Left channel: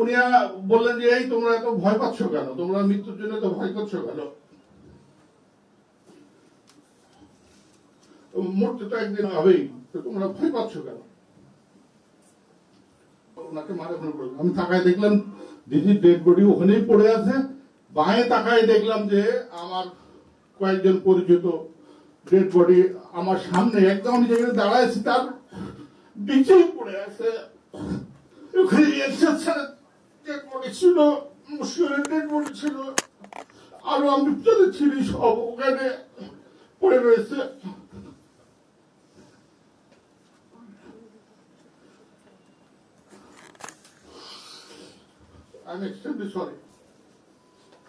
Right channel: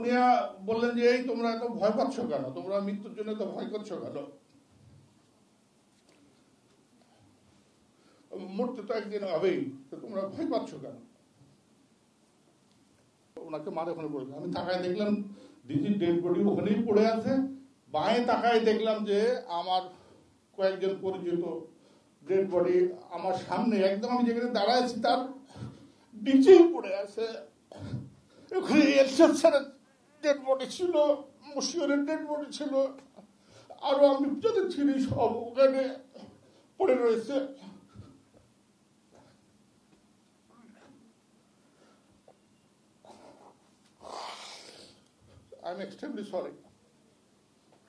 উনি বললেন যে এই তোমরা এত ভয় পাচ্ছ কেন, তোমরা মৃত্যুর জন্য তো ভয় করছো কেন, মরতে তো একদিন হবেই, তোমরা ভয় পাচ্ছ কেন। ওনাকে মারে মনে করলাম, আমি তাকায় দেখলাম দিদির ডেড বডি ওখানেই পড়ে আছে। বাঁয়ে তাকায় দেখলাম যে আমার কয়েকজন পরিচিত ডেড বডি আমার সামনে একদম যেখানে দাঁড়াইছে তার নিচেই পড়ে আছে। ওখানে এরশাদ ডেড বডি ছিল, মুশকিলের ডেড বডি ছিল, আরো আমি চিনি সব ওখানে পড়ে রয়েছে।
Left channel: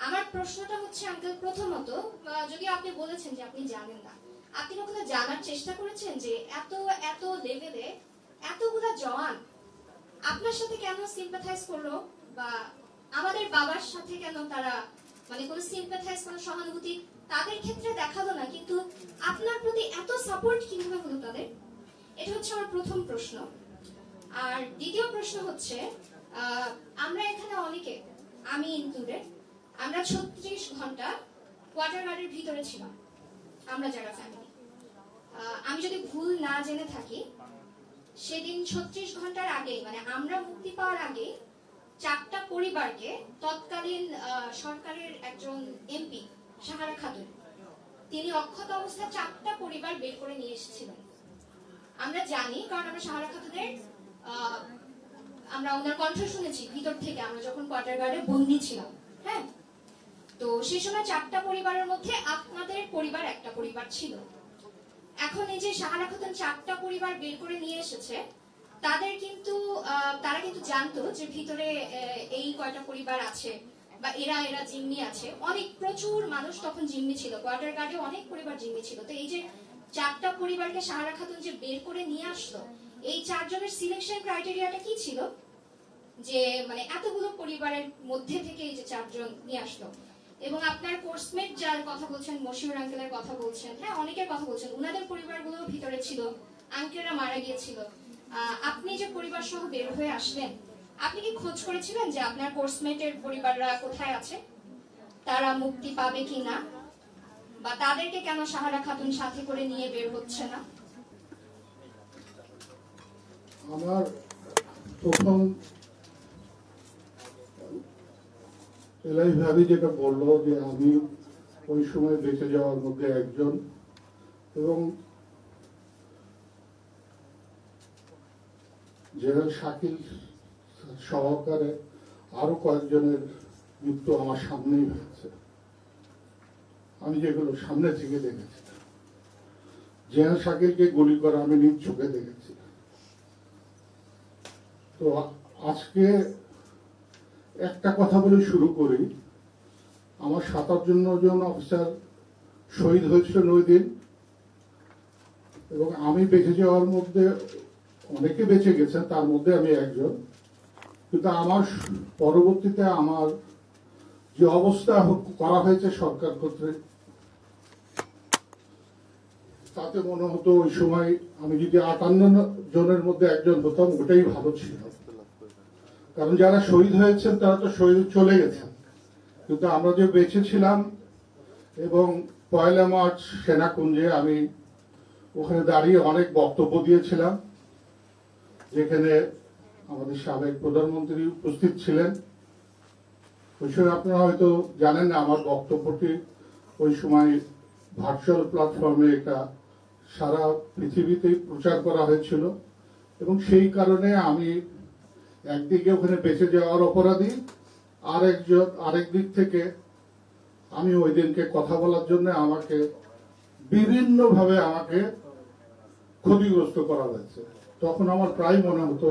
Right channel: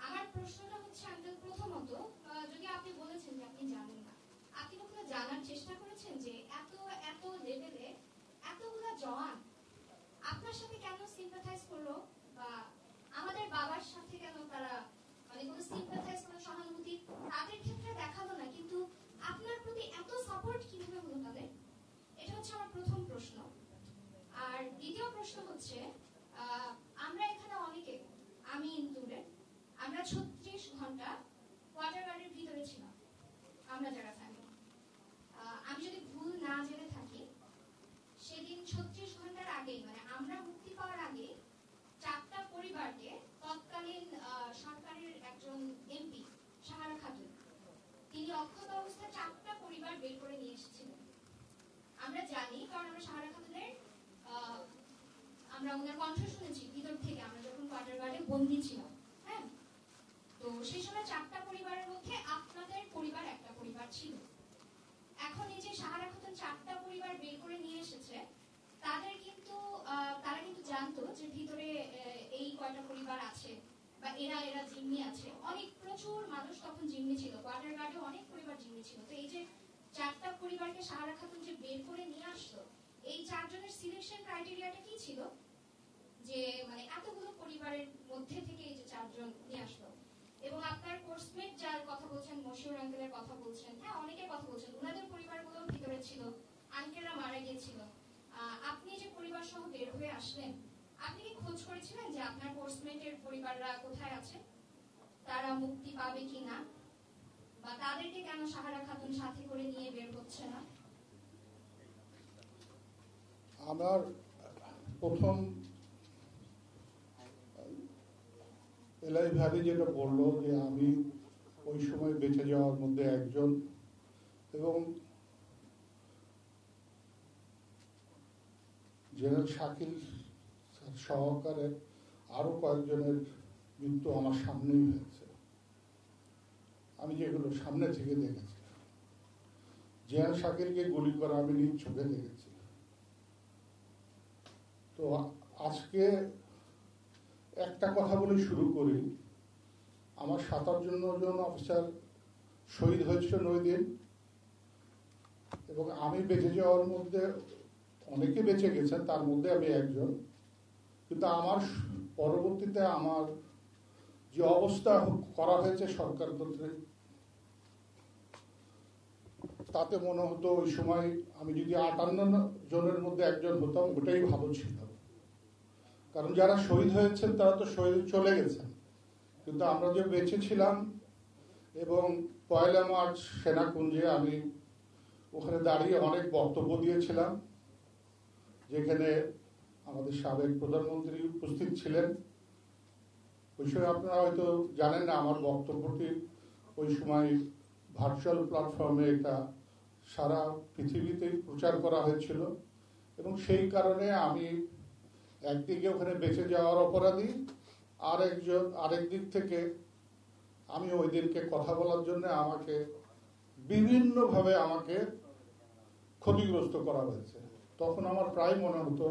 আমার প্রশ্নটা হচ্ছে আঙ্কেল, প্রথমত যদি আপনি বলেছেন যে আপনি জানেন না, আপনি কখনো জানার চেষ্টা করেছেন যে এত এত লেভেলে এতগুলা জওয়ান আপনার সাথে কেন সিম্পাথাইজ করলো, বা আমাদের বাবার সাথে কেন তারা মানে কোনো সিম্পাথাইজ, কোনো সহানুভূতি তাদের ক্ষেত্রে দেখালো না, কিন্তু আপনার প্রতি এত সাপোর্ট কিভাবে হলো তাদের? এটা হচ্ছে আমার প্রথম প্রশ্ন। আর দ্বিতীয় প্রশ্ন হচ্ছে, আমরা এখানে অনেকে, আমি ইনক্লুডেড, আমরা 36 ঘন্টা কোয়ার্টার গার্ডের ভিতরে ছিলাম, আমরা যারা ফ্যামিলি। আমি যদি ভুল না জেনে থাকি, সেদিন 36 ঘন্টার আগে, মানে আমরা মুক্তি পাওয়ার আগে, 4টা পরিবারকে তৎকালীন সরকারের একজন এমপি সাহারা খাতুন, তিনি অক্ষত অবস্থায় 4টা পরিবার বের করে নিয়ে এসেছিলেন। আমরা জানি, কারণ আমরা সাহারা খাতুনের আমরা ওনার কণ্ঠ শুনেছি ভিতর থেকে, আমরা যখন কোয়ার্টার গার্ডে বন্দী ছিলাম। হ্যাঁ, তো সেই সময় 4টা পরিবারের মধ্যে আপনাদের পরিবার একটা পরিবার ছিল। এখন এই যে সাহারা খাতুন 4টা পরিবার বের করে নিয়ে এসেছে, তাদের কিন্তু তারা কিন্তু জানতো যে ভিতরে এই কয়টা পরিবার আছে, বা এরা জিম্মি আছে। অনেক প্রচুর মানুষ তখন জিম্মি ছিল, কোয়ার্টার গার্ডে অনেক পরিবার জিম্মি ছিল। তো এই যে 4টা পরিবারকে সাহারা খাতুন যে বের করে নিয়ে আসলো, এই 4 জনের সিলেকশন ক্রাইটেরিয়াটা কি ছিল, যে মানে এতগুলো পরিবারের মধ্যে থেকে এই যে 4 জন নিয়ে আসলো? এবং আপনার কোর্সমেট যার কথা বলছেন, মশিউর আঙ্কেলের কথা বলছেন, হ্যাঁ অনেকের কথা বলছেন, ওনাদের পরিবারগুলো ভিতরে ছিল, আঙ্কেলরা মারা গিয়েছিল। আপনি যে পরিবার সহ বের হয়ে আসলেন, আপনি কি খোঁজ করেছিলেন যে আপনার কোর্সমেটের পরিবাররা কোথায় আছে, তারা মুক্তি পাবে কিনা, বা তাদেরকে কেন সাহারা খাতুন সাথে করে নিয়ে বের হচ্ছে না? আমার প্রথম এলাই ভাবি যেটা বললো যে আমি ওই সময় বেঁচে যাওয়ার মধ্যে একজন, এবং জেনারেল শাকিল সহকারে আরো কয়েকজনের মৃত্যু আমার সামনেই হয়েছে, আমি যেগুলো সামনে থেকে দেখেছি। জেনারেল শাকিলকে গুলি করা আমি নিজ চোখে দেখেছি। তো আজকে একটা কথা বলে শুরু করি, আমার 57 জন অফিসার শহীদ হয়েছিল ওই দিন, এবং আমি বেঁচে যাওয়ার মধ্যে অনেকে বেঁচে গেছে, তার মধ্যে আমি একজন। কিন্তু আমার পরবর্তীতে আমার যে অবস্থা করা হয়েছে সরকার কর্তৃক, তাতে মনে হতো ওই সময় আমি যদি 58 জনের মধ্যে একজন হতাম, ওটাই ভালো ছিল। কারণ যারা শহীদ হয়েছেন তারা তো শহীদ চলে গেছেন, কিন্তু আমরা যে বেঁচে ছিলাম, এবং 1 মার্চ সেনাকুঞ্জে আমি ওখানে দাঁড়িয়ে অনেক বক্তব্য দিয়েছিলাম, যেখানে আমাদের সাবেক প্রধানমন্ত্রী উপস্থিত ছিলেন। ওই সময় আপনারা হয়তো জানেন না, আমার বক্তব্যটি ওই সময় ভার্চুয়াল প্ল্যাটফর্মে এটা সারা পৃথিবীতে প্রচার করা হয়েছিল, এবং সেই কারণে আমি একদিকে ওখানে বেঁচে যাওয়ার অপরাধী, আরেক দিক থেকে আমি ওই দিনকে কথা বলার জন্য আমাকে বিভিন্ন ভাবে আমাকে ক্ষতিগ্রস্ত করা হয়েছে। তখন আমার প্রায় মনে হতো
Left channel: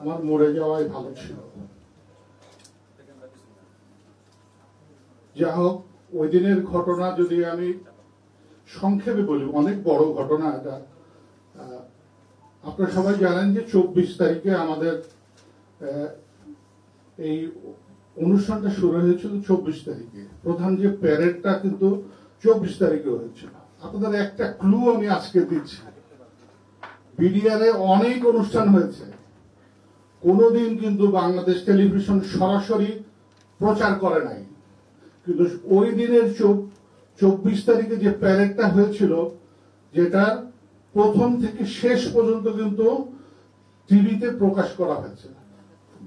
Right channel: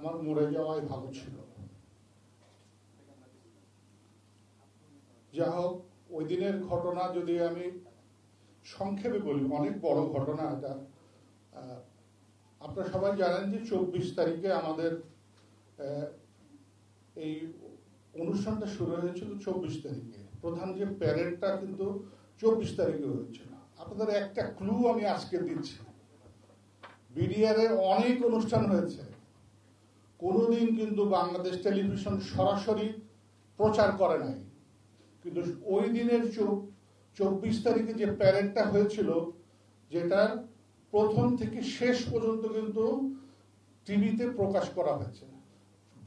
আমার মরে যাওয়াই ভালো ছিল। যা হোক, ওই দিনের ঘটনা যদি আমি সংক্ষেপে বলি, অনেক বড় ঘটনা এটা। আপনারা সবাই জানেন যে 24 তারিখে আমাদের এই অনুষ্ঠানটা শুরু হয়েছিল 24 তারিখে, প্রধান যে প্যারেডটা কিন্তু 24 তারিখে হয়েছিল। আপনাদের একটা ক্লু আমি আজকে দিচ্ছি, বিডিআর এ অনেক অনুষ্ঠান হয়েছে, কোনোদিন কিন্তু বাংলাদেশ টেলিভিশন সরাসরি প্রচার করে নাই, কিন্তু ওই দিনের 24 তারিখে যে প্যারেডটা হয়েছিল, যেটা প্রথম থেকে শেষ পর্যন্ত কিন্তু টিভিতে প্রকাশ করা হয়েছে,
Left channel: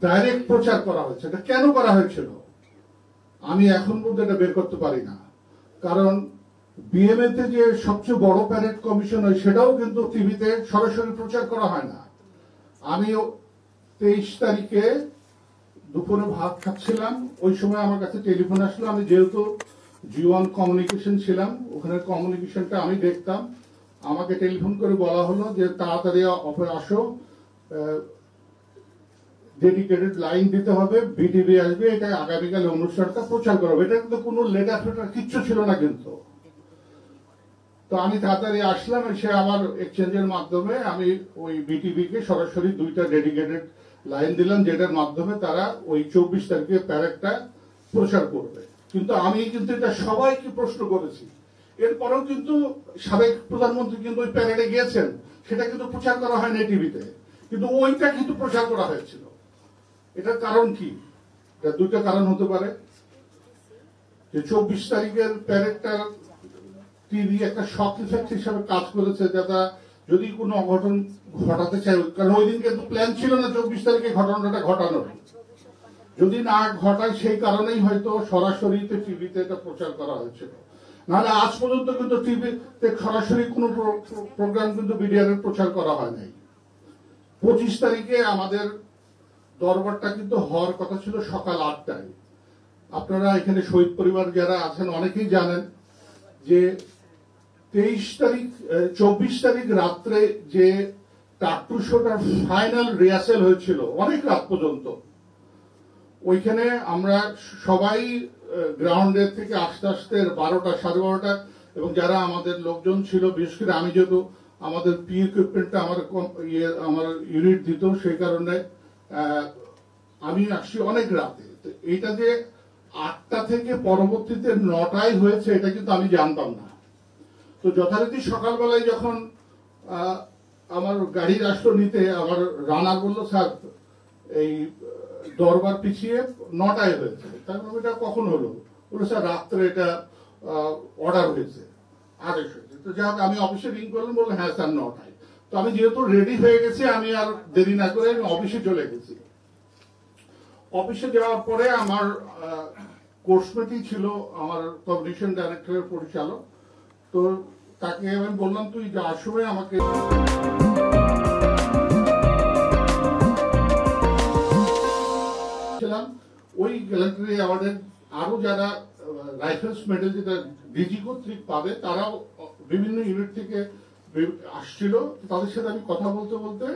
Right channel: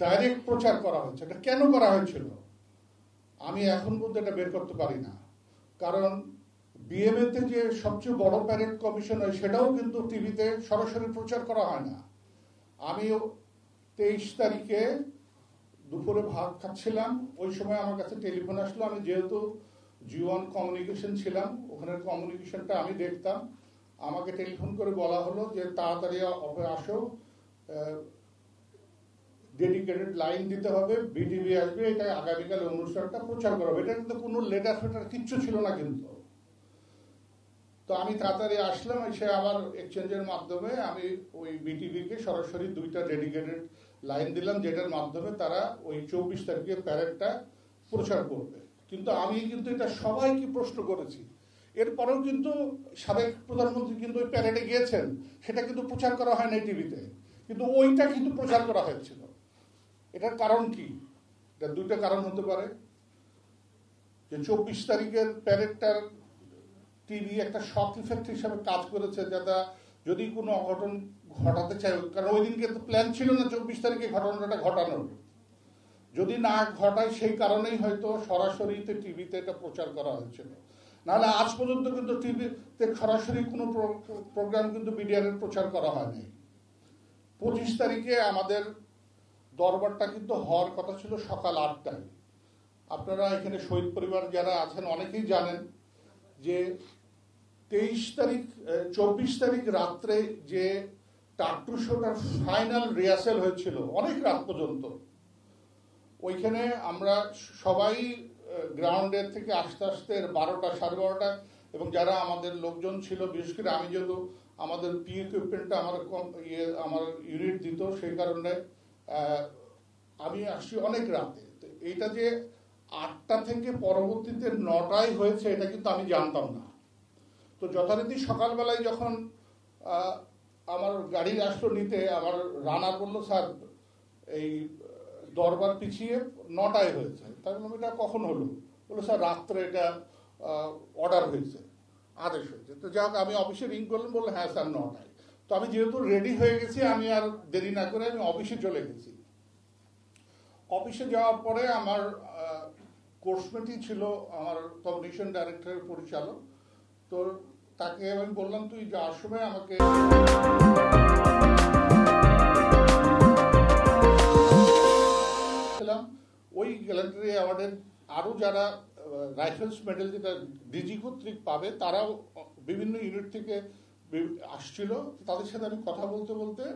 ডাইরেক্ট প্রচার করা হয়েছে। এটা কেন করা হয়েছিল আমি এখন পর্যন্ত এটা বের করতে পারি না, কারণ বিএমএ তে যে সবচেয়ে বড় প্যারেড কমিশন হয় সেটাও কিন্তু টিভিতে সরাসরি প্রচার করা হয় না। আমি 23 তারিখে দুপুরে ভাত খাচ্ছিলাম, ওই সময় আমার কাছে টেলিফোন আসলো। আমি যেহেতু জি1 কমিউনিকেশন ছিলাম, ওখানে কমিউনিকেশনটা আমি দেখতাম। আমাকে টেলিফোন করে বলা হলো যে তাড়াতাড়ি আসো, ডেডিকেটেড লাইন দিতে হবে, বিটিভি আসবে, এটা আগামীকাল অনুষ্ঠানটা প্রচার করবে। এটা কিন্তু কোনো লেটার ফেটার কিচ্ছু ছিল না কিন্তু। তো আমি তাড়াতাড়ি আসলাম, এসে আমার এক্সচেঞ্জের মাধ্যমে আমি ওই বিটিভি কে সরাসরি 2টা ডেডিকেটেড লাইন দিলাম, যেটার মাধ্যমে তারা ওই 24 তারিখে প্যারেডটা প্রচার করবে। কিন্তু আমি কিন্তু এটা সবাইকে প্রশ্ন করেছি, এরপরেও কিন্তু সাবেক প্রধানমন্ত্রী কিন্তু ওই প্যারেডে গিয়েছেন, সেটা কিন্তু প্রচার করা হয় না টিভিতে, কিন্তু ওইটা কিন্তু প্রচার করা হয়েছিল। এটার কারণ কি? এটা 2টা কারণ হতে পারে। যে 24 তারিখের প্যারেডটা টিভি একটা শক ইফেক্ট হিসাবে কাজ করেছে, যাতে যদি কোনো অঘটন ঘটাতে চায়, কারণ ওই দিন কিন্তু প্ল্যান ছিল না 24 তারিখে ঘটনাটা ঘটানোর। যদি না ঘটায় সেই কারণেই হয়তো সরাসরি টিভিতে এটা প্রচার করা হয়েছিল। নাহলে আজ পর্যন্ত কিন্তু টিভিতে সরাসরি কোনো প্রোগ্রাম কিন্তু মিডিয়ার প্রচার করা হয় নাই। 25 তারিখে আমাদের দরবারটা কিন্তু হওয়ার কথা ছিল সকাল 8টায়। আপনারা এখানে শহীদ পরিবার যারা আছেন অনেকেই জানেন যে 24 তারিখ রাত্রে যে টাট্টু শোটার ফাইনাল রিহার্সেল হয়েছিল অনেক রাত পর্যন্ত, ওইখানে আমরা সবাই গ্রাউন্ডে থেকে আস্তে আস্তে 12টা, 12:30, এবং যারা আমাদের লোকজন ছিল, বিশেষ করে আমি যেহেতু আমাদের পি ইকুইপমেন্টটা আমার ইউনিট দিত, সেই কারণে আমি আসছি অনেক রাতে। এটা যে 8টা থেকে পরবর্তীতে 9টায় হয়েছে এটা কিন্তু আমি জানতাম না। তো যথারীতি সকালবেলায় যখন আমার গাড়ি রাষ্ট্র নিতে, আমার রানা বললো স্যার এই দরবার পিছিয়ে 9টায় হয়েছে। তার মানে এটা কখন হলো? বললো স্যার রাত্রে এটা অর্ডার হয়েছে, আদেশ হয়েছে। তো যাই হোক, আমি অফিসে রিং করলাম, বললো হ্যাঁ স্যার 9টায়। তো আমি যেহেতু রেডি হয়ে গেছি, আমি আর দেরি না করে আমি অফিসে চলে গেছি। অফিসে যাওয়ার পরে আমার কোর্স মিটিং ছিল আমার পাবলিশিং ডাইরেক্টরের পরিচালক। তো তাকে আমি বললাম তুই যাওয়ার সময় আমাকে ওই গ্যালান্টারি অ্যাওয়ার্ডের আরো যারা লাইসেন্স মেডেল যেটা ডিজি কর্তৃক পাবে, তারাও বিভিন্ন ইউনিট থেকে আসছিল। তাদের সাথে আমি কথা বলতে বলতে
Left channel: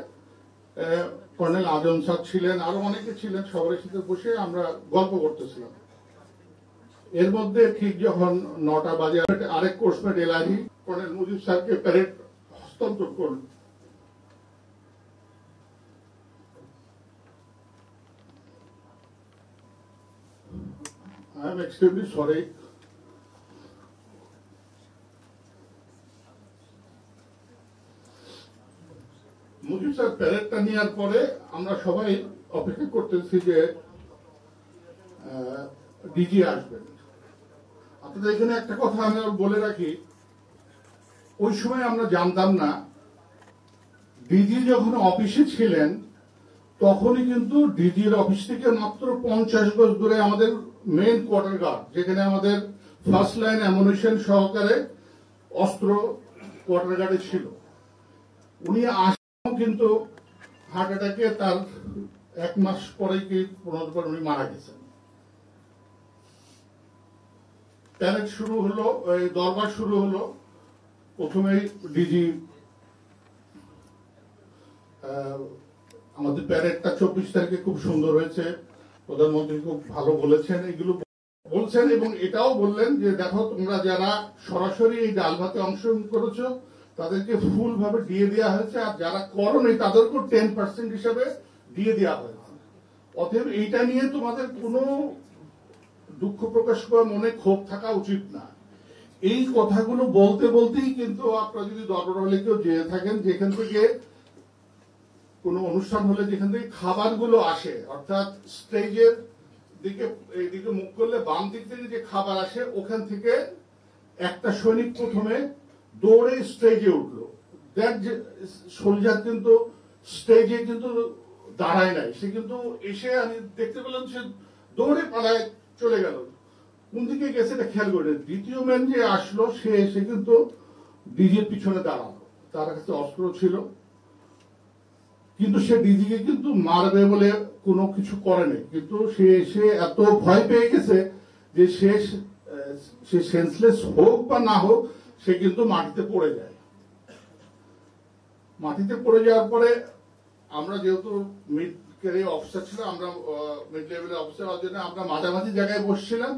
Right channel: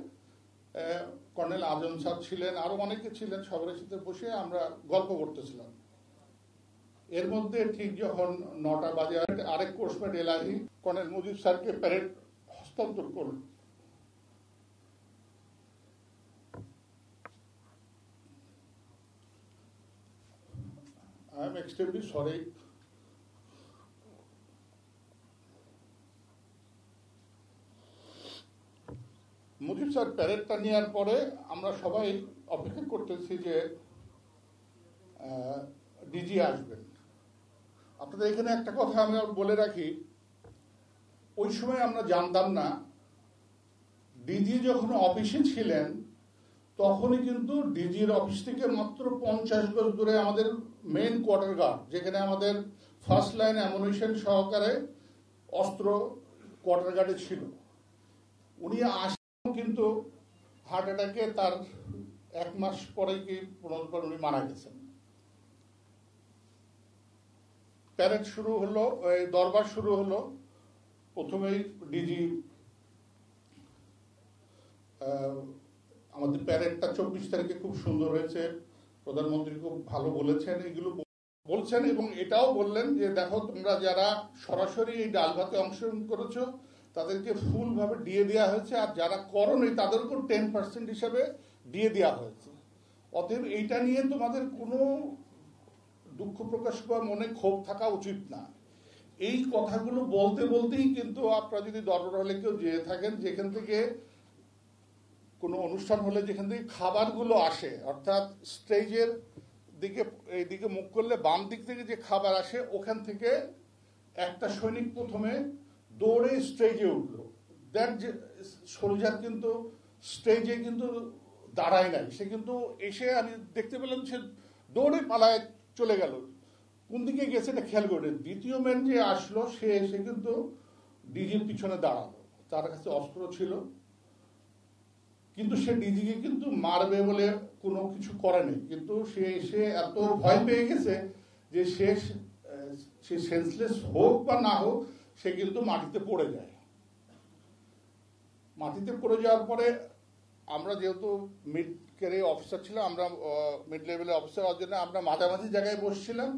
কর্নেল আজম স্যার ছিলেন, আরো অনেকে ছিলেন, সবার সাথে বসে আমরা গল্প করতেছিলাম। এর মধ্যে ঠিক যখন 9টা বাজে আরেক কোর্সমেট এলাহি কর্নেল মুজিব স্যারকে প্যারেড হস্তান্তর করল। I am extremely sorry. Mujib sir প্যারেডটা নেওয়ার পরে আমরা সবাই অপেক্ষা করতেছি যে ডিজি আসবেন। আপনাদের এখানে একটা কথা আমি বলে রাখি, ওই সময় আমরা জানতাম না ডিজি যখন অফিসে ছিলেন তখনই কিন্তু ডিজির অফিস থেকে মাত্র 50 গজ দূরে আমাদের মেইন কোয়ার্টার গার্ড, যেখানে আমাদের ফার্স্ট লাইন অ্যামুনিশন সহকারে অস্ত্র কোয়ার্টার গার্ডে ছিল, উনি আসেন কিন্তু হার্ট অ্যাটাকে তার 1 মাস পরে কি 15 বার উনি মারা গেছেন। প্যারেড শুরু হলো, দরবার শুরু হলো। প্রথমেই ডিজি আমাদের প্যারেডটা 24 তারিখে খুব সুন্দর হয়েছে, প্রধানমন্ত্রী খুব ভালো বলেছেন, এগুলো বলছেন, এবং এটাও বললেন যে দেখো তোমরা যারা সরাসরি এই ডালভাতে অংশগ্রহণ করেছো তাদেরকে ফুল ভাবে দিয়ে দেওয়া হয়েছে, আর যারা করোনি তাদেরকেও 10% হিসেবে দিয়ে দেওয়া হয়েছে। অতএব এইটা নিয়ে তোমাদের কোনো দুঃখ প্রকাশ করার মনে ক্ষোভ থাকা উচিত না। এই কথাগুলো বলতে বলতেই কিন্তু আপনারা যদি দরবার হলে কেউ যেয়ে থাকেন, যেখান থেকে কোনো অনুষ্ঠান হলে যেখান থেকে খাবারগুলো আসে, অর্থাৎ স্টেজের দিকে এইদিকে মুখ করলে বাম দিক থেকে যে খাবার আসে, ওখান থেকে একটা সৈনিক প্রথমে দৌড়ে স্টেজে উঠলো। দ্যাট সোলজার কিন্তু স্টেজে কিন্তু দাঁড়ায় নাই, সে কিন্তু এসে আমি দেখতে পেলাম সে দৌড়ে পালায় চলে গেল। কোন দিকে গেছে এটা খেয়াল করে। দ্বিতীয় ম্যান যে আসলো সে এসে কিন্তু ডিজির পিছনে দাঁড়ালো, তার কাছে অস্ত্র ছিল, কিন্তু সে ডিজিকে কিন্তু মারবে বলে কোনো কিছু করেনি। কিন্তু সে এসে এত ভয় পেয়ে গেছে যে সে সেন্সলেস হোক বা না হোক, সে কিন্তু মাটিতে পড়ে যায়। মাটিতে পড়ে যাওয়ার পরে আমরা যেহেতু মিড ক্যারিয়ার অফিসার ছিল, আমরা মিড লেভেলের অফিসার হওয়ার জন্য আমরা মাঝামাঝি জায়গায় বসছিলাম।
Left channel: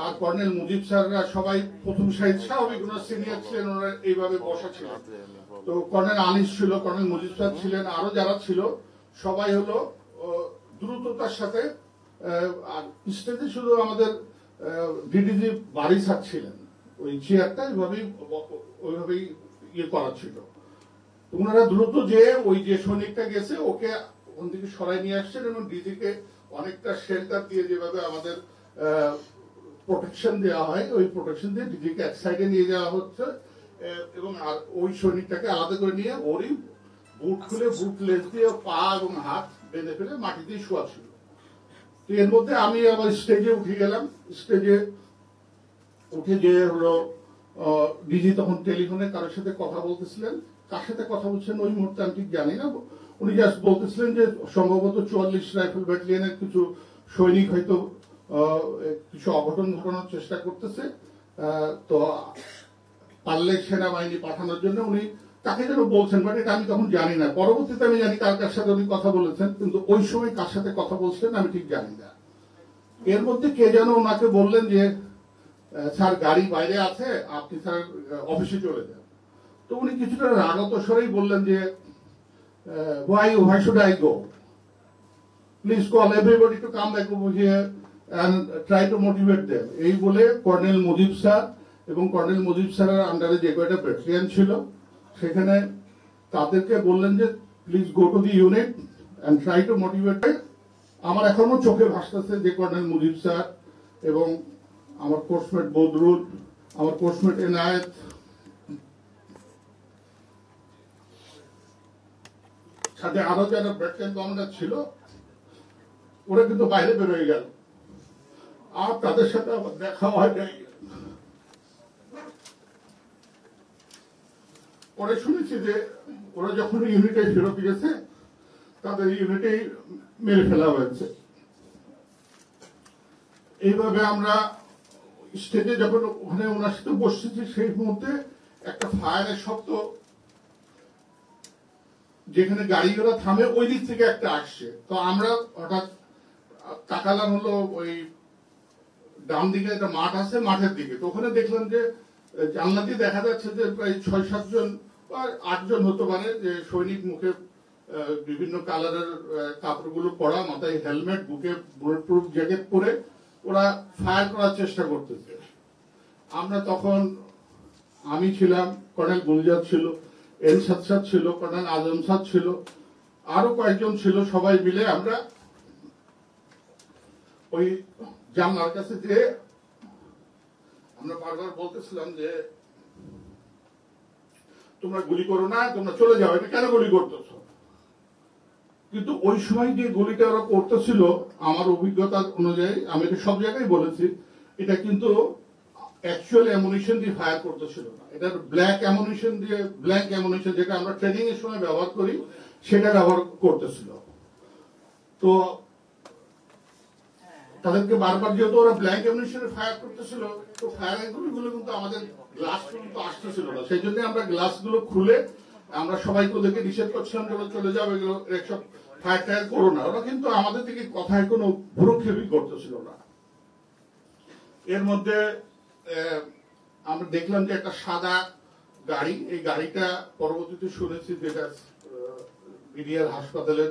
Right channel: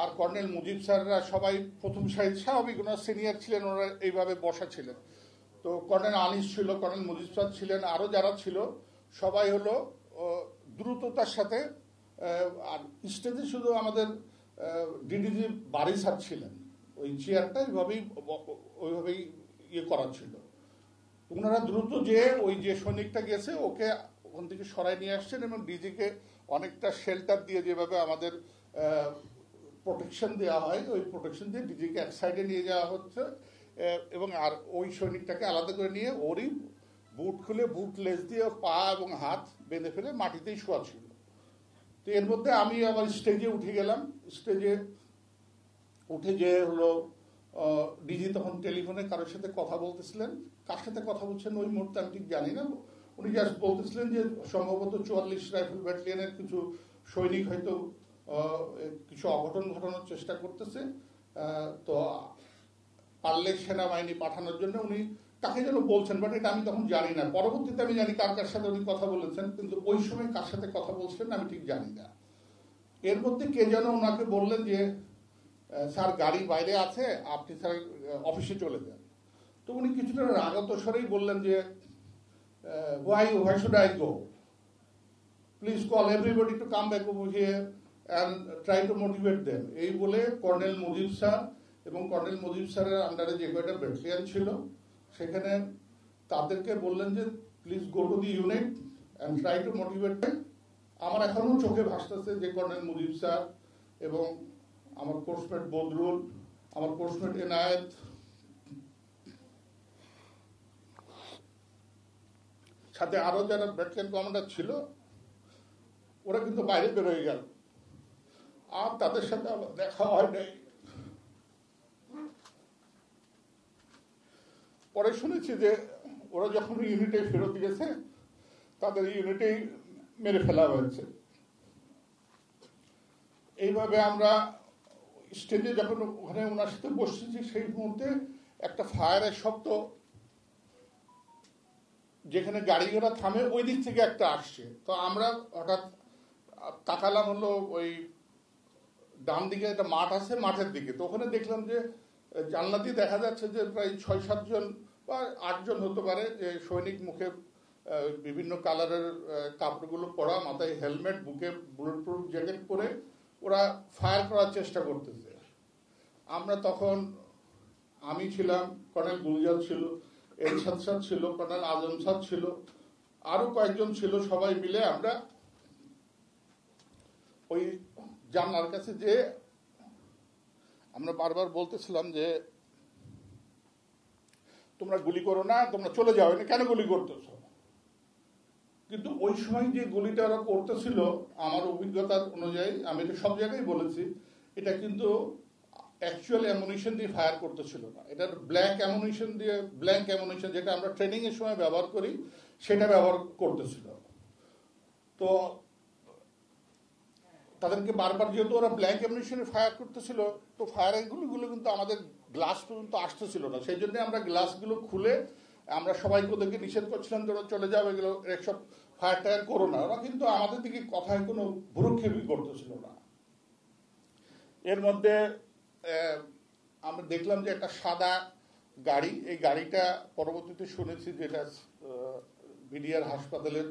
আর কর্নেল মুজিব স্যাররা সবাই প্রথম সারির, স্বাভাবিক ওনারা সিনিয়র ছিলেন, ওনারা এইভাবে বসা ছিল। তো কর্নেল আনিস ছিল, কর্নেল মুজিব স্যার ছিলেন, আরো যারা ছিল সবাই হলো দ্রুততার সাথে স্টেজে শুধু আমাদের ডিডিজি বাড়ি স্যার ছিলেন, ওই চেয়ারটা ওইভাবেই ইয়ে করা ছিল। ওনারা দ্রুত যে ওই যে সৈনিকটা গেছে ওকে ওখান থেকে সরাই নিয়ে আসছেন এবং ডিজিকে অনেকটা শেল্টার দিয়ে, যেভাবে আমাদের প্রোটেকশন দেওয়া হয়, ওই প্রোটেকশন দিয়ে ডিজিকে এক সাইডে নিয়ে যাওয়া হচ্ছে এবং ওই শরীরটাকে আলাদা করে নিয়ে ওই বুট খুলে বুট লেস দিয়ে পা এবং হাত বেঁধে ফেলে মাটিতেই শোয়া ছিল। তো এর মধ্যে আমি আমার স্টেজে উঠে গেলাম। স্টেজে উঠে যে হলো ডিজি তখন টেলিফোনে কারোর সাথে কথা বলতেছিলেন, কার সাথে কথা বলছেন ওই মুহূর্তে আমি ঠিক জানি না। উনি জাস্ট বলতেছিলেন যে সম্ভবত 44 রাইফেল ব্যাটালিয়নের কিছু সৈনিক হয়তো কিছু অঘটন ঘটানোর চেষ্টা করতেছে, তো পারলে সেনাবাহিনী পাঠানোর জন্য উনি তাকে যেন বলছেন, বাট এটা আমি তখন জানি না। পরবর্তীতে আমি জানি কার কার সাথে উনি কথা বলেছেন, কিন্তু ওই সময় কার সাথে কথা বলছেন আমি ঠিক জানি না। এর মধ্যে কে যেন ওনাকে বললেন যে স্যার গাড়ি বাইরে আছে, আপনি স্যার অফিসে চলে যান। তো উনি কিছুটা রাগত স্বরেই বললেন যে why should I go? Please call everybody to come back over here and try to motivate them. এই বলে কর্নেল মুজিব স্যার এবং কর্নেল মুজিব স্যারের আন্ডারে যে কয়টা ব্যাটালিয়ন ছিল সেখানে তাদেরকে বললেন যে please go to the unit and try to motivate. আমার এখনো চোখে ভাসতেছে যে কর্নেল মুজিব স্যার এবং আমার পোস্টমেট বদরুল, আমার পোস্টমেট এনায়েত, সাথে আরো যারা ব্যাটালিয়ন কমান্ডার ছিল ওরা কিন্তু বাইরে বেরোয় গেল, আর তাদের সাথে দেখা হয় নাই। পরে শুনেছি যে ওরা যখন ইউনিটে ফেরত গেছে তাদের ইউনিটেই মেরে ফেলা হয়েছে। এইভাবে আমরা স্টেজে যখন ওখানে ওনার সাথে বসেছি সেই মুহূর্তে একটা ফায়ারের শব্দ, যেখানে গাড়িগুলো থামে ওই দিক থেকে একটা আসছে। তো আমরা হঠাৎ তাকালাম হলো ওই ডান দিকে একটা মাঠ আছে, মাঠের দিকে। তো ওখানে দেখলাম যে জানলা দিয়ে দেখা যাচ্ছে যে প্রায় 6-7 জন বা 8 জন হতে পারে যে সৈনিক, মুখে বিভিন্ন কালারের কাপড়গুলো পরা, মাথায় হেলমেট, বুকে বুলেট প্রুফ জ্যাকেট পরে ওরা ফায়ার করার চেষ্টা করতেছে। আমরা তখন, আমি ছিলাম, কর্নেল গুলজার ছিল, এরশাদ স্যার ছিল, কর্নেল আজম স্যার ছিল, আরো কয়েকজন ছিল, সবাই মিলে আমরা ওই জানলার কাছে যে আমরা বারবার বলতেছিলাম যে তোমরা গুলি করো না, তোমরা চলে যাও, এটা কেন গুলি করতেছ? কিন্তু ওই সময় যে গুলিটা ওরা করতেছিল আমার অভিজ্ঞতা অনুযায়ী, আমি এটা সব জায়গায় বলেছি, এটা কিন্তু অ্যাকচুয়াল অ্যামুনিশন দিয়ে ফায়ার করতেছিল না, এটা ব্ল্যাক অ্যামুনিশন দিয়ে, ব্ল্যাক অ্যামুনিশন যেটা আমরা ট্রেনিং এর সময় ব্যবহার করি সেটা ব্যবহার করতেছিল। তো তাদেরকে বারবার, যেহেতু ওরা ব্ল্যাক অ্যামুনিশনে ফায়ার করতেছিল, তো ফায়ারের গুলিগুলো কিন্তু আমাদের গ্লাস পর্যন্ত আসতেছিল না। সেই জন্য আমরা গ্লাসগুলো খুলে আমরা সবাইকে ওদেরকে নিষেধ করছিলাম যে চলে যাও, এগুলো এইসব ফায়ার টায়ার করো না। ওরা কিন্তু আমাদের থেকে কথায় কোনো ভুরুক্ষেপই করতেছিল না। এর মধ্যে আমরা দেখলাম যে একটা সাদা গাড়ি, এই গাড়িটা পরবর্তীতে শুনেছি যেটা মিডিয়ার হাসপাতালের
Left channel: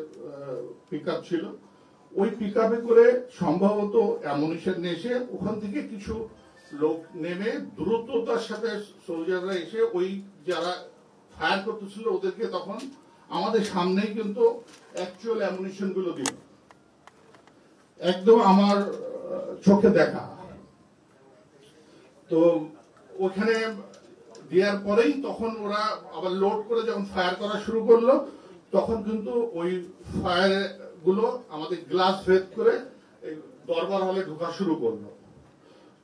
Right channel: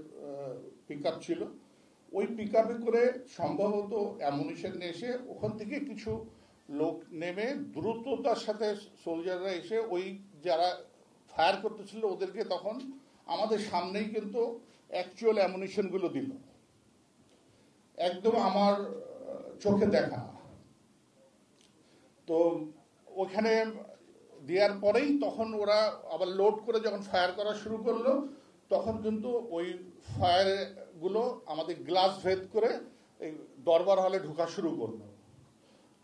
পিক আপ ছিল। ওই পিক আপে করে সম্ভবত অ্যামুনিশন নিয়ে এসে ওখান থেকে কিছু লোক নেমে দ্রুততার সাথে সোলজাররা এসে ওই যারা ফায়ার করতেছিল ওদেরকে তখন আমাদের সামনেই কিন্তু অ্যাকচুয়াল অ্যামুনিশন গুলো দিল, একদম আমার চোখে দেখা। তো ওখানে দেওয়ার পরেই তখন ওরা আবার লোড করে যখন ফায়ার করা শুরু করলো, তখন কিন্তু ওই ফায়ার গুলো আমাদের গ্লাস ভেদ করে দরবার হলে ঢোকা শুরু করলো।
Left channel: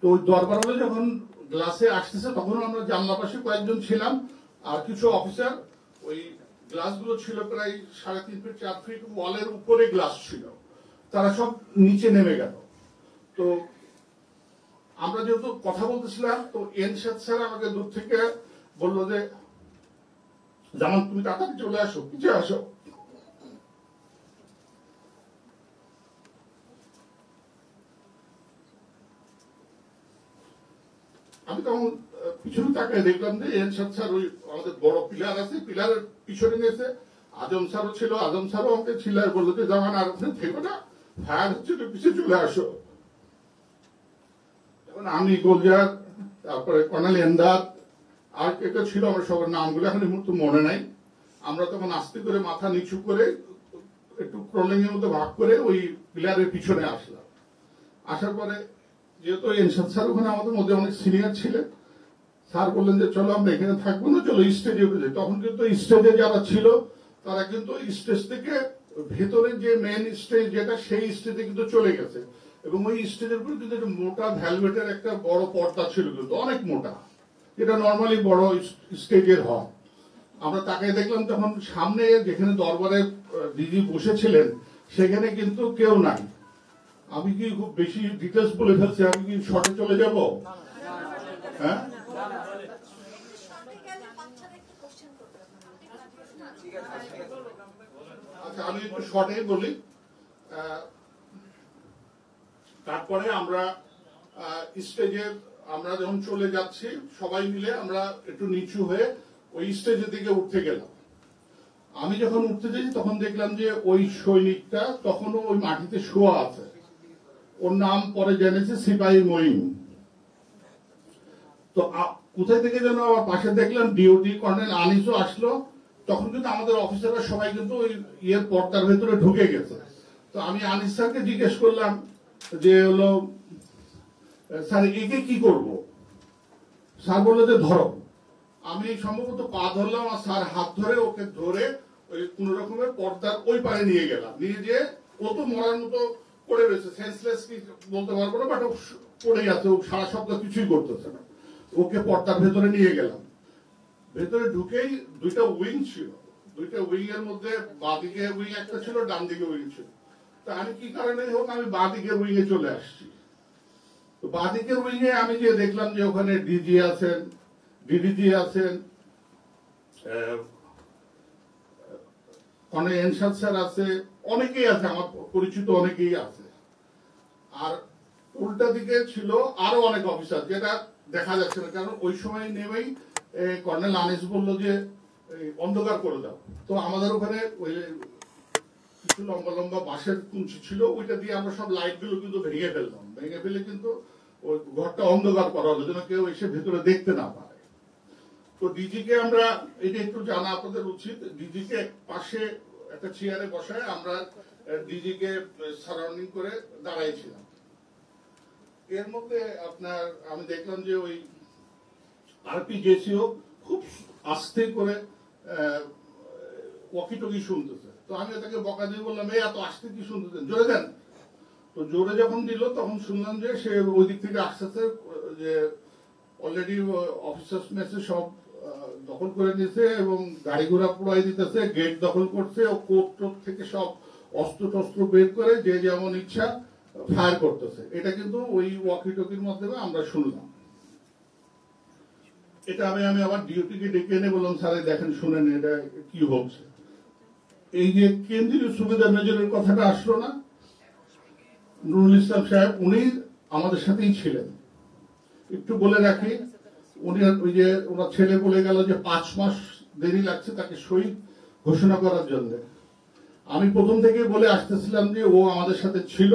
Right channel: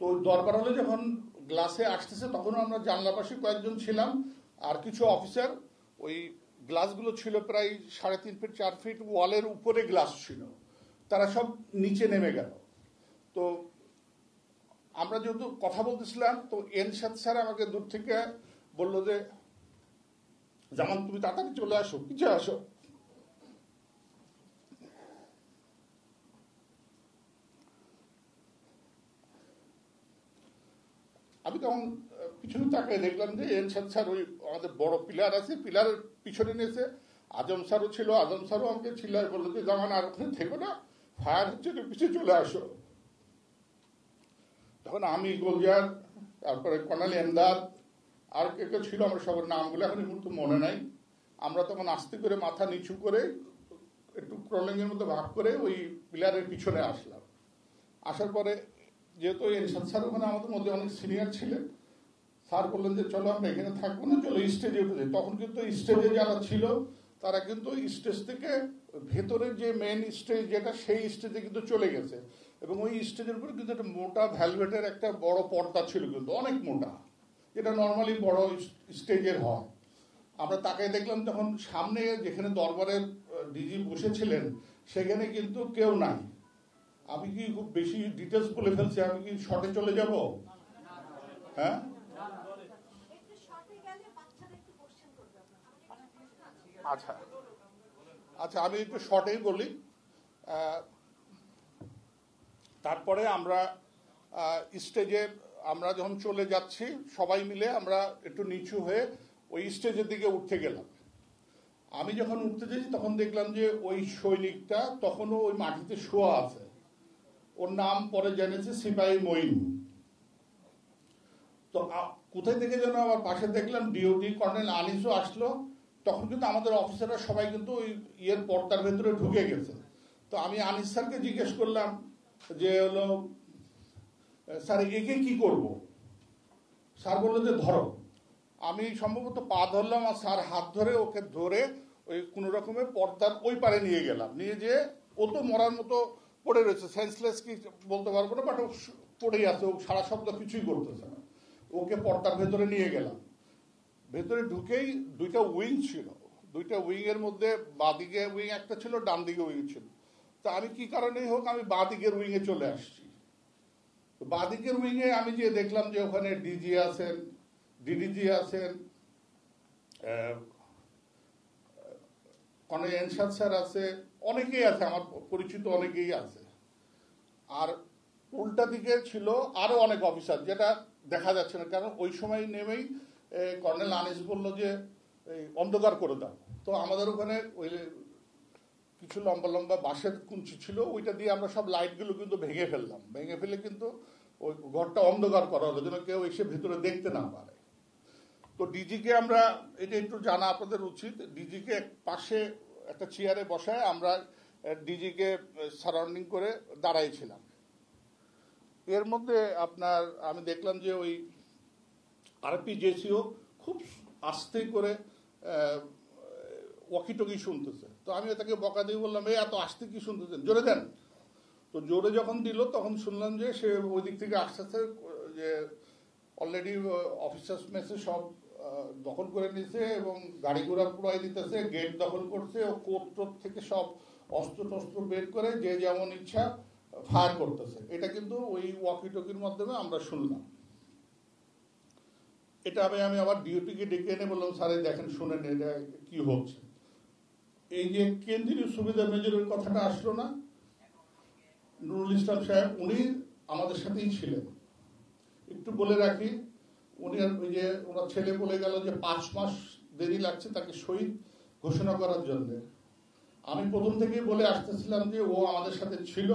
তো ওই দরবার হলে যখন গ্লাসে আসতেছে, তখন আমরা জানলা পাশে কয়েকজন ছিলাম, আর কিছু অফিসার। ওই গ্লাসগুলো ছিল প্রায় 3.5 ফিট 4 ফিট ওয়ালের উপরে গ্লাস ছিল, তারা সব নিচে নেমে গেল। তো আমরা যেহেতু কথা বলতেছিলাম, তো এনশাদ স্যার আমাকে দূর থেকে বললো যে জামান তুমি তাড়াতাড়ি চলে আসো, পিছিয়ে আসো। আমি তখন পিছনে তাকাই দেখলাম যে এনশাদ স্যার ওই আমাদের বড় পিলার আছে, পিলারের পিছনে গেছে। আজম স্যারও ছিল, আজম স্যারও আমাকে চিল্লায় বললো যে জামান আর ওখানে থেকো না, ফায়ার হচ্ছে, পিছিয়ে চলে আসো। তখন আমি গোলজার, তারপরে কর্নেল এমদাদ, আর কে কে ছিল আমার সবার নামগুলো এখন এই মুহূর্তে মনে নাই। আমরা তখন আস্তে করে মাথা নিচু করে একটু ক্রলিং এর মধ্যে ভাগ করে ওই পিলারের পিছনে আসলাম। আসার পরে যেহেতু এনশাদ স্যার ওখানে আমাদের মধ্যে অনেক সিনিয়র ছিলেন, স্যার বললেন যে চলো আমরা এখানে থাকবো না, চলো স্টেজে উঠে যাই। তখন কিন্তু স্টেজে যারা ছিল তারা কিন্তু স্টেজ থেকে ভেতরে যে মেইন স্টেজ যেটা, সেই স্টেজে কিন্তু চলে গেছে। এবং ওই স্টেজের উপরে কিন্তু একটা মোটা ভ্যালভেটের একটা বড় পর্দা ছিল, কিন্তু অনেক মোটা, এটা নর্মালি বড় স্টেজের হয়। আমরা তাকে দেখলাম তখন সামনে যেখানে দরবারে দিদি বসেছিলেন, সেখানে কিন্তু কেউ নাই। আমি কি খুব বেশি ডিটেলস বলে ফেলছি? আমি কি শর্টে চলে যাব? হ্যাঁ, আচ্ছা আমি একটু শর্টেই বলি। তারপরে আমরা স্টেজে আমরা যখন চলে যাচ্ছি, সবাই মিলে আমরা একটু নিচু হয়ে ওই স্টেজের দিকে উঠতে গেলাম। আমি যখন উঠতে যাই, তখন দেখলাম যে ওই সৈনিকটা তখনও ওই মাটিতে শোয়া আছে। ওর নাম পরে জেনেছি সিপাহী মঈন। তো কোথায় থেকে যেন আমার পাশে দেখলাম ডিওটি কর্নেল আনিসও আসলো। তখন কিন্তু আমাদের অফিসাররা সবাই কিন্তু ওই ইয়ের পর্দার ভেতরে ঢুকে গেছে। তো আমি আনিস স্যারকে জিজ্ঞেস করলাম যে হলো স্যার একে কি করব? স্যার বললো যে ধরো। আমি সম্ভবত পা ধরলাম, আর স্যার হাত ধরে ওকে ধরে ওই কোন রকমের পর্দার ওই পারে নিয়ে গেলাম। নিয়ে যেয়ে ও তো মরার মতো পড়ে রয়েছে, সেন্সলেস কি বলতে পারবো না, বাট পড়ে গেছে, ও সারা সপ্তাহ কিছুই করতেছে না। ওকে পর্দার ভেতরে নিয়ে গেলাম। ভেতরে ঢুকেই দুইটা উইং ছিল, দুইটা উইং এর মধ্যে বাঁদিকে উইং একটা ছিল, ডান দিকে উইং ছিল। তা আমি কি কারণে হোক আমি বাঁদিকের উইং এ চলে আসছি। বাঁদিকের উইং এ আমি যে দেখলাম যে ওখানে ডিজি আছেন, ডিডিজি আছেন, অনেক এনশাদ স্যার আছে, অনেকেই আছে, আমার পরিচিত অনেকেই আছে। আর উল্টা দিকে ছিল আরো অনেক অফিসার, যেটা দেখা যাচ্ছে না, কারণ ওই সময় নেমেই কর্নেল আনিস বললো যে অন্ধকার করে দাও। তো আমাদের ওখানে ওই কিছু লম্বা লম্বা বাঁশের কুঞ্চি ছিল, ওইটা দিয়ে আমরা সব লাইট গুলো কিন্তু ভেঙে ফেললাম। ভেঙে ফেলে কিন্তু ওই ঘরটা অন্ধকার করা হলো, যেন কেউ এসে ভেতরে দেখতে না পারে। তো ডিজিকে আমরা, এটা একটু জানা আপনাদের উচিত, ডিজিকে পাশে একটা চেয়ারে বসায় আমরা ডিজিকে সারাউন্ডিং করে দাঁড়াইছিলাম। এর মধ্যে আপনার আমি দেখলাম যে ওই আরপিজিএসিও খুব আস্তে করে ওয়াকি টকি শুনতেছে। তো আমি তাকে বকা দিয়ে বললাম, এই এত আস্তে কি শুনতেছেন, জোরে দেন। তো জোরে যখন দিল, তখন শুনলাম যে সে ওই দিক থেকে আসতেছে, যে অলরেডি অফিসার্স মেসে সব দখল করে নিয়েছে এবং গাড়ি ঘোড়া পুরাই দিতেছে, গেট দখল করছে, কোর্ট থেকে সব অস্ত্র টস্ত্র বের করে যে যেমন ইচ্ছা ফায়ার করতেছে। এটা কিন্তু ওই ওয়াকি টকির মাধ্যমে আমরা শুনলাম। এটা আমি আমার ডিউটিকে ডেকে এনে বললাম, স্যার দেখেন শুনেন এটা কি হচ্ছে। এই যে কেন্দ্রীয় সুবিধা মেজরের কথাটা আসলো না, নুরুল ইসলাম সাহেব, উনি আমাদের সাথেই ছিলেন। একটু বলে রাখি, উনি ওই যে ওনার ছেলে বলে গেল যে 5 মাস দেরি লাগছে তাকে শহীদ ঘোষণা করার জন্য। আমি প্রথম থেকে বলে আসতেছিলাম যে ও আমাদের সাথে ছিল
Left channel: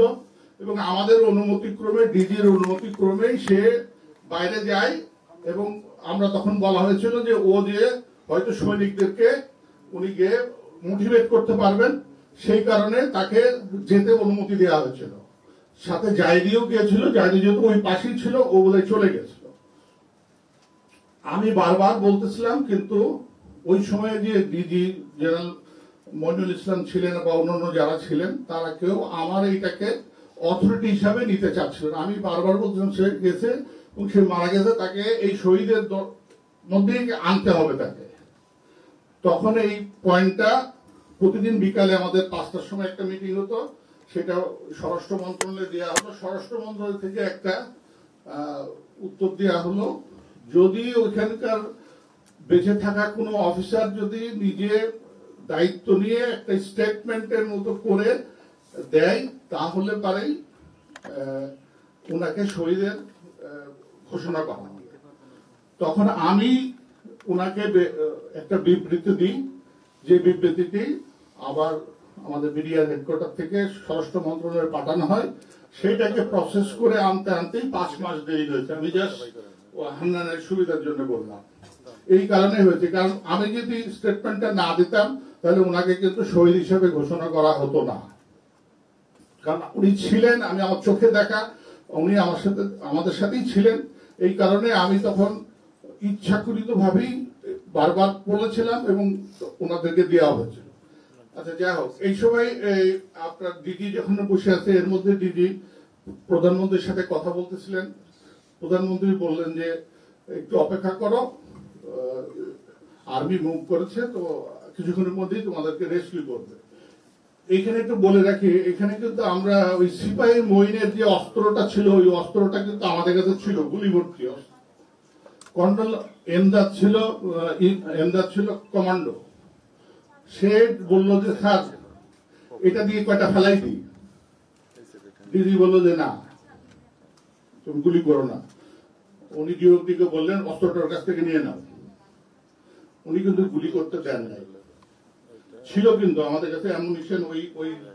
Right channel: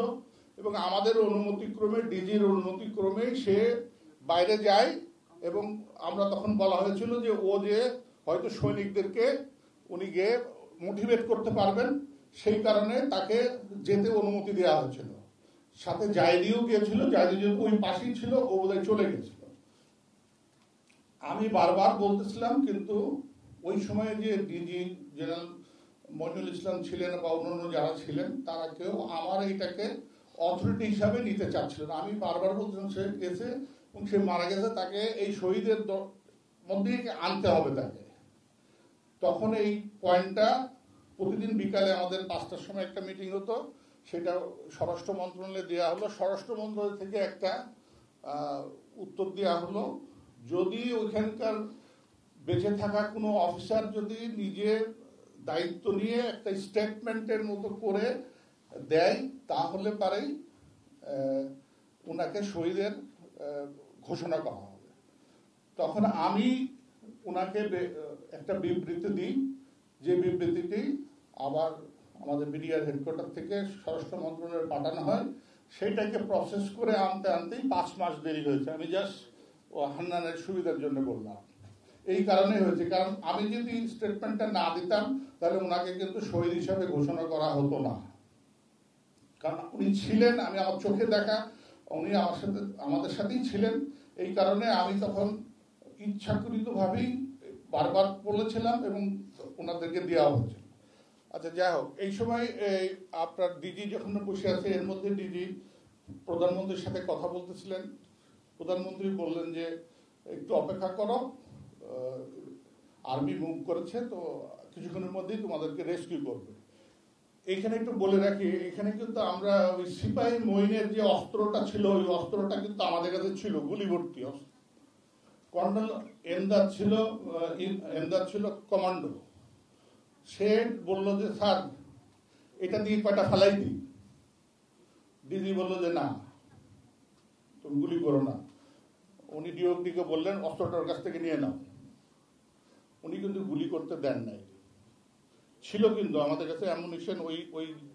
এবং আমাদের অনুমতি ক্রমে, ডিজির অনুমতি ক্রমেই সে বাইরে যায়। এবং আমরা তখন বলা হয়েছিল যে ও যে হয়তো সৈনিকদেরকে উনি গিয়ে মোটিভেট করতে পারবেন, সেই কারণে তাকে যেতে অনুমতি দেওয়া হয়েছিল। সাথে জায়দিও গিয়েছিল, জায়দি যেহেতু ওই পাশেই ছিল, ও বলে চলে গেছিল। আমি বারবার বলতেছিলাম, কিন্তু ওই সময় যে ডিজি জেনারেল মইনুল ইসলাম ছিলেন বা অন্যান্য যারা ছিলেন, তারা কেউ আমার এইটাকে অথরিটি হিসাবে নিতে চাচ্ছিল না। আমি বারবার বলছিলাম সে গেছে এবং সে মারা গেছে, তাকে এই শহীদের মধ্যেই আনতে হবে তাকে। তখন এই পয়েন্টটা প্রতিদিন বিকালে আমাদের 5টার সময় একটা মিটিং হতো, সেটা স্বরাষ্ট্র মন্ত্রণালয়ে দেওয়া হলো। স্বরাষ্ট্র মন্ত্রণালয় থেকে একটা উত্তর দেওয়া হলো, যদি ওইখানকার বেঁচে থাকা কোনো অফিসার যদি নিজে দায়িত্ব নিয়ে একটা স্টেটমেন্টের মতো করে দেয়, তাহলে পারেই ওনাকে শহীদের ঘোষণা করা হবে। তখন আমি ওনাকে একটা বিবৃতি দিই, যে বিবৃতিটি আবার আমাদের মিডিয়া হেডকোয়ার্টার থেকে স্বরাষ্ট্র মন্ত্রণালয়ে পাঠানো হয়। সেটাকে প্রসেস করে আনতে আনতেই 5 মাস দেরি হয়েছে। আমি জাস্ট হান্নানের সুবিধার জন্য বললাম, এই কারণে হয়েছে, কারণ আমি যদি স্টেটমেন্টটা না দিতাম তাহলে ওনাকে কিন্তু শহীদ হিসেবে ঘোষণা করা হতো না। কারণ উনি ছিলেন, আমি আমার চোখে দেখা, উনি আমাদের সাথেই ছিলেন। এই কারণে আমি তখন ইচ্ছাকৃত ভাবেই বারবার বলেছিলাম এবং ওনাদেরকে দেওয়া হয়েছে। আচ্ছা, যাই হোক, এই সময় আপনার দিদি যখন বসে আছে, এর মধ্যে দিদি প্রধানমন্ত্রীর সাথে কথা বলতেছিলেন। প্রধানমন্ত্রী বললেন যে একটু অপেক্ষা করো, আর্মি মুভ করেছে, তো কিছুক্ষণের মধ্যেই তোমাদেরকে রেস্কিউ করবে। এইখানে একটু বলে রাখি, এখানে কিন্তু আমরা ওই সিপাহী মঈনের যে অস্ত্রটা ছিল, ওই অস্ত্রটা কিন্তু আমাদের কাছে ছিল, গুলি ভর্তি অস্ত্র। কর্নেল এমদাদ ছিল কমান্ডো। সে বলল যে স্যার, এটা দিয়ে কয়টা ফেলাই দিই। দিদি বললো যে না, তুমি গুলি করো না। উনি ডিওপিকে বললেন অস্ত্রটার কাছ থেকে নিয়ে নাও। উনি কিন্তু গুলি করতে দেন নাই। ছিল কিন্তু আমাদের কাছে অ্যামুনিশন,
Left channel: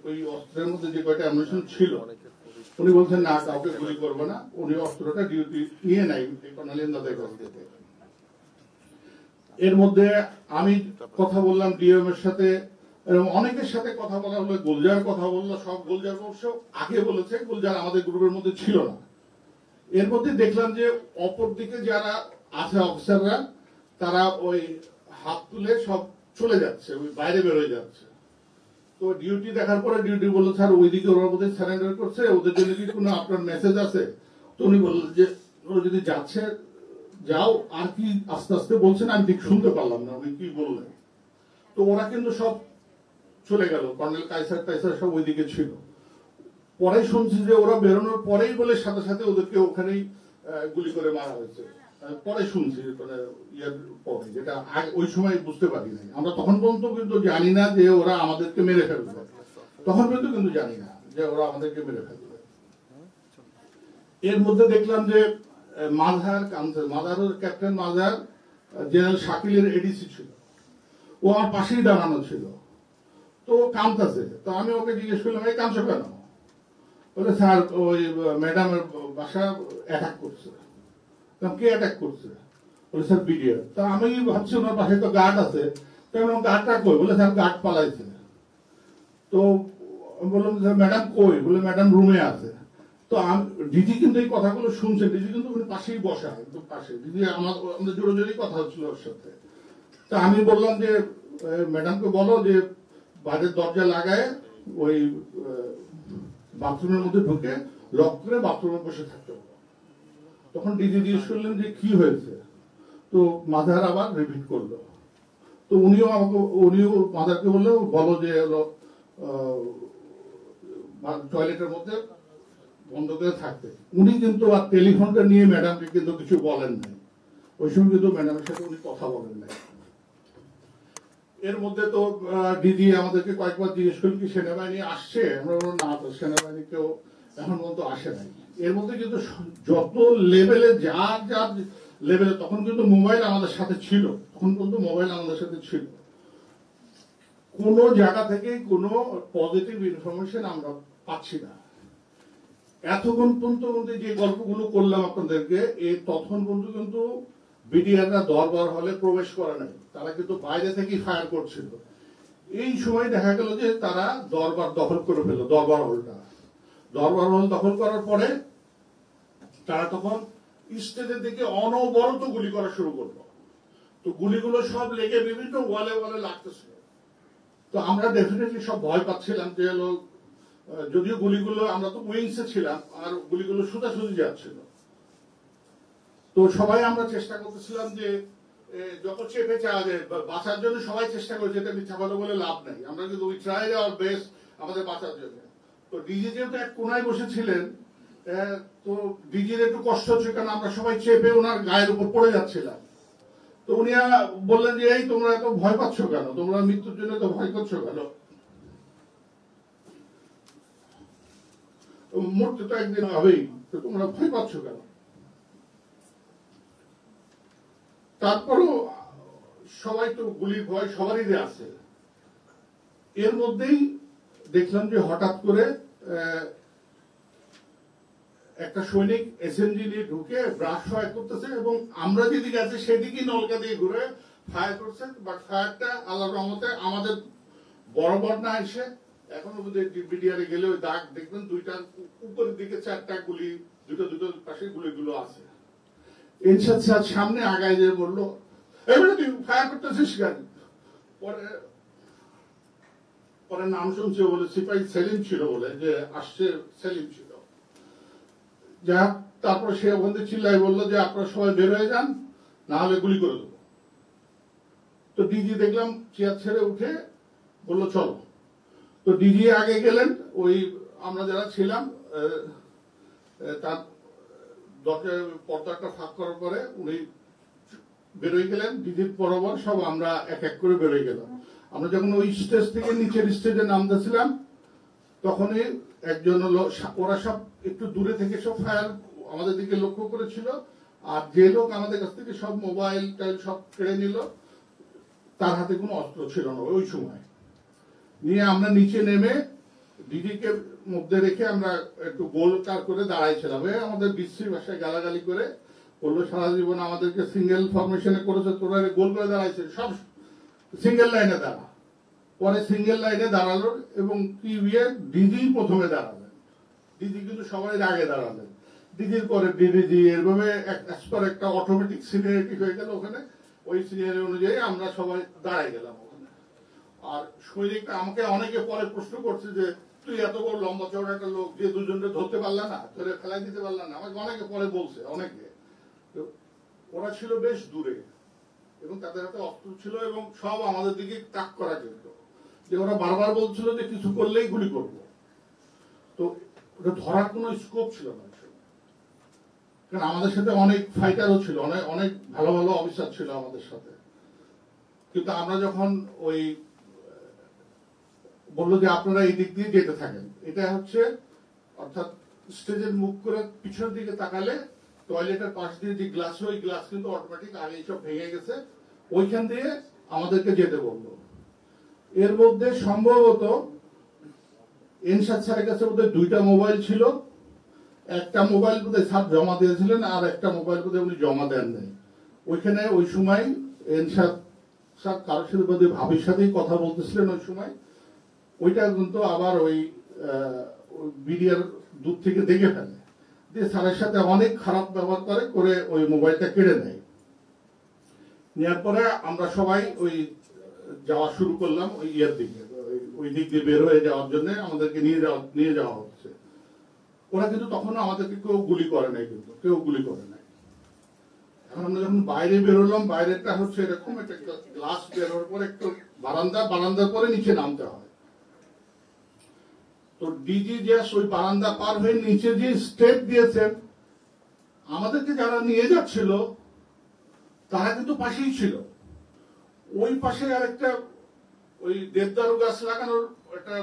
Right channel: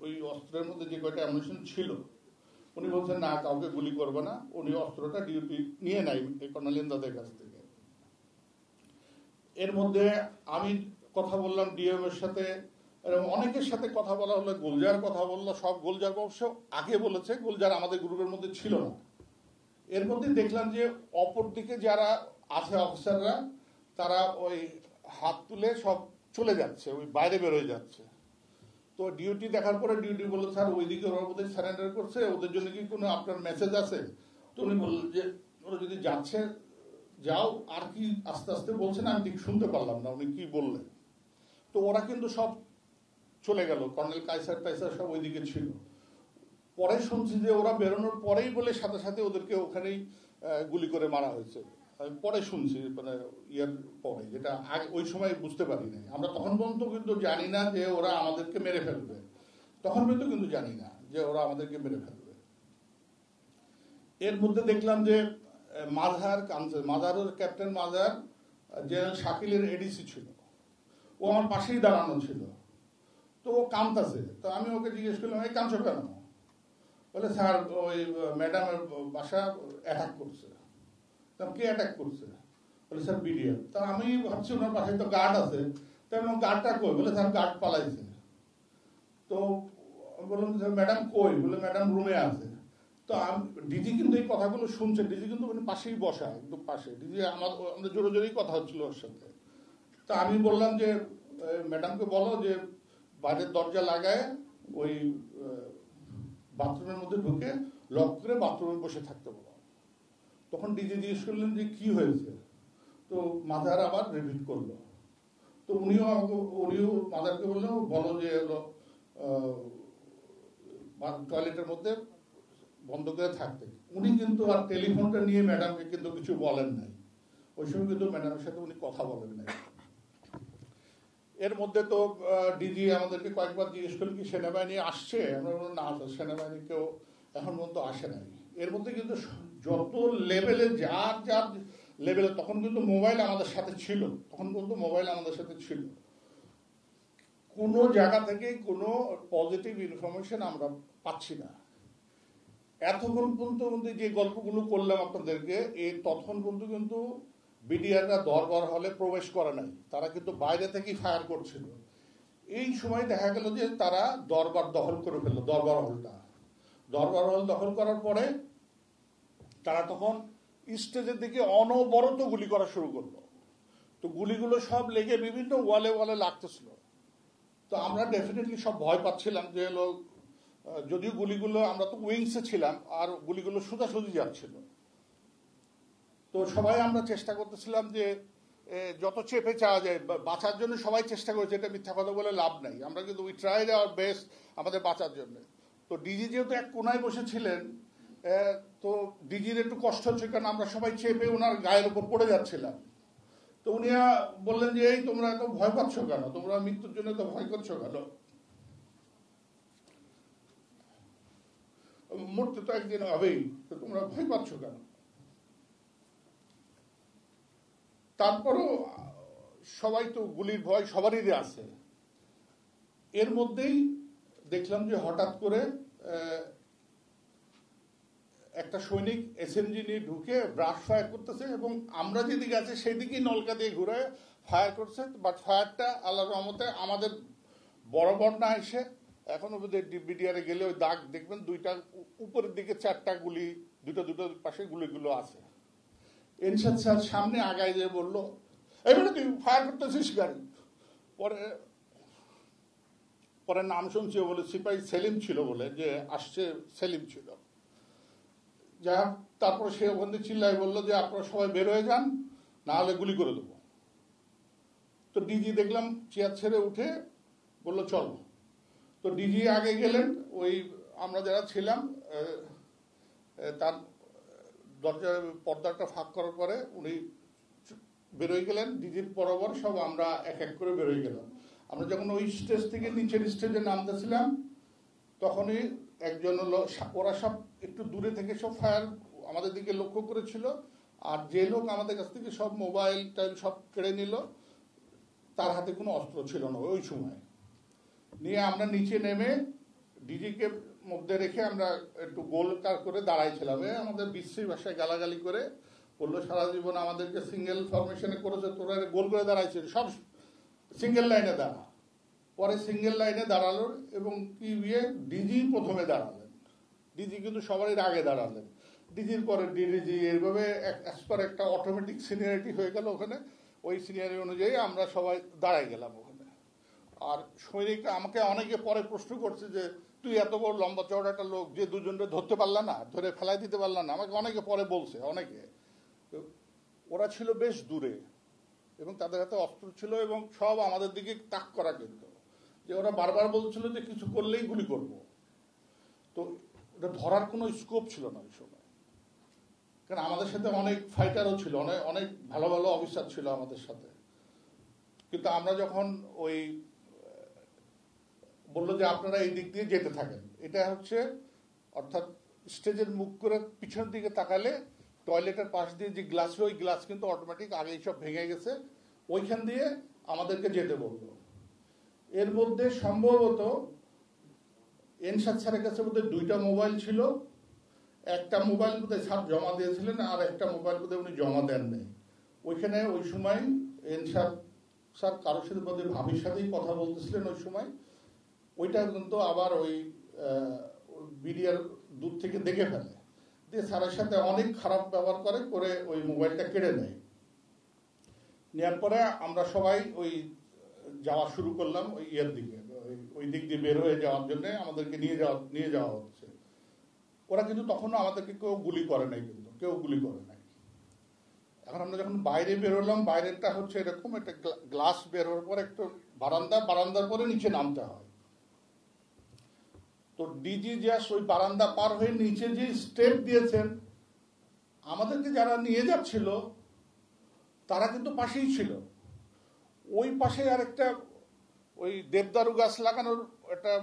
ওই অস্ত্রের মধ্যে যে কয়টা অ্যামুনিশন ছিল, উনি বলছেন না, কাউকে গুলি করবে না। উনি অস্ত্রটা ডিউটি নিয়ে নাই কর্নেল এমদাদের কাছ থেকে। এর মধ্যে আমি কথা বললাম ডিএম এর সাথে এবং অনেকের সাথে কথা বলা হলো। গুলজার কথা বললো, সব গুলজার অবশ্য আগে বলেছে, গুলজার আমাদের গ্রুপের মধ্যে ছিল না। এর মধ্যে দেখলাম যে অপর দিকে যারা আছে অফিসাররা, তারা ওই হাত তুলে সব চলে যাচ্ছে, ওই বাইরে বেরোয় যাচ্ছে। তো ডিউটি দেখার পরে ডিউটি বললো স্যার ওইদিকে ওরা বোধহয় সারেন্ডার করছে, ওদের জন্য কি কোনো আপনার মেসেজ আছে? তো উনি বললেন যে ওরা যদি যাচ্ছে যাও, আর কি আস্তে আস্তে বলছেন আমি ঠিক শুনতে পারলাম না উনি কি বললেন। তো ওরা কিন্তু সব চলে গেল, কর্নেল কাইসার সব ওইদিকে ছিল। পরে শুনছি যে ওরা বেরোনোর পরেই বলে সাথে সাথে ওদেরকে ওখানেই গুলি করে মারা হয়েছে। পরে শুনছি, মানে ইয়ার পরে, যেটা ওই সময় বুঝতে পারি নাই। আমরা তখন পর্যন্ত কিন্তু জানি না যে ওরা আমাদেরকে মেরে ফেলবে, তখন পর্যন্ত কিন্তু জানি না যে ওরা আমাদেরকে মেরে ফেলবে। এর মধ্যে দেখলাম যে মাঝার ক্যাপ্টেন মাঝার জেনারেল শাকিলের এডিসি ছিল, ও আমার পাশেই দাঁড়ানো ছিল। তো কাঁদতেছে, তো আমি ওকে জিজ্ঞেস করলাম এই কাঁদছো কেন? বলে স্যার ওই ম্যাডামের বাসা অ্যাটাক করছে। কে অ্যাটাক করছে? বলে স্যার বিডিআর। তা আমি ভাবছি ওনার পাশে তো গার্ড আছে, কারণ গার্ডটা কই? বলে স্যার গার্ড পালাইছে। তো বললাম ম্যাডাম কই? বলে ম্যাডাম রুমে আছে। তো দিদি কিন্তু এই কথাগুলো শুনছে, দিদি কিন্তু ওখানে পাশেই বসা, একদম পাশে। দিদি আমাদের জোরে জোরেই কথা হচ্ছিল ওর সাথে। তা আমি বললাম যে ম্যাডামকে বলো যে বাইরের দরজা লাগায় ওই বাথরুমের মধ্যে ঢুকে লক করে বাথরুমে বসে থাকতে হবে। তখন দিদি জিজ্ঞেস করলেন যে কি হয়েছে? তো মাদার আবার রিপিট করলো। তো উনিও মাদারকে বললো বলো যে টয়লেটের মধ্যে বন্ধ করে থাকতে। উনি কিন্তু আর টেলিফোনটা নিয়ে ম্যাডামকে কিন্তু কিছু বলেন নাই, ওই সময় কিন্তু ম্যাডামের সাথে উনি কথা বলেন নাই। এর মধ্যে তো দিদি আমাদেরকে কয়েকবার জিজ্ঞেস করলেন কি সেনাবাহিনী আসছে? আমরা বললাম না, তো সেনাবাহিনী কেউ এখন পর্যন্ত আসে নাই। এর মধ্যে কিন্তু যত লেভেলে যা যা লেভেল, তখন কিন্তু মোবাইল আমাদের সাথে ছিল, তখন পর্যন্ত মোবাইল আমাদের সাথে ছিল। কোনো জায়গা থেকে কোনো পজিটিভ ইনফরমেশন আমরা পাচ্ছি না। এতক্ষণ পর্যন্ত যে গল্পগুলো করলাম আপনাদেরকে, এই তখন পর্যন্ত কিন্তু বিডিআররা দরবার হলে প্রবেশ করে নাই, তারা কিন্তু বাইরে থেকেই ফায়ার করছিল। এই সময় দেখা গেল যে তারা দরবার দখল করে ফেললো, দরবার হলটা। দরবার হল দখল করার পরে তারা তখন স্টেজের দিকে অনবরত গুলি করা শুরু করলো। তো গুলিগুলো সব লেগে বিভিন্ন ওয়ালে ওয়ালে লাগতেছিল। তো আমরা ডেফিনেটলি সব ভয় পাচ্ছিলাম যে লোক, যদিও গুলিগুলো, আমরা তো উইংসে ছিলাম আর গুলিগুলো সোজাসুজি যাচ্ছিল। তো সবাই আমরা চেষ্টা করতেছিলাম যে যত চেপে চাওয়া যায়, বাঁচার জন্য সবাই চেষ্টা করেছে, এটা মিথ্যা কথা বলে লাভ নেই, আমরা কিন্তু উই ট্রাই আওয়ার বেস্ট আমাদের বাঁচার জন্য। তো ডিজি যেহেতু এক কোনায় বসেছিলেন, তো ডিজির একটু কষ্ট হচ্ছে, কারণ আমরা সবাই চেপে ওনার গায়ের উপর পড়ে যাচ্ছিলাম। তো উনি বললেন যে এই তোমরা এত ভয় পাচ্ছ কেন, তোমরা মৃত্যুর জন্য তো ভয় করছো কেন, মরতে তো একদিন হবেই, তো তোমরা ভয় পাচ্ছ কেন। তারপরও সবাই তো গুলির ভয় সবারই আছে। এর মধ্যেই দেখলাম যে হঠাৎ করে একটা সৈনিক এসএমজি নিয়ে ঢুকে ব্রাশ ফায়ার করতেছে, এবং আমরা যেদিকে আছে সেদিকেই নলকা দিয়ে ঘুরে ফায়ার করছে। বাট ফায়ারটা আল্লাহর রহমতে আমাদের বরাবর না এসে, এখনো যদি বিডিআরে গেলে ওই দাগ দেখবেন, দুইটা উপরের দিকে 4টা গুলি, দুটো পাশে গুলিগুলো আছে। এরশাদ স্যার সামনে আগায় যে বললো, এবারে তুই ফায়ার করতেছিস কেন? পরে নাম শুনছে বলে সিপাহী সেলিম ছিল, বলে যে আসছে সেলিম ছিল। যা তারপর সে ওখান থেকে চিল্লাই বললো যে আপনারা সবাই বের হয়ে যান, না হলে গুলি করে দেবো। তো ডিজি দেখলাম চেয়ার ছেড়ে উঠে বললো চলো। তো ডিজি আগে গেলেন, ওই আমরা যারা ছিলাম তার দরজার পর্দাটা ফাঁক করার পরে উনি বেরোয় গেলেন, ডিজির বরাবর সব আমরা এক এক করে বেরোয় গেলাম। আমরা যখন ওই স্টেজ থেকে নিচের স্টেজে নামতেছিলাম, তখনই একজন ওরা সব একটু দূরে থেকে সব ফায়ার আমাদের দিকে লক্ষ্য করেছিল, আর যে লোক আমাদের কাছ থেকে সব মোবাইল টাইল সব কেড়ে নিল, তার হাতে কোনো অস্ত্র ছিল না ওই সময়। নিয়ে আমরা নিচে নেমে ডিজিকে মধ্যে রেখে আমরা একটু গোল তার করে দাঁড়াইছিলাম। আমাদের বিশ্রী ভাষায় গালাগালি করে বললো, সারা জীবন আমাদেরকে সিঙ্গেল ফরমেশনে করেছে, তোরা গোল করে দাঁড়াইছে, সব সিঙ্গেল লাইনে দাঁড়া। পরে সিঙ্গেল লাইনে দাঁড়ালো, এবং ডিজি প্রথমে দাঁড়ালেন। ডিজি কিন্তু সবাই আগে দাঁড়ালেন, ডিজির পরে ডিডিজি, এভাবে একটা অটোমেটিক সিনিয়রিটি হয়ে গেল ওখানে। ওই সিনিয়রিটি অনুযায়ী আমরা সবাই দাঁড়াই গেলাম ওখানে। আর সৈনিক আমাকে অনেকে পরে প্রশ্ন করছে যে তুই এত বড় লম্বা চড়া একটা লোক, যে দুজনকে ধরতে পারলা না, ধরে ফেলাই দিতে পারলা না, আমাকে অনেকে পরে বলছে। অনেকে, ওরা ছিল বেশ দূরে এবং তাদের হাতে অস্ত্র ছিল, এবং সব আমাদের দিকে তাক করার জন্য। যে ওরা বারবার বলছিল যে কিছু করলেই গুলি করবো। তো ওটা ধরার কোনো স্কোপ ছিল না, কারণ আমাদের সাথে অনেক ফাইটারও ছিল, অনেক অনেক ভালো ভালো অফিসার ছিল আমাদের সাথে। কিন্তু আমরা যখন ওই বললো যে আপনারা এই দিক দিয়ে যেতে থাকেন, এটা হচ্ছে অর্থাৎ স্টেজের মুখ করে পিছনের দিকে তাকালে টয়লেটের পাশ দিয়ে যে গ্লাস, ওই গ্লাস কিন্তু অটোমেটিক আগে সব ভেঙে গেছে, ওইখান দিয়ে আমাদেরকে যেতে বললো। এর মধ্যে সম্ভবত এনশাদ স্যারের কাছে বোধহয় 2টা মোবাইল ছিল, একটা মোবাইল বোধহয় স্যার জমা দিয়েছিলেন, আর একটা মোবাইল বোধহয় উনি জমা দেন নাই। ওইখানে ওই সময় এনশাদ স্যার কারোর সাথে বোধহয় ভাবির সাথেই কথা বলতেছিলেন ওই সময়। ওইটা কিন্তু আবার ওই বিডিআর দূর থেকে দেখে ফেলে, যে স্যারের সাথে অনেক খারাপ ব্যবহার করে ওই মোবাইলটা কেড়ে নেয়। নেওয়ার পরে আমরা সবাই ওই যাওয়া শুরু করলাম ওই ইয়ের দিকে, ওই দিক দিয়ে বের হয়ে যাওয়ার জন্য আমাদেরকে নিয়ে যাওয়া হচ্ছে। ওরা কিন্তু তখন আমাদেরকে কেউ গুলি করে নাই, কিন্তু কেউ গুলি করে নাই। এখন আমরা যখন বাইরে বেরোলাম, বাইরেটা হচ্ছে এরকম একটা গ্লাস বেরোর পরে একটু বারান্দার পরে নিচে নামতে হয়। তো ডিজি জাস্ট ওই বারান্দা পার হয়ে নিচে যে স্টেপ দিয়েছেন, আমাদেরকে যারা নিয়ে যাচ্ছিল তারা কিন্তু পাশেই ছিল। ওই পাশে আরেকটা ওই দেবদারু গাছ লাগানোর একটা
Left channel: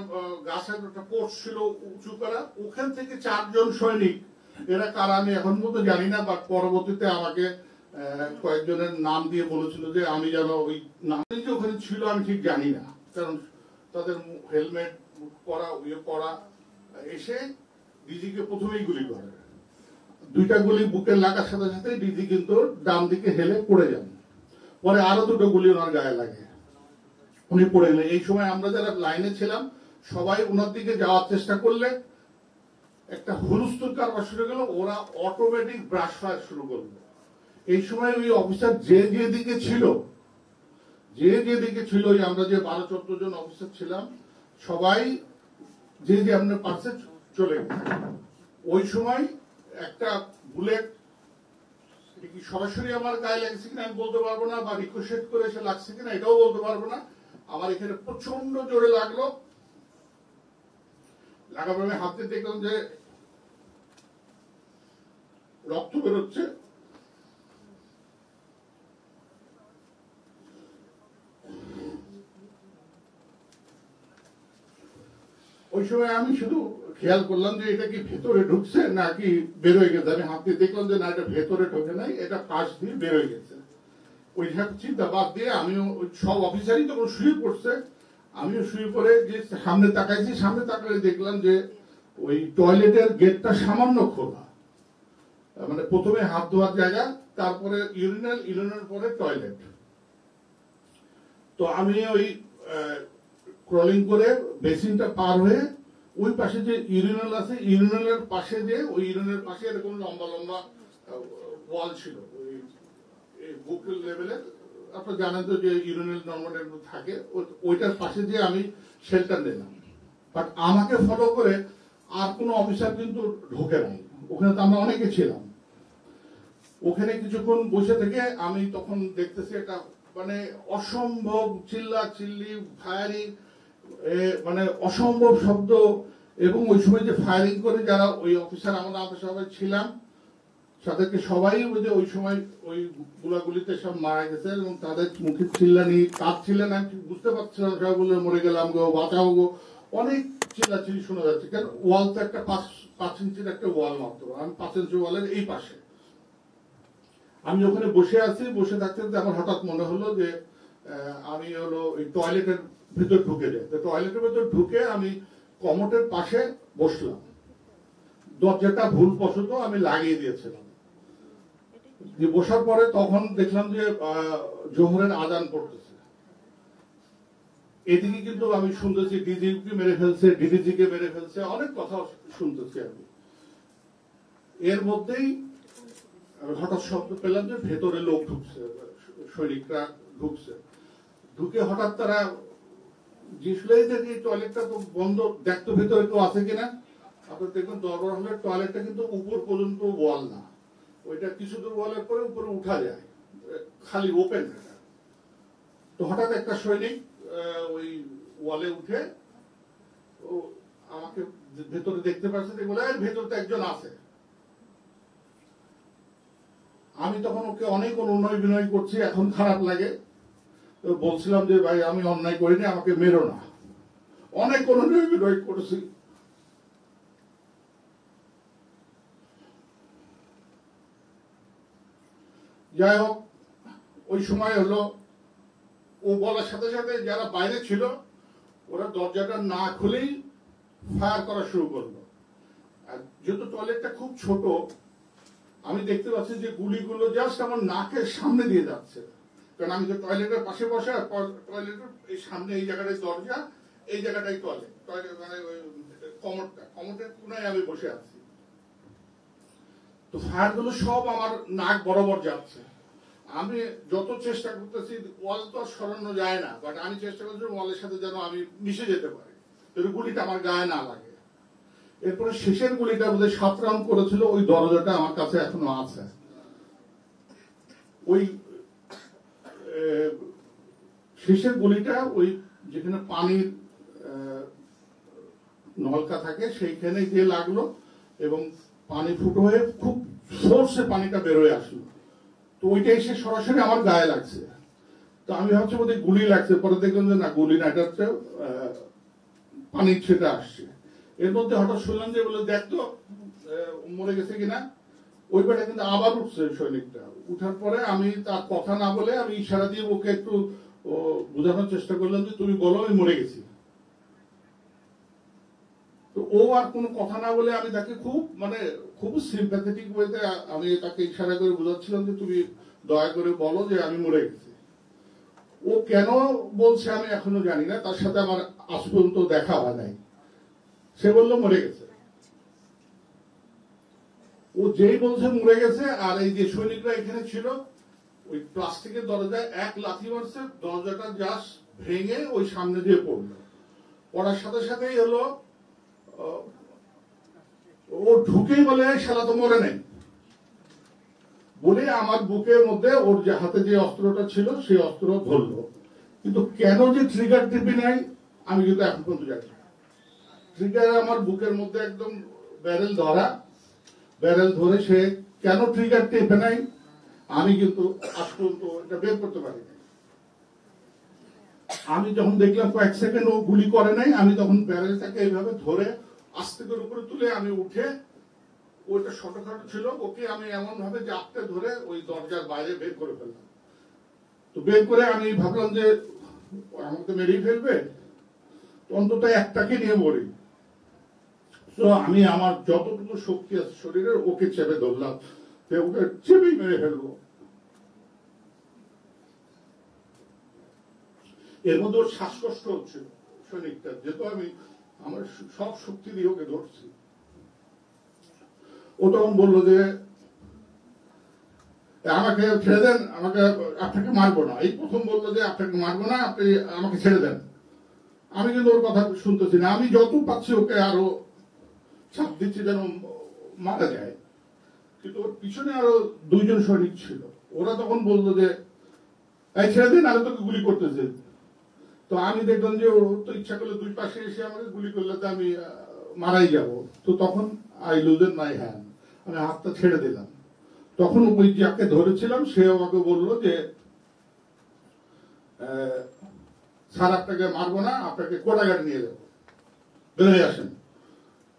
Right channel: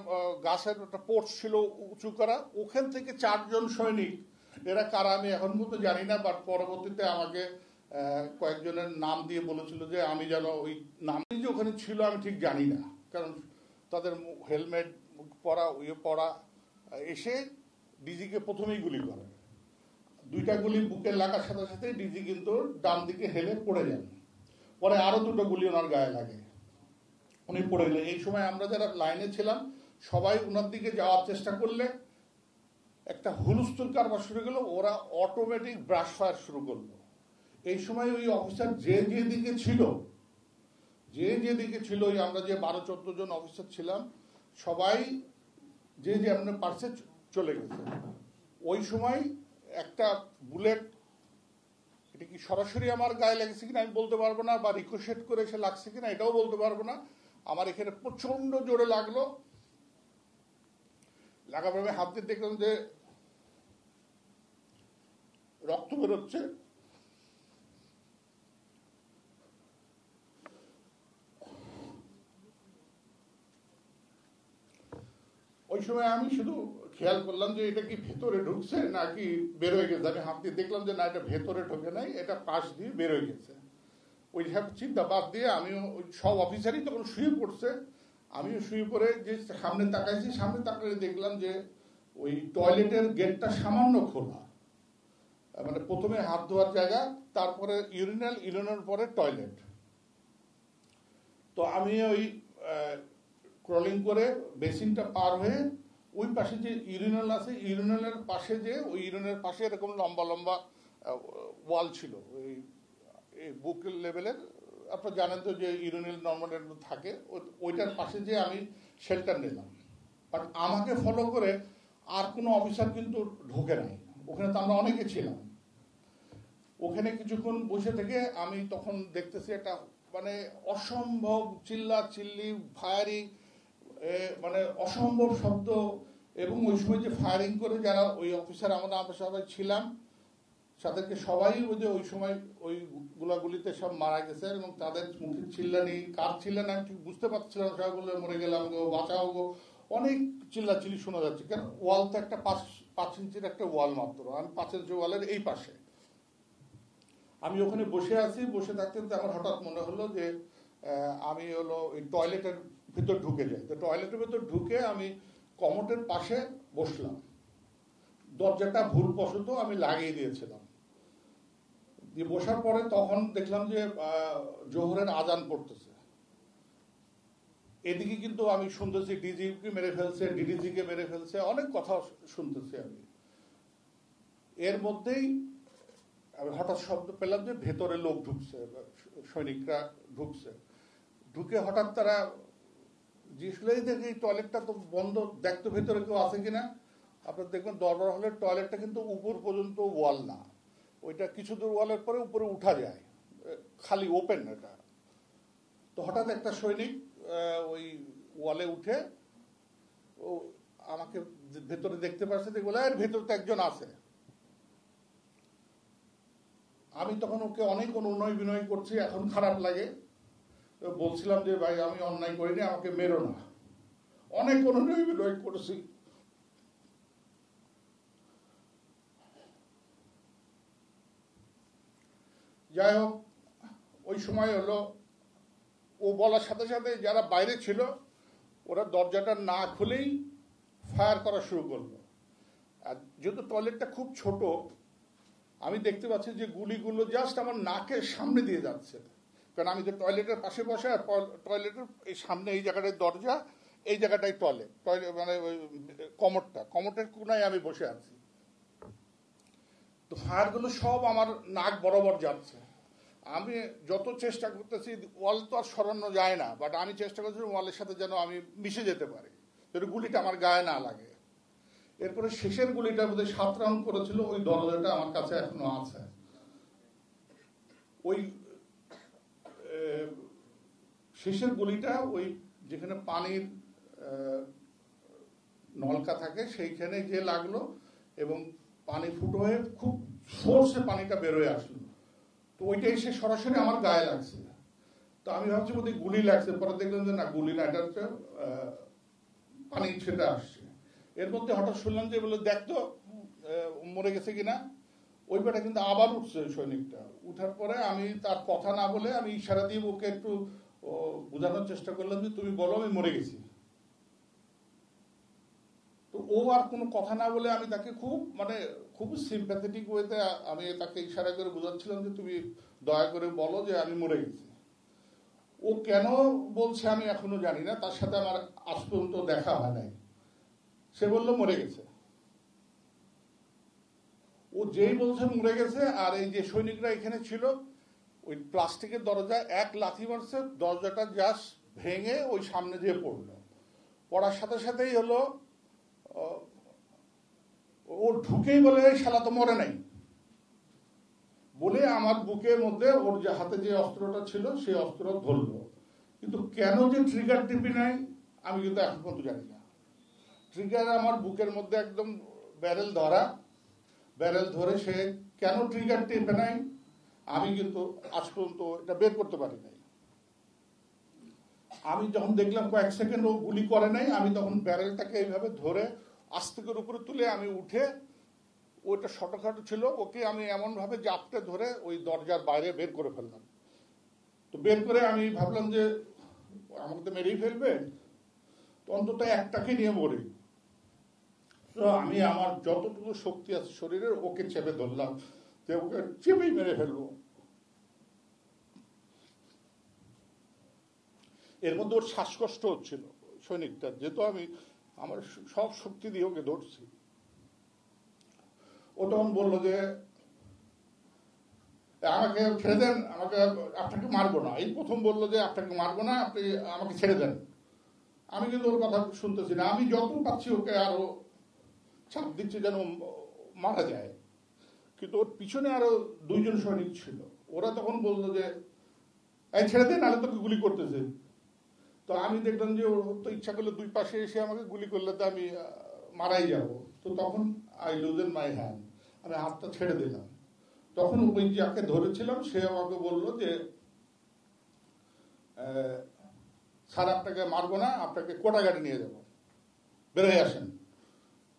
গাছের একটা পোর্ট ছিল উঁচু করা, ওখান থেকে 4 জন সৈনিক, এরা কারা আমি এখন পর্যন্ত জানি না, বাট পরবর্তীতে আমাকে কয়েকজনের নাম দিয়ে বলেছিল যে আমি যেন ওই নাম যে ওখানে ছিল আমি ঠিক জানি না, কারণ তাদের হেলমেট পরা এসে ডিজিকে প্রথমেই গুলি করে। 2টা গুলি বুকে লাগার সাথে সাথে ডিজি কিন্তু ডান দিকে হেলে পড়ে যান। পরে আরো 2টো গুলি ওনার গায়ে লাগে। উনি পড়ে গেলেন। এই সময় আমরা যারা লাইনে ছিলাম সবাই ওনার দিকে যাওয়ার চেষ্টা করলে একটা হুলস্থুলকার শুরু গেল, ওরা অটোমেটিক ব্রাশ ফায়ার শুরু করলো। এই সময় ওই অফিসার যে দিকে ছিল, ওই আমরা যে 12-14 জন অফিসার ছিলাম সবাই যে আপনার পাশে চলে গেছে। ওই সময় একটা বুলেট কি সরাসরি আমার গায়ে লাগছে কিনা আমি বলতে পারবো না, বা রিকোশেট করে এসে লাগছে কিনা এটাও বলতে পারবো না। আমার এখানে প্রচন্ড জোরে লাগলো, লাগার পরে হাতে দেখলাম যে রক্ত বেরোচ্ছে। ওই সময় আমি শুধু খেয়াল করলাম যে এটা কি ভেতরে ঢুকছে নাকি বের হয়ে গেছে। আমি হাত দিয়ে দেখলাম যে না, এটা ভেতরে ঢোকে নাই, এটা পাশ দিয়ে বের হয়ে গেছে। ওই চিন্তা বাদ দিয়ে আমিও সব অফিসারই তখন শুয়ে পড়ছে, আমিও শুয়ে পড়ে যে সামনে তাকাইছি, সামনে তাকালে দেখলাম যে ওই টয়লেটের গেটটা সামান্য খোলা, মানে প্রথমে হাত ধোয়ার জায়গা, তারপরে ইউরিনাল পরে টয়লেট। তো আমি ওই ক্রলিং করে বেসিনটা পার হয়ে ওই পাশে যে ইউরিনাল আছে, ইউরিনালের পাশে দিয়ে, ওই ইউরিনালের পাশে এরকম লম্বা লম্বা ওয়াল ছিল ওই বুক লেভেলের। আপনারা জানেন তো যে ইউরিনাল নর্মাল একটু থাকে, ওইটার পাশে দিয়ে আমি শেল্টার নিলাম। বাট আমাকে ফলো করে আর কোনো অফিসার কিন্তু ঢোকে নাই ওখানে। তো আমরা অনেকে ছিলাম ওখানে। কিছুক্ষণ বসে থেকে আমি তখন দেখতেছি একটা মানে অসম্ভব চিল্লা চিল্লি, ফায়ারিং, মানে অসম্ভব শব্দ। এবং ওই সময় যে ফায়ারিং করে যারা ওই অফিসার, আমরা সবাই ছিলাম, তাদেরকে সবাই ওই সময় ওই গোলাগুলিতে সব মারা গেছে। এবং তাদের মুখে চিল্লানি, কাঁদছিলেন, আমি বুঝতে পারছিলাম সবাই বলে মরে গেলাম গো, বাঁচাও গো, অনেক চিল্লাচিল্লি শোনা যাচ্ছে। কারণ ওয়াল তো একটা 5 ইঞ্চির একটা ওয়াল মাত্র, আমি 5 ইঞ্চি ওয়ালের এই পাশে। আমি ওখানে বসে আছি, বসে থাকতে আমার হঠাৎ মনে হলো যে আমি হলো ওই টয়লেটের ভিতর ঢুকে যাই। তো টয়লেটের ভিতর ঢুকে আমি কমোডের পাশে বসলাম, দরজাটা ভুলবশত আমি লাগিয়ে দিয়েছিলাম। বসার পরে তখন দেখলাম যে জোহরের আজান পড়তেছে। এদিকে কিন্তু আমি শুনতেছি ডিজিপি মেরে ফেলছে, ডিডিজি কে মেরে ফেলছে, অনেক কথা শুনতেছি আমি। এর মধ্যেই আমি হঠাৎ শব্দ পেলাম যে ভেতরে লোক ঢুকছে, সৈনিকরা ঢুকছে। ঢুকে হঠাৎ তারা টয়লেটটা তো বন্ধ, দেখতো ভেতরে কেউ আছে কিনা। আপনার দেখবেন দরবার হলের টয়লেটটা কিন্তু উপর পর্যন্ত ওয়াল না, ওইটা কিছু দূর ওয়ালের পরে উপরে উঠা যায়, খালি ওপেন এটা। তো হঠাৎ একটা সৈনিক ওই ওয়ালে উঠে ও আমাকে ভেতরে দেখতে পাচ্ছে, বলে ভেতরে তো একজন আছে। আমি তখন ওকে অনেক অনুনয় বিনয় করছি, এখন খারাপ লাগে, বলছিলাম যে ভাই আমি অন্যায় করিনি, আমাকে মেরো না। অনেক অনুনয় বিনয় করেছি। যাই হোক, ওই সময় হলো ও বলার সাথে সাথে যারা বাইরে ছিল ওরা দরজাটা না খুলেই ফায়ার করা শুরু করলো। আর যেহেতু টয়লেটটা খুব ছোট, আমি দেখতে পাচ্ছি যে গুলিগুলো জাস্ট আমার নাকের সামনে দিয়ে যাচ্ছে। কারণ আমি টয়লেটের পাশে বসে, আর টয়লেটের এই সামনে এই জায়গাটায় দরজা, এই জায়গাটাই টয়লেট, মানে ওই কমোডের কোনায় আমি বসে আছি। তো ফায়ারগুলো সব আমার নাক বরাবর যাচ্ছে। আমি যত চেষ্টা করতেছি, ওয়াল তো আর সরানো যায় না, বাট আমি চেষ্টা করছি ওয়ালের সাথে যেন আমি মিশে যেতে পারি, গুলিটা আমার গায়ে না লাগে। এরপরে শেষের গুলিটা বোধহয় 7 রাউন্ড করেছিল, ওই দরজাটা আমার কাছে এখনো আছে। ওই শেষের গুলিটা ওই যেখানে পানির নলকা থাকে সেইখানে গিয়ে লাগলো, এবং পানি ফুটো হয়ে খুব ফোর্সে পানিটা বের হয়ে আসলো। তো ওইটা এসে সরাসরি আমার গায়ে লাগছে। তো আমি ভাবছি বোধহয় গুলি লাগছে, পরে দেখলাম যে না, গুলি না, এটা হচ্ছে পানি ছেটে আসছে। এর মধ্যে হঠাৎ শুনলাম যে বলে দেখতো মরে গেছে কিনা। ওইবারে কিন্তু আবার উঠছে সৈনিকটা। উঠার পরে আমি তার কথা না বলে আমি ইশারা দিয়ে ওকে একটু বোঝানোর চেষ্টা করলাম যে তুমি বলো আমি মরে গেছি। তো ও আর কোনো কথা না বলে আমি তাকে খুব সিম্প্যাথেটিক ওয়েতে আমি তাকে ইশারা করে বোঝাচ্ছিলাম যে তুমি দয়া করে বলো যে আমি মরে গেছি। ও ও কেন বলছে আমি এখনো জানি না, তার সাথে আমার আজ পর্যন্ত দেখা হয় নাই। সে বললো মরে গেছে। ও যেই বলছে মরে গেছে, আর এই যে সৈনিকরা এখানে ছিল, ওই প্লাস্টিকের দরজায় এক লাথি মারছে, দরজাটা জাস্ট ভেঙে ওই সামনে দিয়ে পড়লো। পড়ার সাথে সাথেই হলো ও ঢুকেই বলে শালা তো মরে নাই বলে আমার বুকের মধ্যে ওর যে হাতে যে অস্ত্রটা ছিল সেই অস্ত্র ধরলো। কিন্তু কেন যে ট্রিগার টিপি নাই আমি কিন্তু এখন পর্যন্ত জানি না। ট্রিগার আমার বুকের মধ্যে একদম ব্যারেল ধরা, ব্যারেল ধরে সে কেন ট্রিগার টিপে নাই আমি কিন্তু আজ পর্যন্ত এটা বের করতে পারি নাই। আমি যখন দেখলাম কয়েক সেকেন্ড ও গুলি করে নাই, আমি তখন ব্যারেলটাকে এইভাবে ধরে আস্তে করে উপরে তুলে আমি উঠে, ওইটা শর্টকাট ছিল, ওকে আমি এমন ভাবে জাপটে ধরে ওই দরজার বাইরে বের করে ফেললাম। তো বের করে আমি ভাবলাম যে আমাকে মেরেই ফেলবে, অন্তত একটাকে নিয়ে বলি। তো আমি আমার যতটুকু শক্তি আছে শরীরের ওকে চেপে ধরলাম যে ওকে চেপে মেরে ফেলবো। এর মধ্যে ওর শ্বাসকষ্ট হচ্ছিল সৈনিকটা, যেহেতু আমি আমার সব শক্তি দিয়ে ওকে ধরছি। ও তখন বললো যে আমাকে ছেড়ে দেন, আমাকে আপনাকে মারবো না। এই প্রথম বললো যে আপনাকে মারবো না, আপনি আমাকে ছেড়ে দেন। আমি কিন্তু ওর কথা শুনতেছি না, আমি যত পাচ্ছি ওকে আরো চাপ দিচ্ছি যেন মারা যায়। কিন্তু ওর পিছনে আরো দুইজন সৈনিক ছিল, ওরা তখন বললো যে এই ছেড়ে দিন, আমি তোকে গুলি করতেছি। তো আমি দেখলাম যে ও তো ইচ্ছা করলে দুই পাশে এসে আমাকে গুলি করলে তো আমি মারাই যাব। তো তখন আই লুজেন মাই হ্যান্ড, আমি হাতটা ছেড়ে দিলাম। তখন ওই যাকে ধরেছিলাম সে আমাকে বললো যে স্যার আপনাকে মারবো না, আপনাকে কোড়াঘাট নিয়ে যাবো, বেরিয়ে আসেন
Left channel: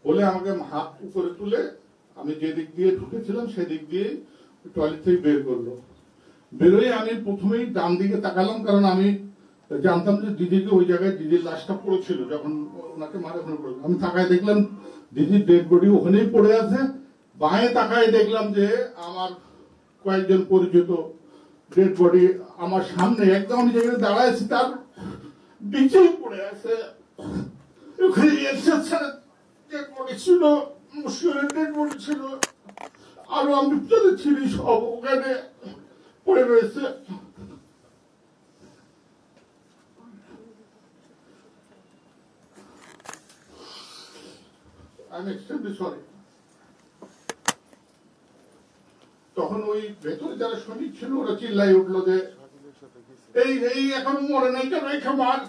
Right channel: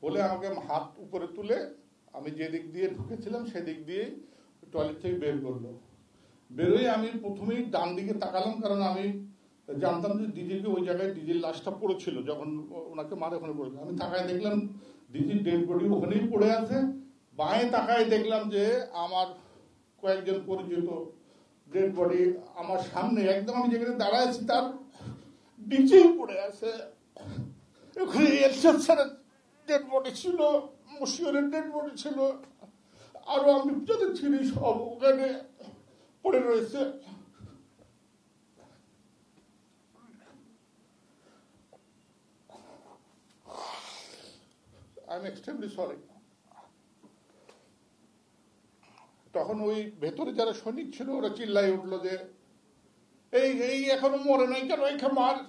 বলে আমাকে হাত উপরে তুলে আমি যে দিক দিয়ে ঢুকেছিলাম সেদিক দিয়ে টয়লেট থেকে বের করলো। বেরোয় আমি প্রথমেই ডান দিকে তাকালাম, কারণ আমি জানতাম যে দিদিকে ওই জায়গায় দিদির লাশটা পড়েছিল যখন ওনাকে মারে ওখানে পড়লো। আমি তাকায় দেখলাম দিদির ডেড বডি ওখানেই পড়ে আছে। বাঁয়ে তাকায় দেখলাম যে আমার কয়েকজন পরিচিত ডেড বডি আমার সামনে একদম আমি যেখানে দাঁড়ায় আছি তার নিচেই পড়ে আছে। ওখানে ডেড বডি ছিল, মুশকিলের ডেড বডি ছিল, আরো আমি চিনি সব ওখানে পড়ে রয়েছে। তখন ওই ভেতরে যারা সৈনিক ছিল ওরা চিল্লাই উঠলো যে এই এই এখন মরে নাই কেন, এই খামার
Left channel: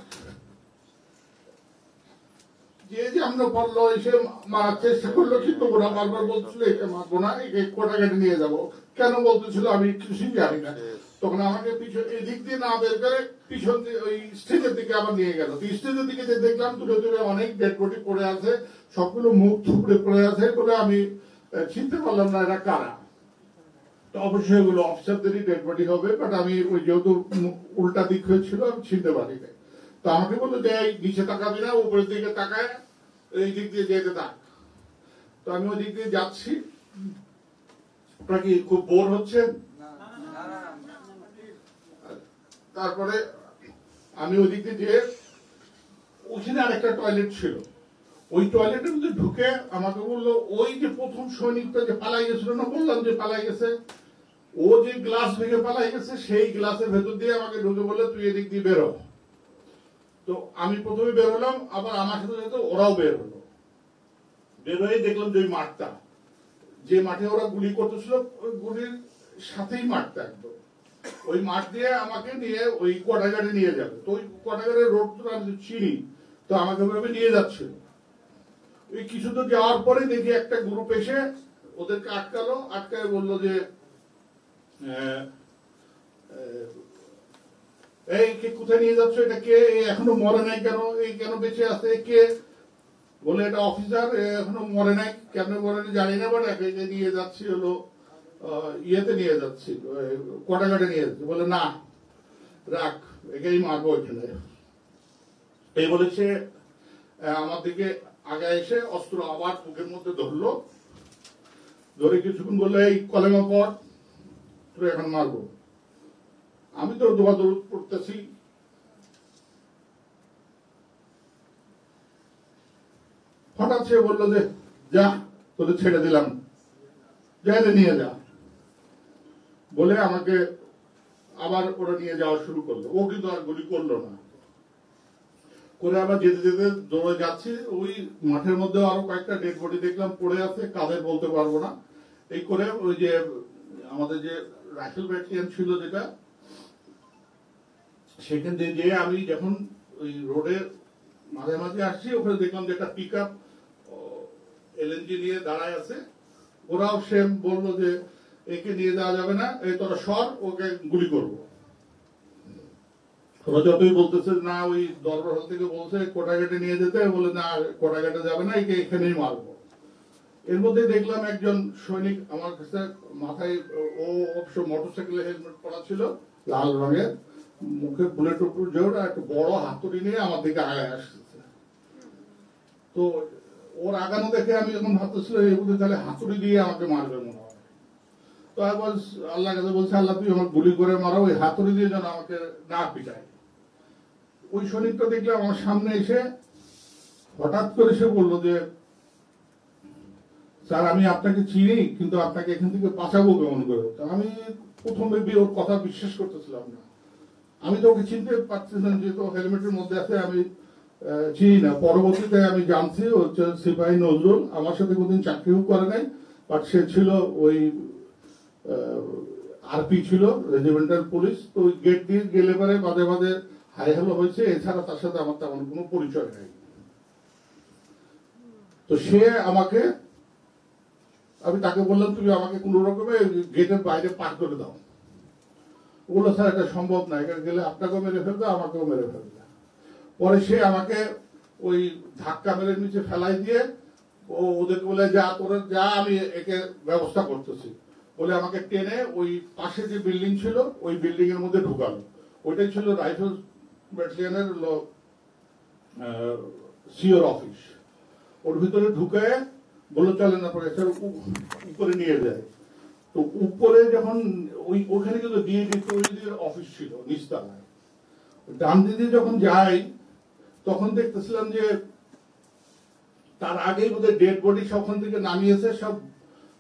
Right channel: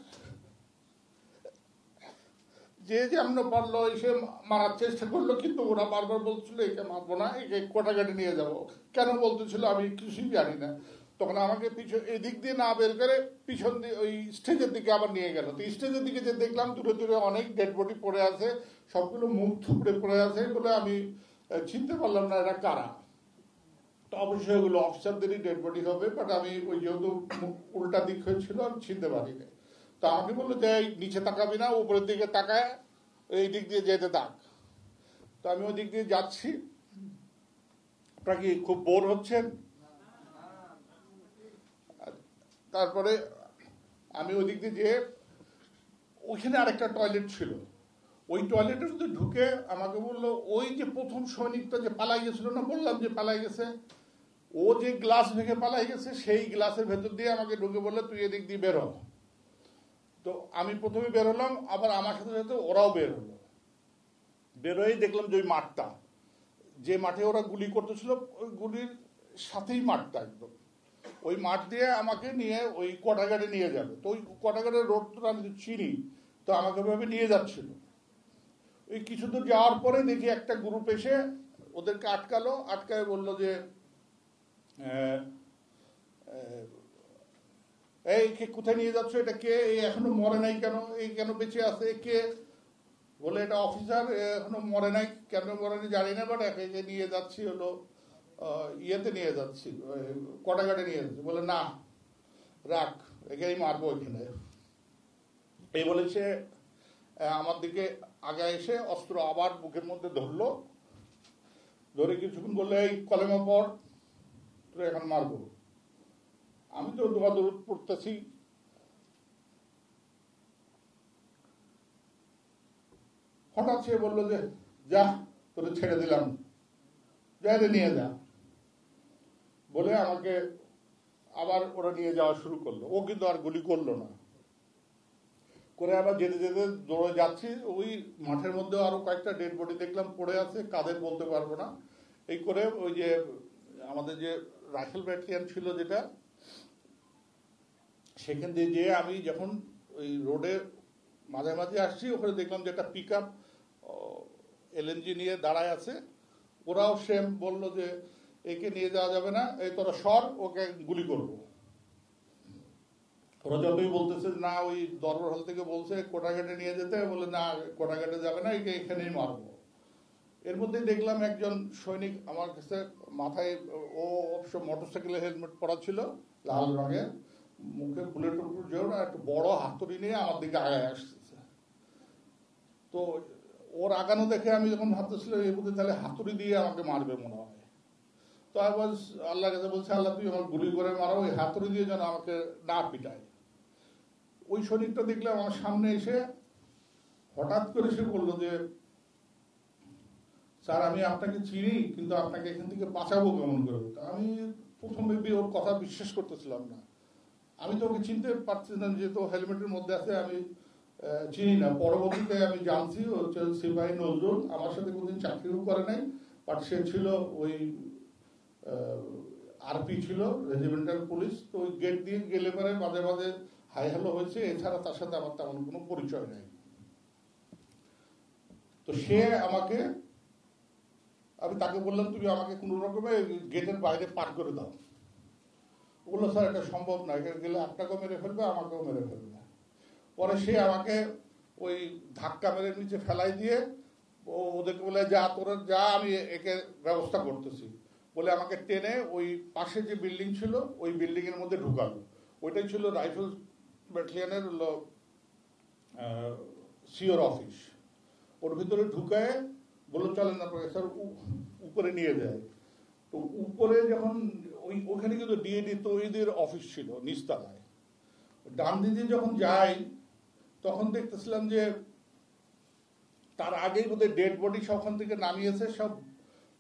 যে যে আমরা বললো এসে মারার চেষ্টা করলো, কিন্তু ওরা বারবার বলছিল একে মারবো না, একে কোটাঘাট নিয়ে যাবো। কেন বলতেছিল আমি কিছুই জানি না। তখন আমাকে পিছন এদিক দিয়ে না বের করে পিছন দিয়ে ওই স্টেজের দিকে আবার নিয়ে গেল। স্টেজের দিকে যে দেখলাম দূরে দূরে অনেক ডেড বডি পড়ে আছে, সবগুলো মুখ থুবড়ে পড়ে আছে বলে আমি চিনতে পারলাম না এরা কারা। তো অবশ্যই এগুলো অফিসারদেরই ডেড বডি হবে, বাট আমি ওই যেহেতু উল্টা দিক হয়েছিল আমি চিনতে পারি না। তো আমাকে বললো যে নিচে তাকাবি না, উপরের দিকে তাকায় এই দিক দিয়ে যেতে তাক। তো আমি ওই দিক দিয়ে যাচ্ছি। আপনারা কি খুব বোর হচ্ছেন? তারপরে আমি ওই দিক দিয়ে ওইখানে আরেকটা টয়লেট ছিল, ওই টয়লেটের মধ্যে ঢুকে আমাকে বললো ওই যে প্রথম সৈনিকটা যে পালাই গেছিল না, বললাম যে পালাই গেছে, ও যে গ্লাস ভেঙে পালাই গেছে সেই গ্লাসের ভেতর দিয়ে আমাকে ঢুকে বললো তুই এদিক দিয়ে বেরো। তো আমি প্রথমে বেরোলাম, আবার আমার সাথে সাথে ওরাও বের হলো। বেরোয় দেখলাম যে ওই মাঠটা, যে মাঠে ওরা গুলি করতেছিল ওই গুলির সাথেই মাঠটা, একদম ওই মাঠ দিয়ে আমাকে নিয়ে ওই কোটাঘাটে নিয়ে যাবে। তো ওই কোটাঘাটের রোড তো আমি চিনি, তো আমাকে ভাবে নিয়ে যাচ্ছিল। ওই কিছু তো যাওয়ার পরে দেখি একটা গ্রুপ এসে ওদেরকে আটকালো, আটকায় বললো যে এই কে কোথায় নিয়ে যাচ্ছ, এটা কে, এখনো মরে নাই কেন, এই কেন বেঁচে আছে কে? বলে এটা অফিসার, এখনো মরে নাই, কেন মরে নাই জানি না, বাট একে নিয়ে যাচ্ছি হলো ইয়েতে নিয়ে যাচ্ছি, কোটাঘাটে নিয়ে যাচ্ছি। বলে না রাখ, একেই মারবো এখানে। এই বলেছে আমার দিকে আগে এসে অস্ত্র আবার বুকের মধ্যে ধরলো, ধরে কিছুক্ষণ বললো এই কলেমা পড়, তো এখন মারবো। আমি তো দোয়া দৌড় পড়তেছি, হঠাৎ সে বললো যে যা তোকে ছেড়ে দিলাম, যাইতে নিয়ে যা বলে আমাকে আবার ওরা নিয়ে যাওয়া শুরু করলো। ও কিন্তু আর গুলি করলো না, করে আবার যেতে যেতে দৌড়ে যাচ্ছি, ওই মাঠের মধ্যে আরো কয়েকটা ডেড বডি দেখলাম পড়ে আছে, কাদের বলতে পারবো না। এই করে ওই যে আমাদের যে রাইফেল ব্যাটালিয়ন ছিল যেটা, সেখান দিয়ে যেয়ে আমি যখন ওই রোডের মাঝে মাঝে আসছি, ওখানে দেখলাম যে একটা পিক আপ এলএনজি নিয়ে দাঁড়ায় আছে। ওরাও সেম বললো যে একে নিয়ে যাওয়া যাবে না, এই তোরা সর, ওকে গুলি করবো। ওরা যতই বলতেছে না, ওই দরবার থেকে বলছে কোটাঘাটে নিয়ে যেতে, বলে না কোটাঘাটে যাবে না, একে এখানেই মারবো। এর মধ্যে দেখলাম একজন সৈনিক আমার কাছে মাথায়, ও অবশ্য মোটরসাইকেলে হেলমেট পরা ছিল লাল রঙের, মুখে বুলেট উপর জোর, একটা বড় হাতুড়ি নিয়ে আমার দিকে আগায় আসতেছে। তো ওর আগানো দেখে আমি এখন ভাবতেছিলাম এই বুঝে তাহলে হাতুড়ি দিয়ে আমাকে মারবে মনে হয়। তো আমি আল্লাহ কাছে বলছি, আল্লাহ তুই আমার গুলি করে মারো, ওই হাতুড়ি দিয়ে যেন আমাকে না পিটায়। ওই সৈনিকটা দেখলাম আমার সামনে এসে হঠাৎ করে সে বললো যে স্যার আমি আপনাকে চিনি, কিন্তু আপনাকে এখান থেকে বাঁচাবো কেমন করে। আমি প্রথমে দিয়ে ওর কথা বিশ্বাস করতেছিলাম না। আমি তো ওকে চিনতে পারছিলাম, যেহেতু হেলমেটের মধ্যে আছে আমি চিনি না। পরবর্তীতে আমি জানছি হচ্ছে সিপাহী নজরুল, আমার সাথে কোনদিন চাকরিও করে নাই, বাট সে ছিল ওই আরপি ছিল, রেজিমেন্টাল পুলিশ। তো ওই গেট দিয়ে গেলে পরে মাঝে মাঝে হাই হ্যালো হয়েছে, এছাড়া তার সাথে আমার তেমন কোনো পরিচয় নেই। তো সে আমাকে, আমি তাকে বললাম তুমি আমাকে কোন রকমে গেটের বাইরে পার করে দাও। ওরা স্যার এটা সম্ভব না, এখানে গেলে আপনাকেও মেরে ফেলবে, আমাকেও মেরে ফেলবে। পরে সে আমাকে ওই ধাক্কা মেরে নিচে ফেলাই দিয়ে ওদেরকে বলে যা তোরা যা, আমি একে ব্যবস্থা করতেছি বলে আমাকে টেনে ওই পাশে যে বিল্ডিং ছিল ওই বিল্ডিং এর মধ্যে ঢুকালো। ওইটাই ছিল রাইফেল ব্যাটালিয়নের সিওর অফিস। ওর ভিতরে ঢুকায় বলে চলেন আপনাকে স্যার উপরে নিয়ে যায়। তো উপরে যখন ওখানে গেল দিয়ে দিত, ওইদের অফিস ছিল নিচতলায়। ডান দিকে যখন যাই তখন দেখতেছিলাম যে তার আগেই ওদের ডেড বডি সবখান থেকে নামিয়েছে, সব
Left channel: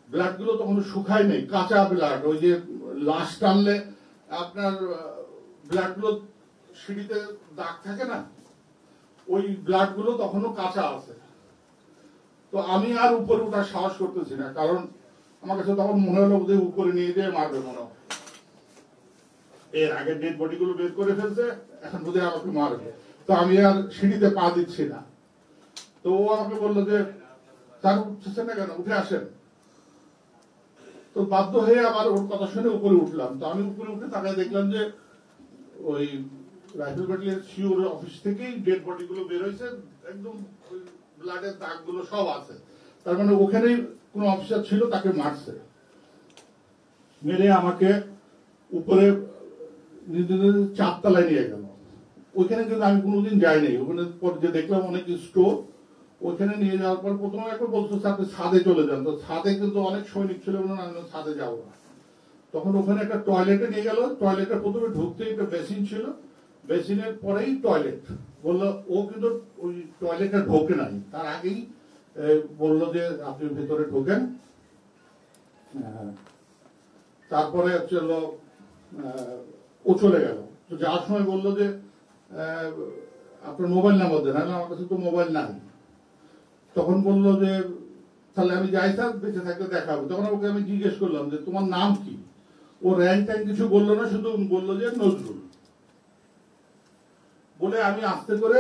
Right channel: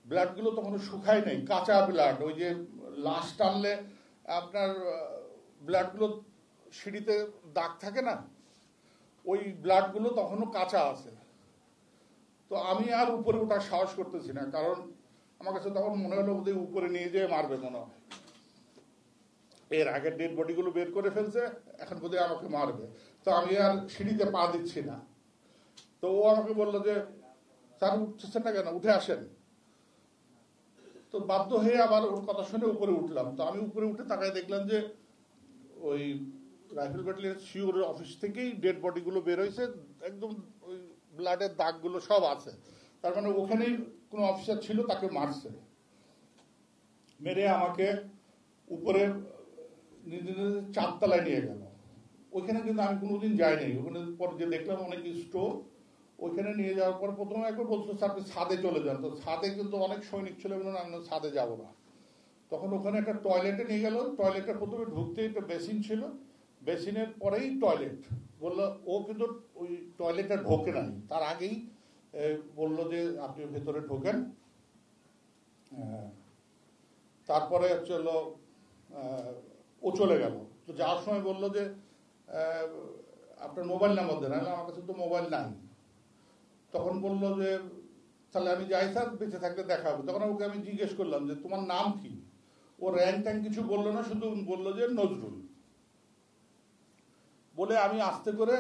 ব্লাড গুলো তখন শুকায় নেই, কাঁচা ব্লাড। ওই যে লাশ টানলে আপনার ব্লাড গুলো সিঁড়িতে দাগ থাকে না, ওই ব্লাড গুলো তখনও কাঁচা আছে। তো আমি আর উপরে ওঠার সাহস করতেছি না, কারণ আমার কাছে তখন মনে হলো যে উপরে নিয়ে যেয়ে মারবে মনে হয়। এর আগে ডেড বডি গুলো বের করে ফেলছে, এখন বোধহয় আমাকে মারবে। তো আমি আর সিঁড়িতে পা দিচ্ছি না। তো ও আমাকে বললো যে স্যার উঠছে না কেন, উঠে আসেন। তো বাধ্য হয়ে আবার ওর কথা শুনে উপরে উঠলাম। তো আমি উপরে উঠে তাকে দেখলাম যে ওই রাইফেল ব্যাটালিয়ন সিওর অফিস থেকেই ডেড বডি গুলো বের হয়েছে, একদম ওই ব্লাডের দাগ গুলো সব আছে। তার মানে ওখানেই কোন অফিসার ছিল, তাকে মারছে। মেরে আমাকে উপরে চারতলায় নিয়ে গেল। ওইখানে কিন্তু আমি কোনোদিন যাইনি। ওখানে পর যে দেখলাম অনেক স্টোর, ওইখানে নিয়ে যাওয়ার পর প্রথমে একবার বলতো সাথে ছাদে চলে যান। তো ছাদে কিন্তু অনেক সৈনিক ছিল, আমি ছাদে যাবো না। তখন ওখানে একটা টয়লেটে নিয়ে গেল। টয়লেটের প্রথমে ঢুকতেই একটা বেসিন ছিল, বেসিনের পরেই টয়লেট। বললো ও কিন্তু ওই টয়লেটে ঢোকে নাই, তার আগেই বললো যে আপনি ভেতরে ঢোকেন। তারপরে হচ্ছে ও চলে গেল। তো যাওয়ার সময় বললো যে আপনার মোবাইল নাম্বার দেন। আমার কাছে তো মোবাইল নাই। তখন বললো যে তাহলে আমি যাই স্যার, বেঁচে থাকতে দেখা হবে। তখন ওকে আমি জিজ্ঞেস করলাম যে তোমার নাম কি। ও র্যাঙ্ক ট্যাঙ্ক কিছু বললো না, শুধু বললো যে নজরুল। বলে আমি আস্তে করে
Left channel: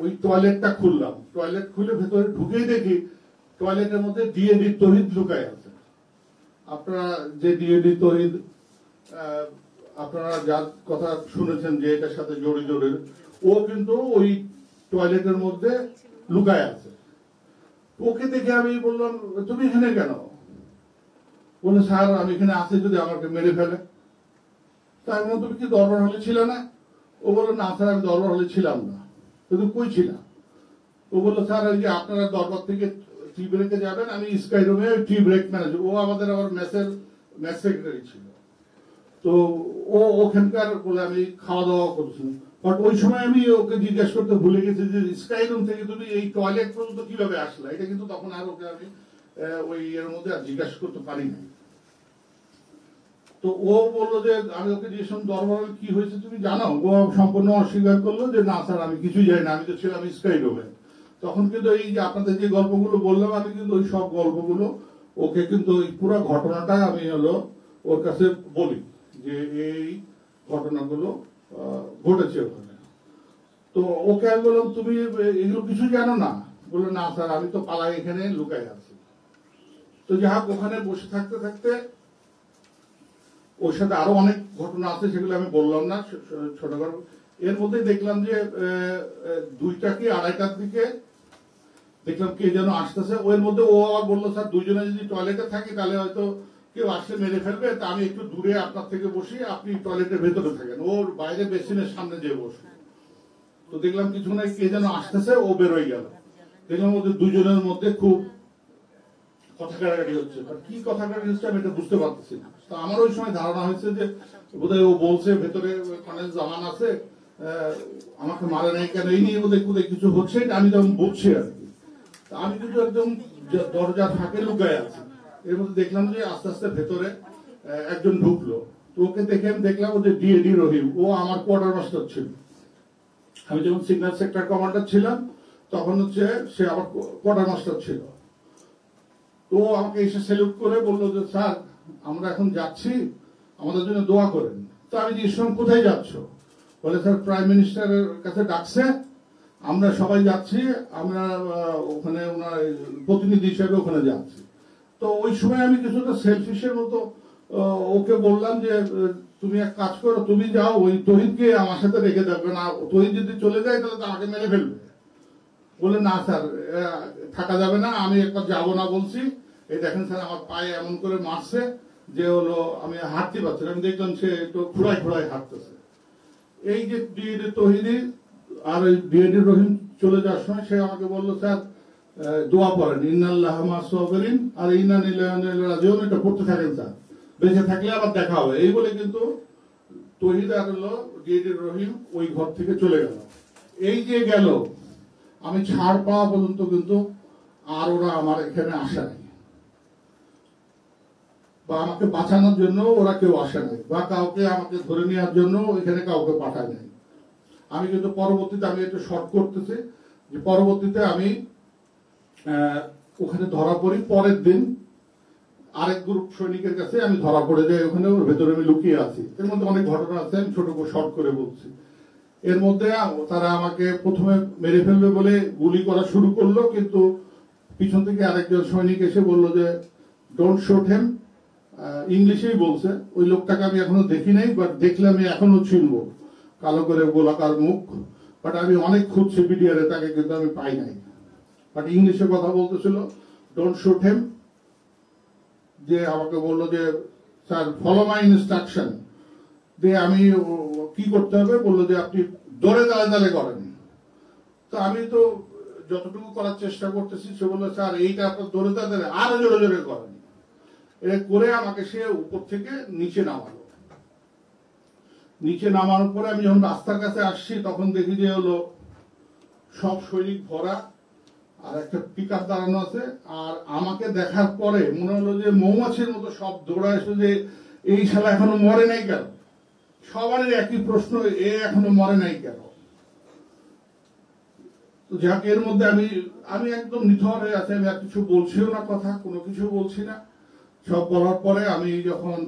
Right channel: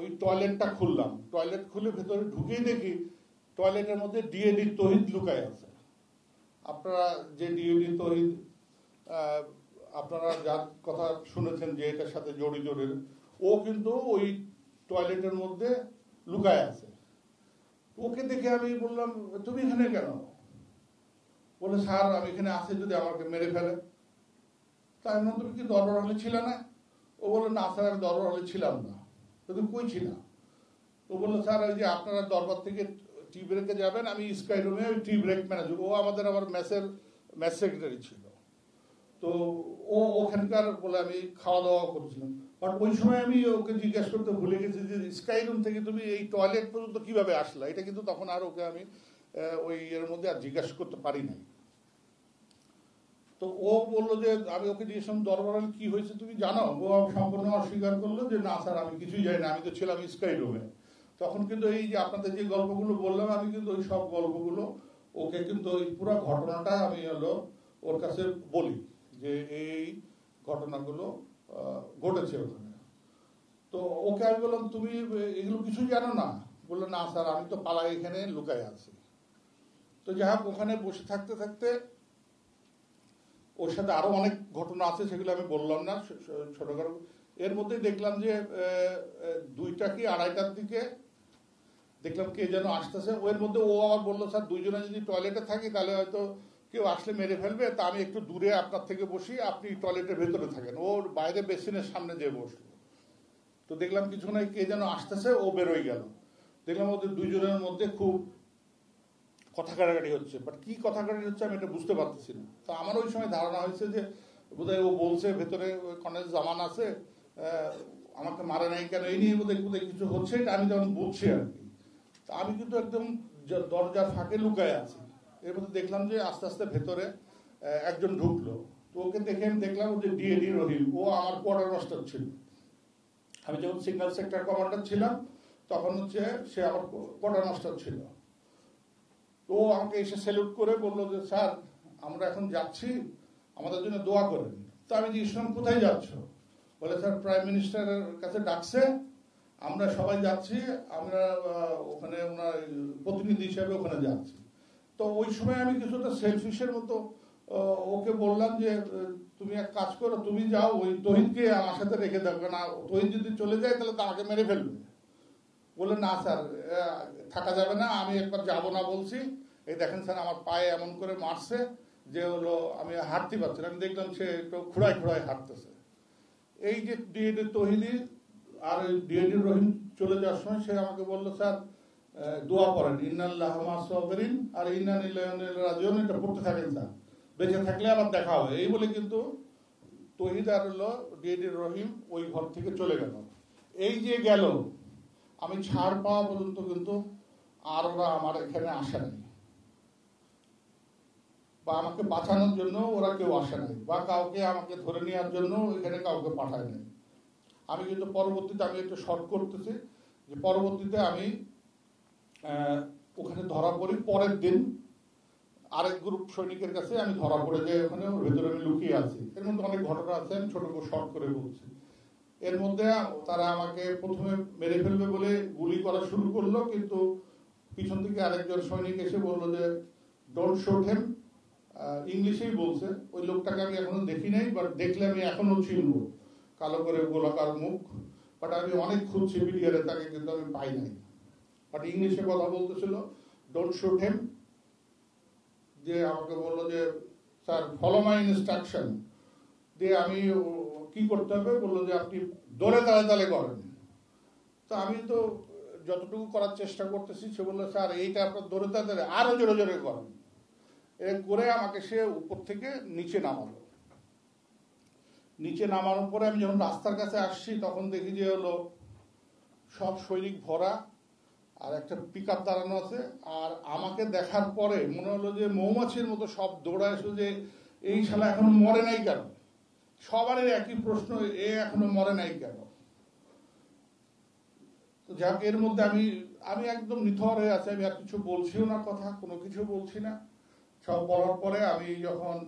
ওই টয়লেটটা খুললাম। টয়লেট খুলে ভেতরে ঢুকেই দেখি টয়লেটের মধ্যে ডিএডি তহিদ লুকায় আছে। আপনারা যে ডিএডি তহিদ আপনারা যার কথা শুনেছেন যে এটার সাথে জড়িত, ও কিন্তু ওই টয়লেটের মধ্যে লুকায় আছে। ওকে দেখে আমি বললাম তুমি এখানে কেন? বলে স্যার আমি এখানে আছি যদি আমাকে মেরে ফেলে। তাই বললাম তুমি কি দরবার হলে ছিল না? ও বললো না স্যার আমি দরবার হলে ছিলাম না। তুমি কই ছিলাম? ও বললো স্যার ওই যে আপনারা দরবার থেকে টি ব্রেকে যাবেন, আমি স্কাই রুমে টি ব্রেক ম্যানেজার। ও আমাদের আবার মেস সেক্রেটারি ছিল। তো ও ওখানকার বলে আমি খাওয়া দাওয়া করছি। বাট ওই সময় আমি ওকে জিজ্ঞেস করতে ভুলে গেছি যে স্কাই রুম থেকে তুমি এই টয়লেট পর্যন্ত কিভাবে আসলে, এটা কিন্তু তখন আর ওকে আমি ওই এর মধ্যে আর জিজ্ঞাসা করতে পারিনি। তো ও বললো যে আমি ওকে জিজ্ঞেস দরবার কি হয়েছে তুমি জানো, ও সম্পূর্ণ অস্বীকার করলো যে না স্যার আমি কিছুই জানি না, আমি তো ছিলাম স্কাই রুমে। তখন কিন্তু এই যে আপনাদের যে গল্পগুলো বললাম আমি কিন্তু ওই সব গল্পগুলো ওকে কিন্তু ওই পুরো ঘটনাটা আমি হলো ওর কাছে বলি যে এই ঘটনাগুলো ঘটেছে ওখানে। তো ওকে আমি বললাম তুমি এগুলো কিছু জানো না, বললো না স্যার আমি তো পালাই এখানে লুকাই আছি। তো যাই হোক ওখানে বসে থাকতে থাকতে ওর সাথে আরো অনেক ঘটনা আছে, সেগুলো আমি বললাম না ছোট গল্প। এর মধ্যে দেখলাম যে 2টা কি 2:30টার দিকে দেখলাম কে যেন আসতেছে। ওর মধ্যে ও আবার বললো স্যার দুজনে যদি টয়লেটে থাকি তাহলে হয়তো কেউ আসলে মেরে ফেলবে, তা আমি একটু দূরে আপনার থেকে বসি, আপনি টয়লেটের ভেতরে থাকেন। ওর বাইরে বেসিনের সামনে যেয়ে বসে। তো দেখলাম কিছু নাই কে যেন আসতেছে, ও বেরোয় গেল। দেখলাম ওদের দুজনের মধ্যে খুব কথা কাটাকাটি হচ্ছে, কি কথা কাটাকাটি হচ্ছে আমি এটা বুঝতে পারতেছি না। তো আমার ওই সময় ধারণা হয়েছে যে বোধহয় ও বলছে ভেতরে কর্নেল জামান আছে, আমাকে মারে নাই কেন, এই নিয়ে বোধহয় কিছু হচ্ছে, আমি তখন বুঝছি আর কি। আমি কিন্তু একদম দরজা ফাঁকে লুকায় আছি। এর মধ্যে দেখলাম যে আস্তে আস্তে ভেতরে একজন ঢুকলো। ওকে দেখে আমি দেখলাম ও যে ডিএডি রহিম, ও আমার কোয়ার্টার মাস্টার ছিল। আমি যখন সিগন্যাল সেক্টর কমান্ডার ছিলাম তখন হচ্ছে সে আমার কোয়ার্টার মাস্টার ছিল। ও আমাকে এসে স্যালুট করে বললো যে স্যার আমরা এখন যাচ্ছি, আমাদের জন্য দোয়া করেন। তো আমি জিজ্ঞেস করলাম কোথায় যাচ্ছ, বলে স্যার প্রাইম মিনিস্টারের কাছে ডাকছে, আমরা সবাই যাচ্ছি, আমরা ওখানে ওনার প্রতিনিধি হিসেবে ওখানে যাচ্ছি। তো ওই সময় আমি কিছুটা সেলফিশের মতো ওকে বললাম যে তুমি এক কাজ করো, তুমি যাও ওই তহিদকে আমার সাথে রেখে যাবে না, তহিদ যদি চলে যায় তাহলে তাকে মেরে ফেলবে। বলে না স্যার থাকা যাবে না, আমি একবার যাবো না বলছি, এই দেখেন স্যার আমার পায়ে এমন করে মারছে যে হলো আমি হাঁটতে পারছি না। আমি দেখলাম সে একটু খুঁড়াই খুঁড়াই হাঁটতেছে। এই যে ডিএডি তহিদি আর ওই ডিএডি রহিম চলে যাওয়ার সময় সে আমাকে বললো স্যার দোয়া পড়েন ইন্নাল্লাহ মা সাবিরিন আর ইন্না লিল্লাহি ওয়া ইন্না ইলাইহি রাজিউন, এটা পড়তে থাকেন স্যার, বেঁচে থাকলে আবার দেখা হবে। এই বলে কিন্তু তহিদ আর হলো ডিএডি রহিম ওই ঘর থেকে চলে গেল। এই যে গেল আমি ছাড় পাওয়া পর্যন্ত কিন্তু আর ওরা আমার এখানে আসে নাই, বা আমাকে বাঁচানোর জন্য ওরা কেউ আসে নাই, বা কাউকে আমাকে ধরে নেওয়ার জন্য এখানে কাউকে পাঠায় নাই। আমি কিন্তু পরবর্তীতে আমি একটু শর্ট করতেছি যে পরবর্তীতে আমি ওখানে ধরা পড়ি। পরের দিন আরেক গ্রুপ সৈনিকের কাছে আমি ধরা পড়ে যাই, ওখানে ওর ভেতরে আমি লুকিয়ে আছি। এর মধ্যে অনেক ঘটনা আছে, আমি ছোট করে শর্ট করে বলছি। এর মধ্যে তারা আমাকে প্রথমে মেরে ফেলবে বলে গুলি করা শুরু করলো, কিন্তু পিছন থেকে আরেকজন সৈনিক এসে বললো যে ডোন্ট শুট হিম, ইংলিশেই বলছে। ওই লোকটাকে আমি এখনো দেখি নাই, বাট দেখলে আমি এখনো চিনবো, কালো করে গোলাকার মুখ। বাট আমি অনেক খুঁজছি পিডিআরে, তাকে কিন্তু আমি পাই নাই। বাট ইংলিশে কথা বলতেছিল, ডোন্ট শুট হিম। যে আমাকে বললো যে স্যার ফলো মাই ইনস্ট্রাকশন, যে আমি কি করতে হবে, বললো যে আপনি দৌড়ে দাঁড়ে দাঁড়ে করেন। তো আমি তো যতটুকু করার চেষ্টা করতেছি, সে বললো স্যার এইটা আপনার দৌড়ে দাঁড়ে দাঁড়ে আরো জোরে জোরে করেন। এ করে আমাকে সে উপর থেকে নিচে নামালো। নিচে নামানোর পরে আমি যখন রাস্তার কাছে আসছি তখন দেখি যে হলো সব সৈনিক ভরা, আর একটা পিক আপ দাঁড়ানো আছে। আর আমাকে দেখার পরে মনে হলো যে মৌমাছির মতো সব দৌড়ায় এসে যে এই শালা এখনো মরে নাই কেন। সবারই একই প্রশ্ন, এ এখনো মরে নাই কেন। যাক এর মধ্যে আমি একদম নিথর হয়ে আছি, আমি আর কিছু বলছিও না, কথা কোনো কিছু বলছি না। সব বলার পরে আমি যখন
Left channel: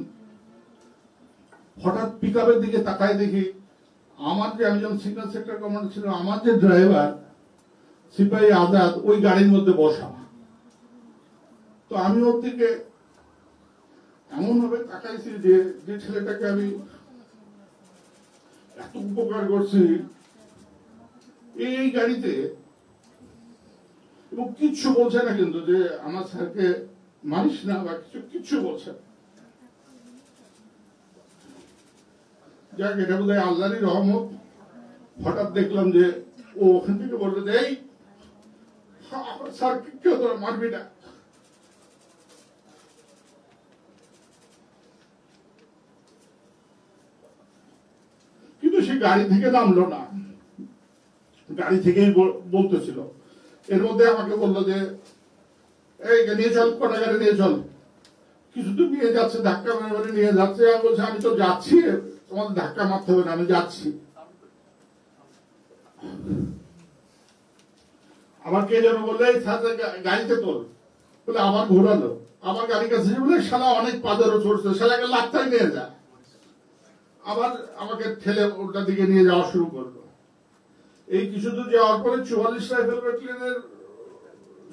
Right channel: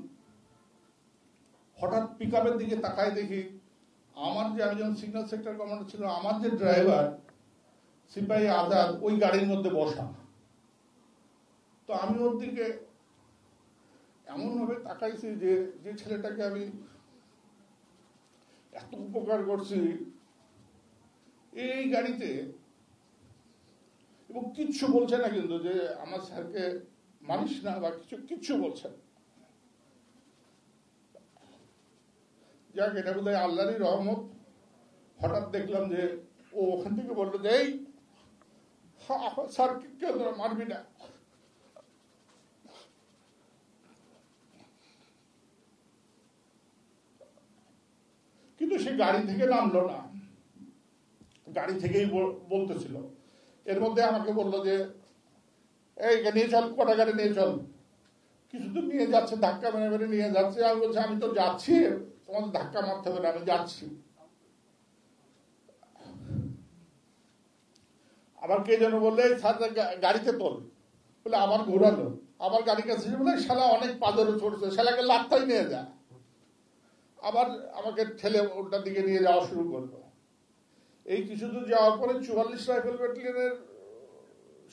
হঠাৎ পিক আপের দিকে তাকায় দেখি আমার যে আমি যখন সিগন্যাল সেক্টর কমান্ডার ছিল, আমার যে ড্রাইভার সিপাহী আজাদ ওই গাড়ির মধ্যে বসা। তো আমি ওর দিকে এমন ভাবে তাকাইছি যে যে ছেলেটাকে আমি এত উপকার করছি এই গাড়িতে, এবং কিচ্ছু বলছে না কিন্তু যে আমার স্যারকে মানিস না বা কিচ্ছু বলছে না। যাক এটা বোধ হয় আল্লাহরই রহমত। হঠাৎ দেখলাম যে ও ওখান থেকে বললো যে এই স্যার কেউ তোরা মারবি না। কিন্তু সে গাড়ি থেকে নামলো না, গাড়ি থেকেই বলতেছিল। এর মধ্যে আমাকে বললো যে এই নিয়ে চল, কটা গাড়ি নিয়ে চল। কিছু তো নিয়ে যাচ্ছে, ধাক্কা মারে নিয়ে যাচ্ছে। আমি বলছি আমি তো যাচ্ছি, তোমার ধাক্কা মারতে হবে না, আমি যাচ্ছি। আমার কে যেন বললে গাড়িতে তোল, বলে আবার ঘোরালো, আবার গাড়ির কাছে বলে সারা অনেক পাজারও চড়ছে, সারা গেলে আত্মাই নিয়ে যা। আবার আমাকে ঠেলে ওটার দিকে নিয়ে যাওয়া শুরু করলো। এই কিছু দূর যাওয়ার পরে 44 রাইফেল ব্যাটালিয়নের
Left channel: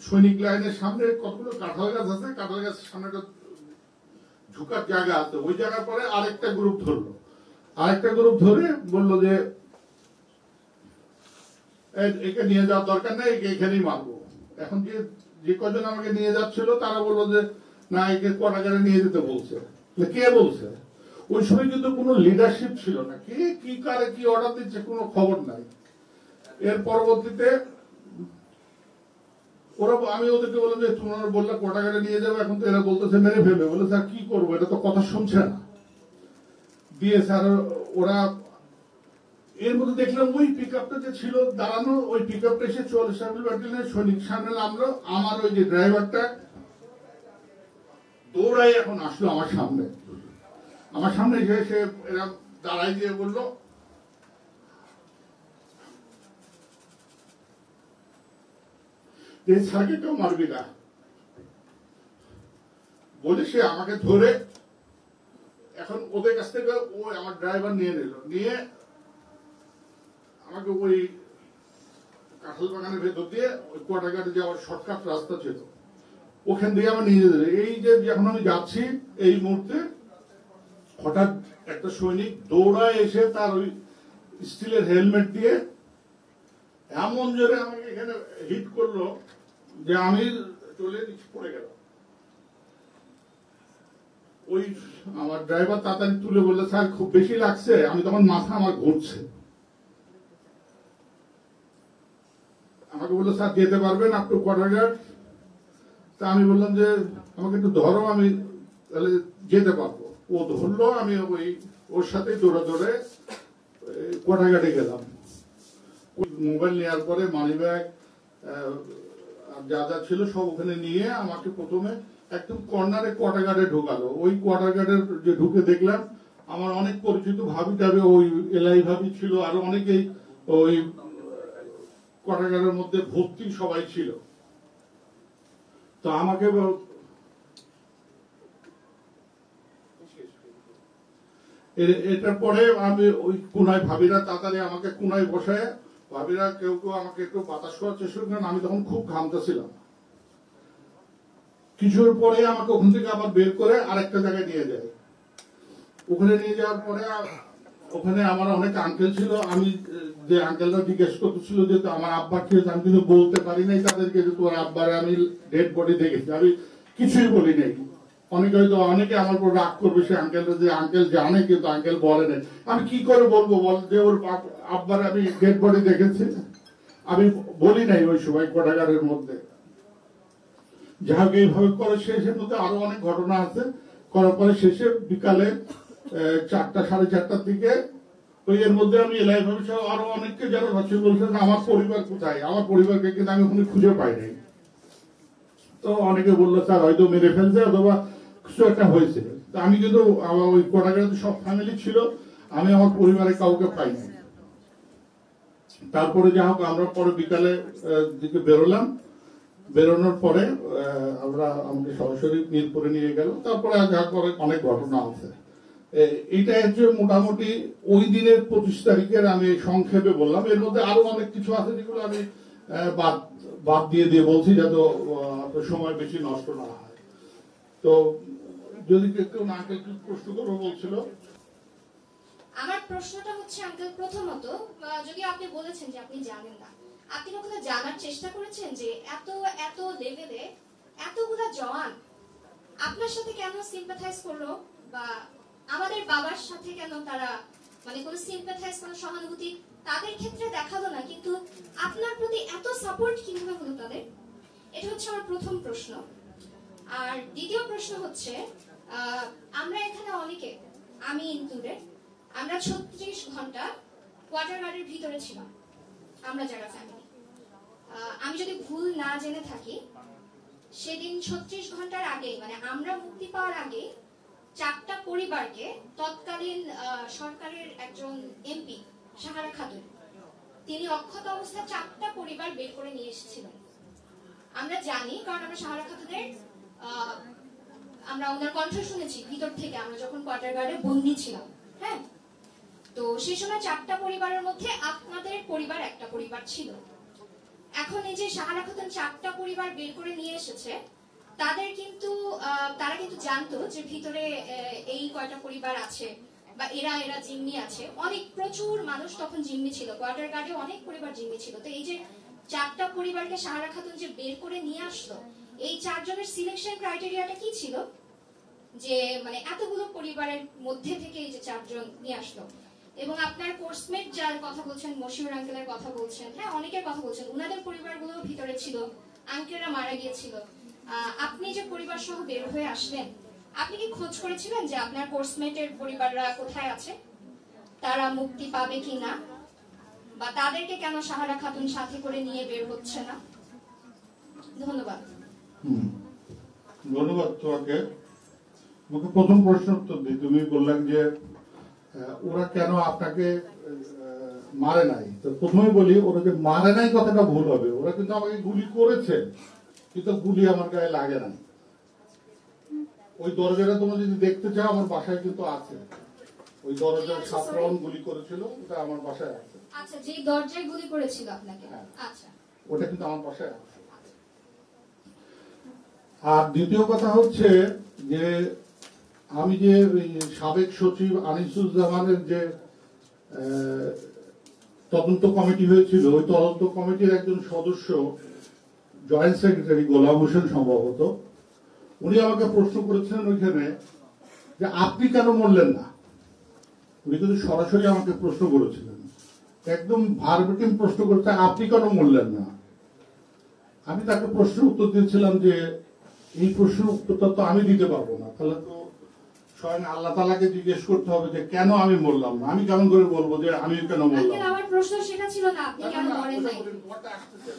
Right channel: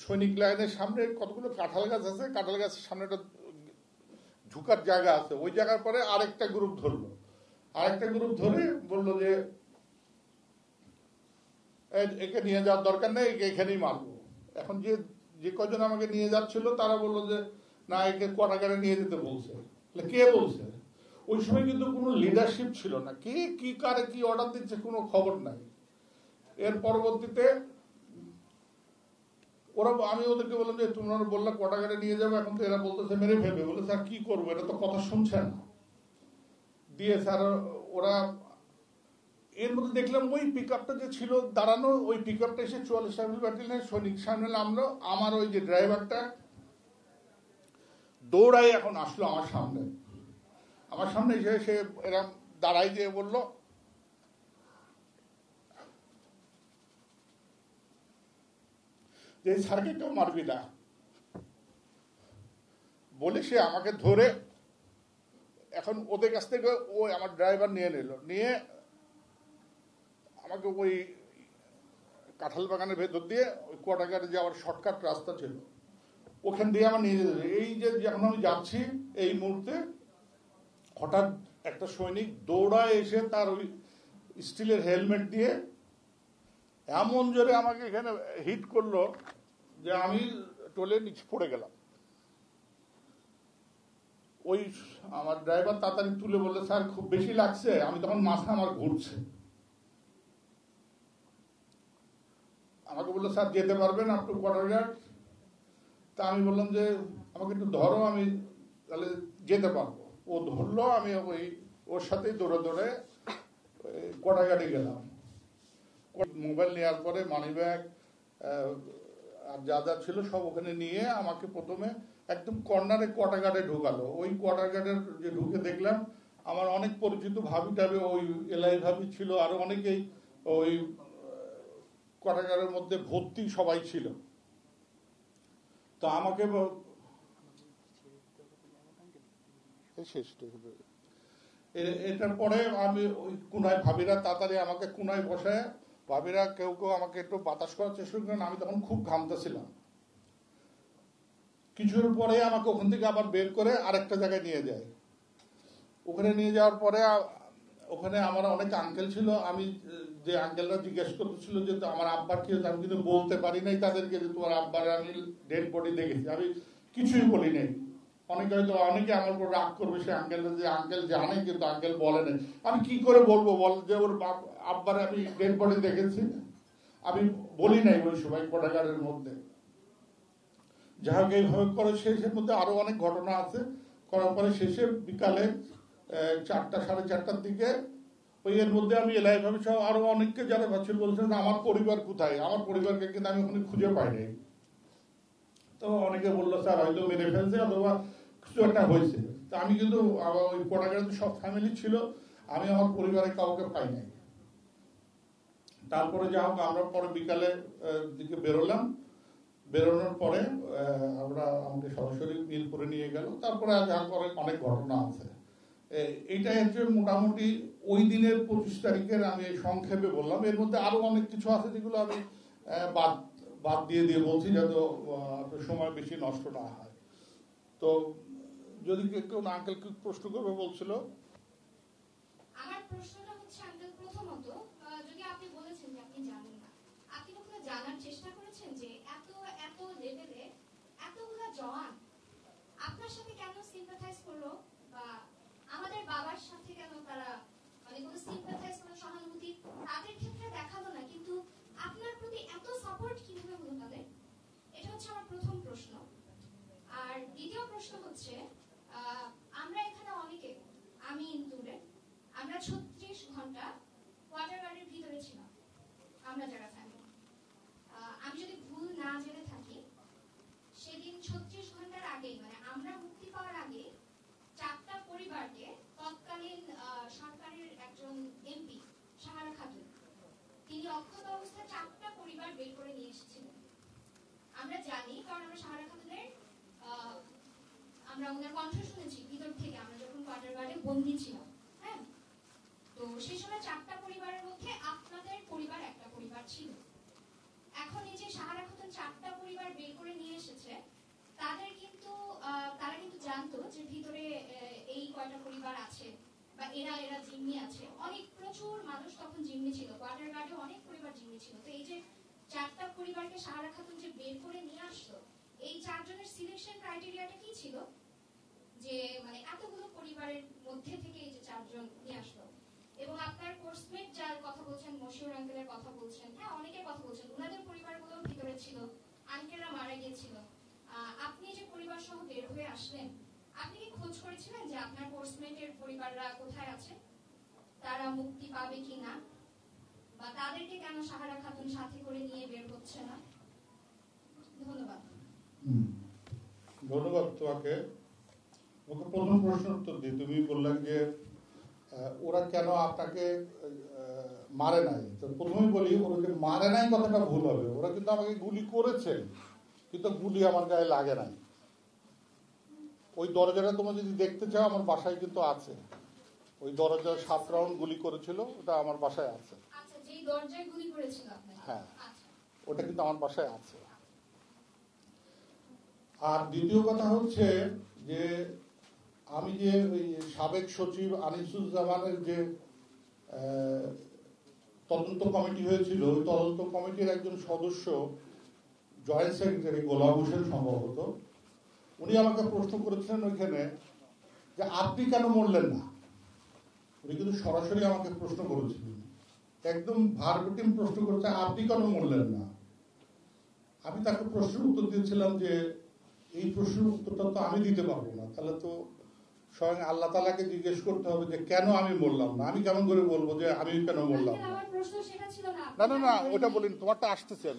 সৈনিক লাইনের সামনে কতগুলো কাঁঠাল গাছ আছে, কাঁঠাল গাছের সামনে একটা ঢুকার জায়গা আছে, ওই জায়গার পরে আরেকটা গ্রুপ ধরলো। আরেকটা গ্রুপ ধরে বললো যে একে নিয়ে যাওয়ার দরকার নেই, একে এখানেই মারবো। এখন যে কজন আমাকে নিয়ে যাচ্ছিল তারা বললো যে না, একে কারাগারে নিয়ে যেতে বলছে। কে বলছে? ওই সময় কিন্তু কোনো লিডারশিপ ছিল না, কে কি কারে কি অর্ডার দিচ্ছে কোনো খবর নাই। এর পরবর্তীতে ওরা, আমি ওদেরকে বললাম যে তোমরা বললে কারাগারে নিয়ে যাবো, এখন তো এরা বলতেছে মেরে ফেলবে। বলে স্যার কি করবো, এটা তো কথা শুনছে না। দিয়ে স্যার ওরা, এর মধ্যে দেখলাম ওই পিক আপটা যে ছিল দাঁড়ানো, ওই পিক আপটা এসে 44 রাইফেল ব্যাটালিয়নের সৈনিক সামনে নামলো। আমার ওই যে ড্রাইভারটা দৌড়াই এখন আসলো আমার সামনে। আমার সামনে এসে এরা দাঁড়াই দিয়ে বললো এই স্যারকে কেউ মারবি না বলে সে আমাকে ধরে এখন ওদের কাছ থেকে ও আমার ড্রাইভার নিয়ে নিল, নিয়ে আমাকে ওই কাঁঠাল বাগানের ভেতর দিয়ে ওই কোয়ার্টারগার্ডে যাওয়ার শর্টকাট রাস্তা ছিল, ওখান দিয়ে আমার নিয়ে যেতে। এই যে যখন আমি যাচ্ছি এই মুহূর্তে হঠাৎ একটা সৈনিক দৌড়ায় এসে তার ওই স্টিলের হেলমেট দিয়ে এমন জোরে আমাকে এখানে হিট করলো যে আমি টলে নিচে পড়ে গেলাম। ওই আমার ড্রাইভার তাড়াতাড়ি তুলে বলে স্যার খুব বেশি লাগছে। আমি তখন মাথা আমার ঘুরছে, আমাকে বললো স্যার যেতে পারবেন আপ টু কোয়ার্টারগার্ড। তা আমি বললাম যে আমাকে একটু ধরো, আমি তাহলে যেতে পারবো। ও ধরলো, আমি ওই ওর সাথে দৌড়ে দৌড়ে কোয়ার্টারগার্ডে গেলাম। মোবাইল নেওয়ার পরে মানি ব্যাগ যা যা ছিল সব ওখানে নিয়ে আমাকে প্রথমে একদম কর্নারে কোয়ার্টারগার্ডে ঢোকালো। ওই কোয়ার্টারগার্ডের যে ঢুকে দেখলাম আমার অনেক পরিচিত ভাবি টাবি, ওই এলাই ভাবি ছিল, আরো অনেকেই ওই কোয়ার্টারগার্ডের মধ্যে ভর্তি সবাই ছিল। তো আমাকে এটার পরে আমি ওই কোনায় ভাবিরা তাড়াতাড়ি আমাকে কোনায় বসে, ভাবিরা কেউ কেউ আমাকে একটু বাতাস করার চেষ্টা করেন। আমি তখন খুব ঘামতেছিলাম। কিছুর পরে আমাকে ওখান থেকে আবার বের করে আরেকটা জায়গায় নিয়ে যায়। ওখানে নিয়ে যাওয়ার পরে ওখানে আমার অনেক আঙ্কেল ছিল। আমি যে আঙ্কেলরা জিজ্ঞেস করতেছিল যে আমার আব্বার কে, আমি কিন্তু বলতে পারি নাই তাদেরকে তোমার আব্বার আমি ডেড বডি দেখেছি। আমি কিছুই বলি নাই। অনেকে আমার উপর রাগ করবে, সে আঙ্কেলরা যে আঙ্কেল জানে কিন্তু আঙ্কেল বলে নাই। আমি কি করে বলবো বল যে ওর আব্বার আমি ডেড বডি দেখেছি? আমি বলি নাই ওই সময় কোয়ার্টারগার্ডের মধ্যে। যাই এইভাবে করে শেষের মধ্যে আরো অনেক ঘটনা আছে। করার পরে শেষে বিকালে 4টা 4:30টার দিকে ওই এর মধ্যে আমি এলাই ভাবি সহ আরো অনেককে যারা রচনা বলছেন আমার পরিবার কোথায়, আমার পরিবারকে কিন্তু আমি ওখানে খুঁজে পাই নাই। তো অনেকে বললো স্যার হয়তো মেরে ফেলছে অথবা কিছু একটা হয়েছে। আমি কিন্তু আমার ওই কোয়ার্টারগার্ডে সব ফ্যামিলি ছিল, আমি আমার পরিবারে কাউকে পাই নাই। তারপরে যা হোক আমরা পরে বিকালে দিকে বেরোলাম। বেরোনোর পরে আমরা আমাকে সরাসরি মিরপুরে নিয়ে গেল। তারপরে পরে অনেক ঘটনা আছে। এটা হচ্ছে মোটামুটি ওই দিনের 25 তারিখের আমি সংক্ষেপে বললাম। এর মধ্যে আরো অনেক কিছু আছে যেগুলো আমি বাদ দিয়ে বলছি যাতে সময় বেশি নষ্ট না হয়। তো যদি কেউ না কেউ প্রশ্ন করবো বলছিল। আমার প্রশ্নটা হচ্ছে আঙ্কেল, প্রথমত যদি আপনি বলেছেন যে আপনি জানেন না, আপনি কখনো জানার চেষ্টা করেছেন যে এত এত লেভেলে এতগুলা জওয়ান আপনার সাথে কেন সিম্পাথাইজ করলো, বা আমাদের বাবার সাথে কেন তারা মানে কোনো সিম্পাথাইজ, কোনো সহানুভূতি তাদের ক্ষেত্রে দেখালো না, কিন্তু আপনার প্রতি এত সাপোর্ট কিভাবে হলো তাদের? এটা হচ্ছে আমার প্রথম প্রশ্ন। আর দ্বিতীয় প্রশ্ন হচ্ছে আমরা এখানে অনেকে, আমি ইনক্লুডেড, আমরা 36 ঘন্টা কোয়ার্টার গার্ডের ভিতরে ছিলাম আমরা যারা ফ্যামিলি। আমি যদি ভুল না জেনে থাকি, সেদিন 36 ঘন্টার আগে, মানে আমরা মুক্তি পাওয়ার আগে 4টা পরিবারকে তৎকালীন সরকারের একজন এমপি সাহারা খাতুন, তিনি অক্ষত অবস্থায় 4টা পরিবার বের করে নিয়ে এসেছিলেন। আমরা জানি, কারণ আমরা সাহারা খাতুনের আমরা ওনার কণ্ঠ শুনেছি ভিতর থেকে, আমরা যখন কোয়ার্টার গার্ডে বন্দি ছিলাম। হ্যাঁ, তো সেই সময় 4টা পরিবারের মধ্যে আপনাদের পরিবার একটা পরিবার ছিল। এখন এই যে সাহারা খাতুন 4টা পরিবার বের করে নিয়ে এসেছে, তাদের কিন্তু তারা কিন্তু জানতো যে ভিতরে এই কয়টা পরিবার আছে বা এরা জিম্মি আছে। অনেক প্রচুর মানুষ তখন জিম্মি ছিল, কোয়ার্টার গার্ডে অনেক পরিবার জিম্মি ছিল। তো এই যে 4টা পরিবারকে সাহারা খাতুন যে বের করে নিয়ে আসলো, এই 4 জনের সিলেকশন ক্রাইটেরিয়াটা কি ছিল যে মানে এতগুলো পরিবারের মধ্যে থেকে এই যে 4 জন নিয়ে আসলো? এবং আপনার কোর্সমেট যার কথা বলছেন, মশিউর আঙ্কেলের কথা বলছেন, হ্যাঁ অনেকের কথা বলছেন, ওনাদের পরিবারগুলো ভিতরে ছিল, আঙ্কেলরা মারা গিয়েছিল। আপনি যে পরিবার সহ বের হয়ে আসলেন, আপনি কি খোঁজ করেছিলেন যে আপনার কোর্সমেটের পরিবাররা কোথায় আছে, তারা মুক্তি পাবে কি না, বা তাদেরকে কেন সাহারা খাতুন সাথে করে নিয়ে বের হচ্ছে না? ধন্যবাদ। ধন্যবাদ তোমাকে। প্রথম প্রশ্ন উত্তর দিই। তুমি বললেন যে ওরা কেন আপনাকে মারে নাই। তো প্রথমে বলি, ওরা যে মারে নাই কথাটা ভুল হবে। ওরা কিন্তু আমাকে গুলি করেছে, কিন্তু গুলি আমার গায়ে লাগে না। ওই দরজাটা তোমরা যদি দেখতে চাও, আমার বাসায় কিন্তু আছে। ওই দরজায় 7 রাউন্ড গুলি করেছিল, ওটা আমার বাসায় আছে। আচ্ছা, যে দরজায় গুলি করেছিল আপনাকে? আচ্ছা, ওটা কিন্তু আমার বাসায় আছে। আর দ্বিতীয় কথা হচ্ছে যে আমি যে সাবেক সচিব আনিসুজ্জামানের যে তদন্ত কমিটি হয়েছিল, ওই তদন্ত কমিটির একজন সদস্য, জয়েন্ট সেক্রেটারি গোলাম হোসেন সম্ভবত, উনি আমাকে প্রশ্ন করেছেন ওইখানে যে আপনি কেন বললেন না। উনি কিন্তু সরাসরি আমাকে প্রশ্ন করেছিলেন, একদম ভার্বেটিম প্রশ্ন করতে, আপনি কেন বললেন না। আমি তাকে প্রশ্ন উত্তর দিয়েছিলাম যে এই প্রশ্নের উত্তরটা তো আমি দিতে পারবো না, তাহলে তো স্বয়ং আল্লাহ তাআলাকে জিজ্ঞেস করতে হবে যে কেন আমি বললাম না। আমি কেমন করে বলবো যে আমি কেন বললাম না। আমার প্রশ্ন সেটা ছিল না, আপনি কেন বলেন না। তোমারটা আসতেছে,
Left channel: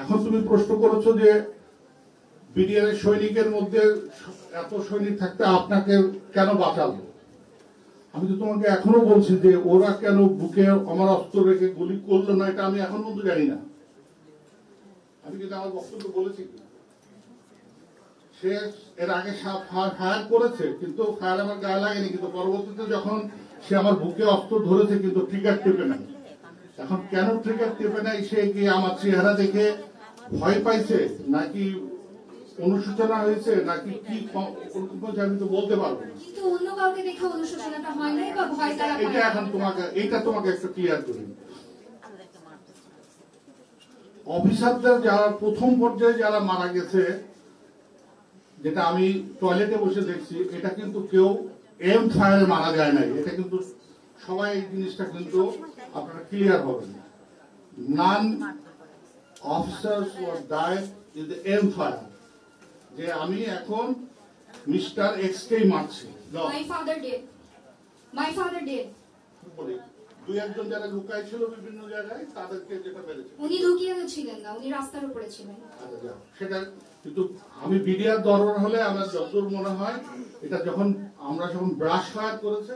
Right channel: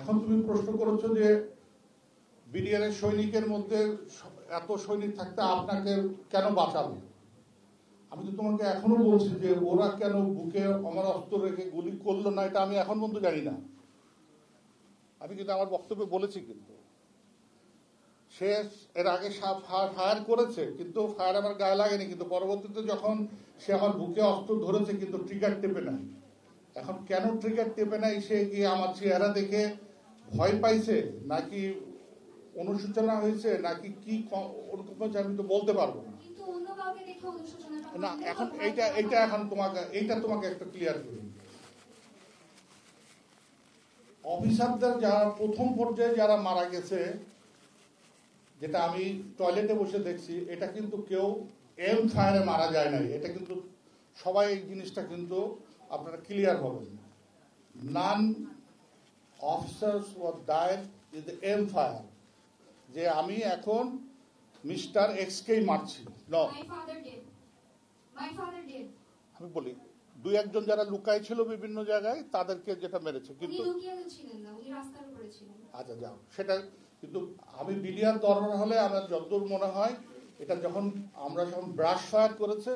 এখন তুমি প্রশ্ন করেছো যে বিডিআর এর সৈনিকের মধ্যে এত সৈনিক থাকতে আপনাকে কেন বাঁচালো। আমি তো তোমাকে এখনো বলছি যে ওরা কেন বুকে আমার অস্ত্র রেখে গুলি করলো না, এটা আমি এখন পর্যন্ত জানি না। আমি কিন্তু আমার বক্তব্য বলেছি, সে এর আগে ফায়ার করেছে, কিন্তু ফায়ার আমার গায়ে লাগেনি, কিন্তু পরবর্তীতে যখন সে আমার বুকে অস্ত্র ধরেছে কিন্তু ট্রিগার টেপে নাই। এখন কেন ট্রিগার টেপে নাই, সে কি আমার চেহারা দেখে ভয় পাইছে, নাকি অনুশোচনা হয়েছে, নাকি কি আমি তো বলতে পারবো না। কিন্তু অন্য কাউকে দেখে অনুশোচনাটা হয় না বা ভয় তারা এটা এখন তোমাকে একটু ক্লিয়ার করি। অফিসারদের যারা প্রথম পর্যায়ে যারা মারা গেছে, যেটা আমি টয়লেটে বসে দেখছি, এটা কিন্তু কেউ এম ফায়ারে মারা যায় নাই। এটা কিন্তু সবাই এই জিনিসটা কিন্তু আপনারা ক্লিয়ার হবেন। None officers were died in the M fire, যে আমি এখন মিস্টার এক্স কে মারছি। মাই ফাদার ডিড বলি, দুই একজন যারা লুকায় ছিল বিভিন্ন জায়গায়, তাদেরকে যেটা মেরেছে। উনি লুকিয়ে ছিলেন না, উনি রাস্তার উপরে ছিলেন। আচ্ছা, সেটা কিন্তু আমি বিডিআর দরবার হলে আমার যতদূর মনে হয়, এটা যখন আমরা যখন ব্রাশ ফায়ার করেছে,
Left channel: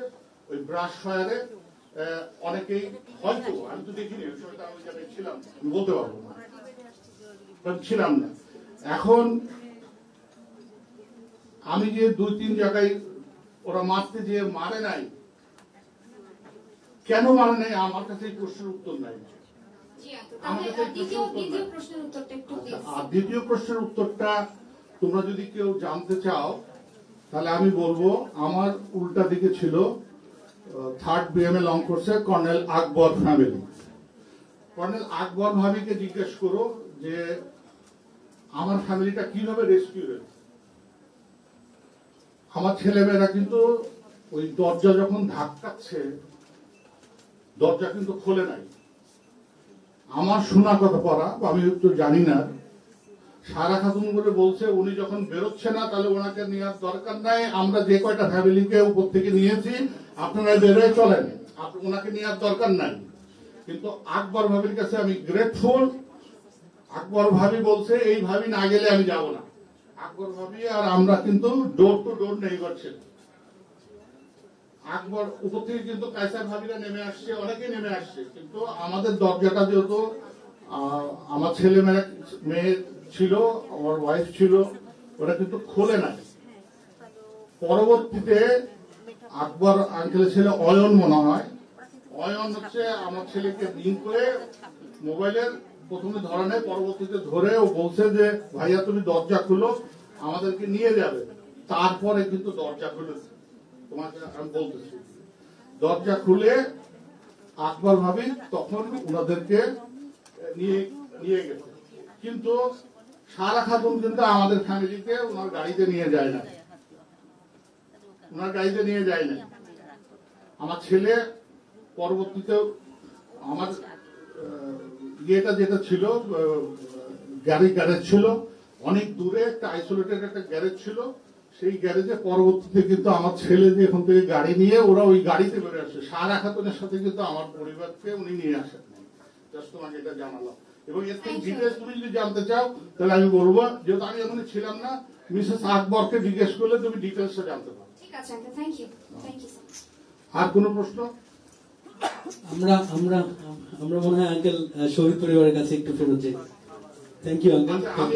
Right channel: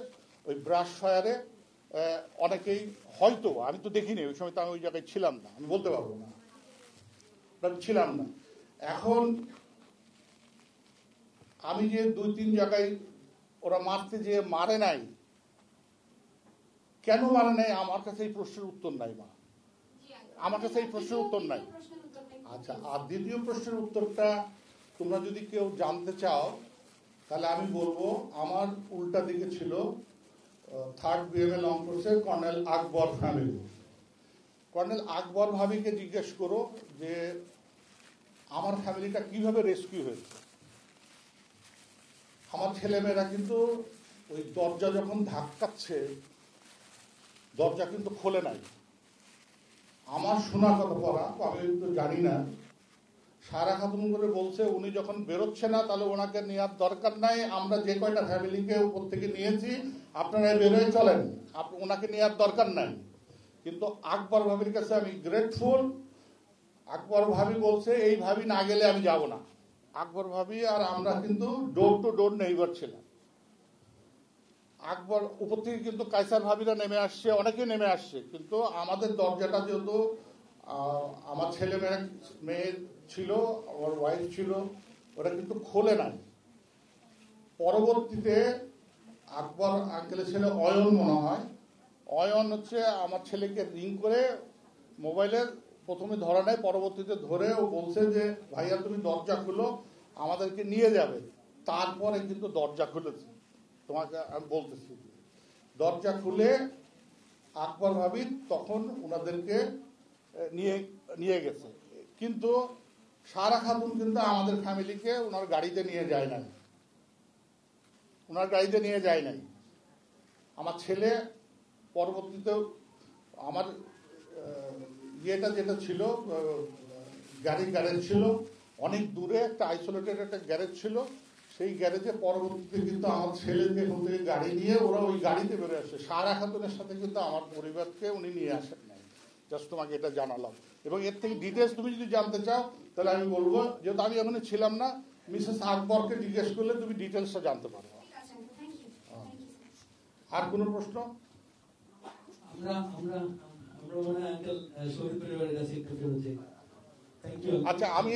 ওই ব্রাশ ফায়ারে অনেকেই হয়তো, আমি তো দেখিনি ওই সময়, তো আমি ওই জায়গায় ছিলাম না, আমি বলতে পারবো না, ছিলাম না। এখন আমি যে 2-3 জায়গায় ওরা মারতে যেয়ে মারে নাই, কেন মারে নাই, আমার কাছে এই প্রশ্নের উত্তর নাই। আমার কাছে এই প্রশ্নের উত্তর নাই। আর দ্বিতীয় প্রশ্নের উত্তরটা তোমরা যদি কেউ জানতে চাও, তাহলে আমি বলবো আমার উল্টা দিকে ছিল 3rd বিএমএ লং কোর্সে কর্নেল আকবর ফ্যামিলি। কর্নেল আকবর ভাবিকে জিজ্ঞেস করো যে আমার ফ্যামিলিটা কিভাবে রেস্কিউ হয়েছে। আমার ছেলেমেয়েরা কিন্তু ওই দরজা যখন ধাক্কাচ্ছে, দরজা কিন্তু খোলে নাই। আমার শোনা কথা পড়া, আমি একটু জানি না, সারা খাতুন করে বলছে উনি যখন বেরোচ্ছে না, তাহলে ওনাকে নেওয়ার দরকার নাই, আমরা যে কয়টা ফ্যামিলিকে উপর থেকে নিয়েছি আপনারা বেরোয় চলেন, ওনাকে নেওয়ার দরকার নাই, কিন্তু আকবর ভাবির কাছে আমি গ্রেটফুল। আকবর ভাবি বলছে এই ভাবি না গেলে আমি যাব না। আকবর ভাবি আর আমরা কিন্তু ডোর টু ডোর নেইবার ছিলাম। আকবর উপর থেকে কিন্তু কায়সার ভাবিরা নেমে আসছে, অনেকেই নেমে আসছে, কিন্তু আমাদের দরজাটা যেহেতু আমার ছেলে মেয়ে ছিল, আমার ওয়াইফ ছিল, ওরা কিন্তু খোলে নাই। পরবর্তীতে আকবর আঙ্কেলের ছেলে অয়ন মনে হয়, অয়ন হচ্ছে আমার ছেলেকে রিং করে মোবাইলের প্রথমে ধরা নেয়, পরবর্তীতে ধরে ও বলছে যে ভাইয়া তুমি দরজা খুলো, আমাদেরকে নিয়ে যাবে। তারপরে কিন্তু দরজা খুলেছে, তোমাকে আমি বলতেছি। দরজা খুলে আকবর ভাবি তখন ওনাদেরকে নিয়ে নিয়ে গেছে, কিন্তু সারা খাতুন কিন্তু আমাদের ফ্যামিলিকে ওনার গাড়িতে নিয়ে যায় না, ওনার গাড়িতে নিয়ে যায় না। আমার ছেলে পরবর্তীতে আমার ইয়েটা যেটা ছিল গ্যারেজ ছিল অনেক দূরে, একটা আইসোলেটেড একটা গ্যারেজ ছিল, সেই গ্যারেজে পরবর্তীতে কিন্তু আমার ছেলে যে এখান থেকে গাড়ি নিয়ে ওরা ওই গাড়িতে বেরোয় আসছে। সারা খাতুনের সাথে কিন্তু আমার পরিবারকে উনি নিয়ে আসেন নাই, জাস্ট তোমাকে এটা জানালাম। এবং এর থেকে ডিটেলস তুমি যদি জানতে চাও তাহলে আমি বলবো, যেহেতু আমি এখানে ছিলাম না, মিসেস আকবরকে জিজ্ঞেস করলে তুমি ডিটেলসটা জানতে পারো। ঠিক আছে আঙ্কেল, থ্যাংক ইউ আর কোনো প্রশ্ন? আমরা আমরা আমরা মনে হয় আঙ্কেল শহীদ পরিবারের কাছে একটু ফেরত যাই। Thank you uncle. আচ্ছা, আমি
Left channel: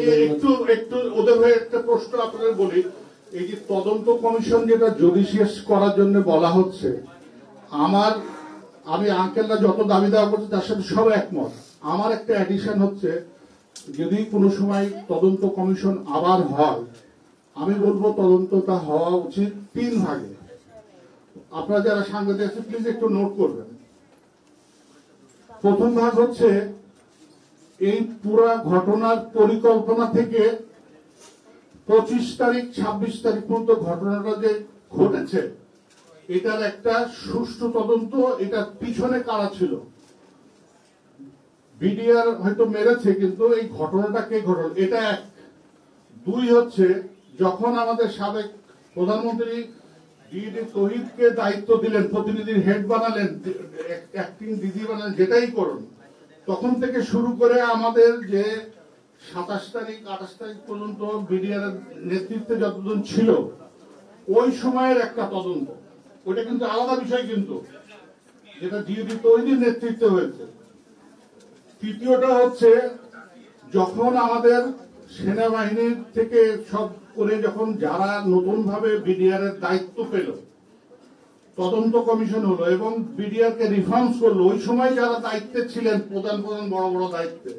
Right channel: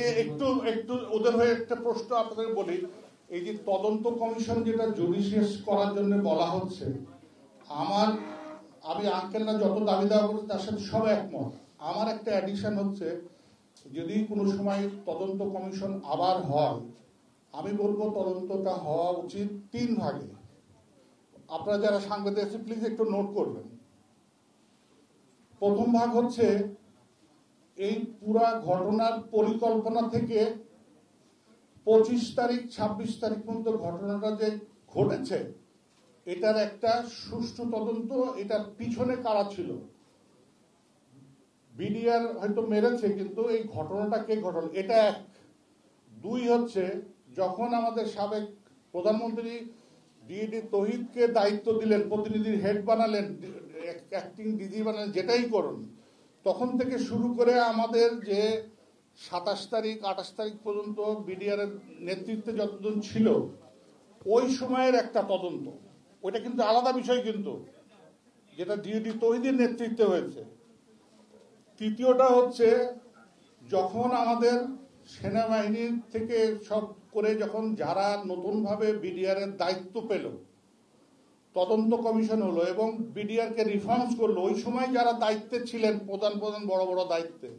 একটু ওদের হয়ে একটা প্রশ্ন আপনাদের বলি। এই যে তদন্ত কমিশন যেটা জুডিশিয়াস করার জন্য বলা হচ্ছে, আমি আঙ্কেলরা যত দাবি দেওয়া করছে তার সাথে সব একমত। আমার একটা অ্যাডিশন হচ্ছে, যদি কোনো সময় তদন্ত কমিশন আবার হয়, আমি বলবো তদন্তটা হওয়া উচিত 3 ভাগে। আপনারা যারা সাংবাদিক আছেন প্লিজ একটু নোট করবেন। প্রথম ভাগ হচ্ছে এই পুরা ঘটনার পরিকল্পনা থেকে 25 তারিখ 26 তারিখ পর্যন্ত ঘটনাটা যে ঘটেছে এটার একটা সুষ্ঠু তদন্ত, এটার পিছনে কারা ছিল। বিডিআর হয়তো মেরেছে, কিন্তু এই ঘটনাটা কে ঘটল, এটা এক। 2 হচ্ছে, যখন আমাদের সাবেক প্রধানমন্ত্রী ডিডি তৌহিদকে দায়িত্ব দিলেন, প্রতিনিধির হেড বানালেন, অ্যাক্টিং ডিজি বানালেন, যেটাই করুন, তখন থেকে শুরু করে আমাদের যে 27 তারিখ 28 তারিখ পর্যন্ত বিডিআর নেতৃত্বে যতজন ছিল ওই সময়ের একটা তদন্ত, ওটা কিন্তু আলাদা বিষয়, কিন্তু যেটা ডিডি তৌহিদের নেতৃত্বে হয়েছে। তৃতীয়টা হচ্ছে, যখন আমাদের সেনাবাহিনীর থেকে সব করে যখন যারা নতুন ভাবে বিডিআর এর দায়িত্ব পেল, তদন্ত কমিশন হলো এবং বিডিআর কে রিফর্মস করলো, ওই সময় যারা দায়িত্বে ছিলেন, প্রধান বড় বড় দায়িত্বে,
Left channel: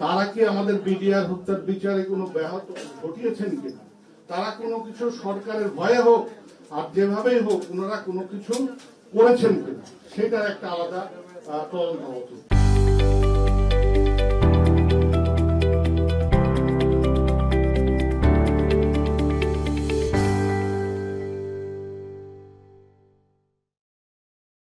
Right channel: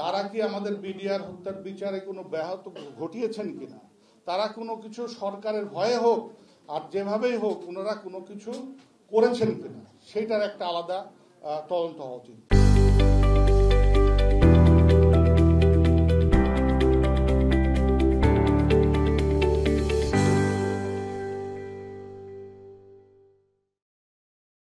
তারা কি আমাদের বিডিআর হত্যার বিচারে কোনো ব্যাহত ঘটিয়েছেন কিনা, তারা কোনো কিছু সরকারের ভয়ে হোক আর যেভাবেই হোক ওনারা কোনো কিছু করেছেন কিনা, সেটার একটা আলাদা তদন্ত হওয়া উচিত।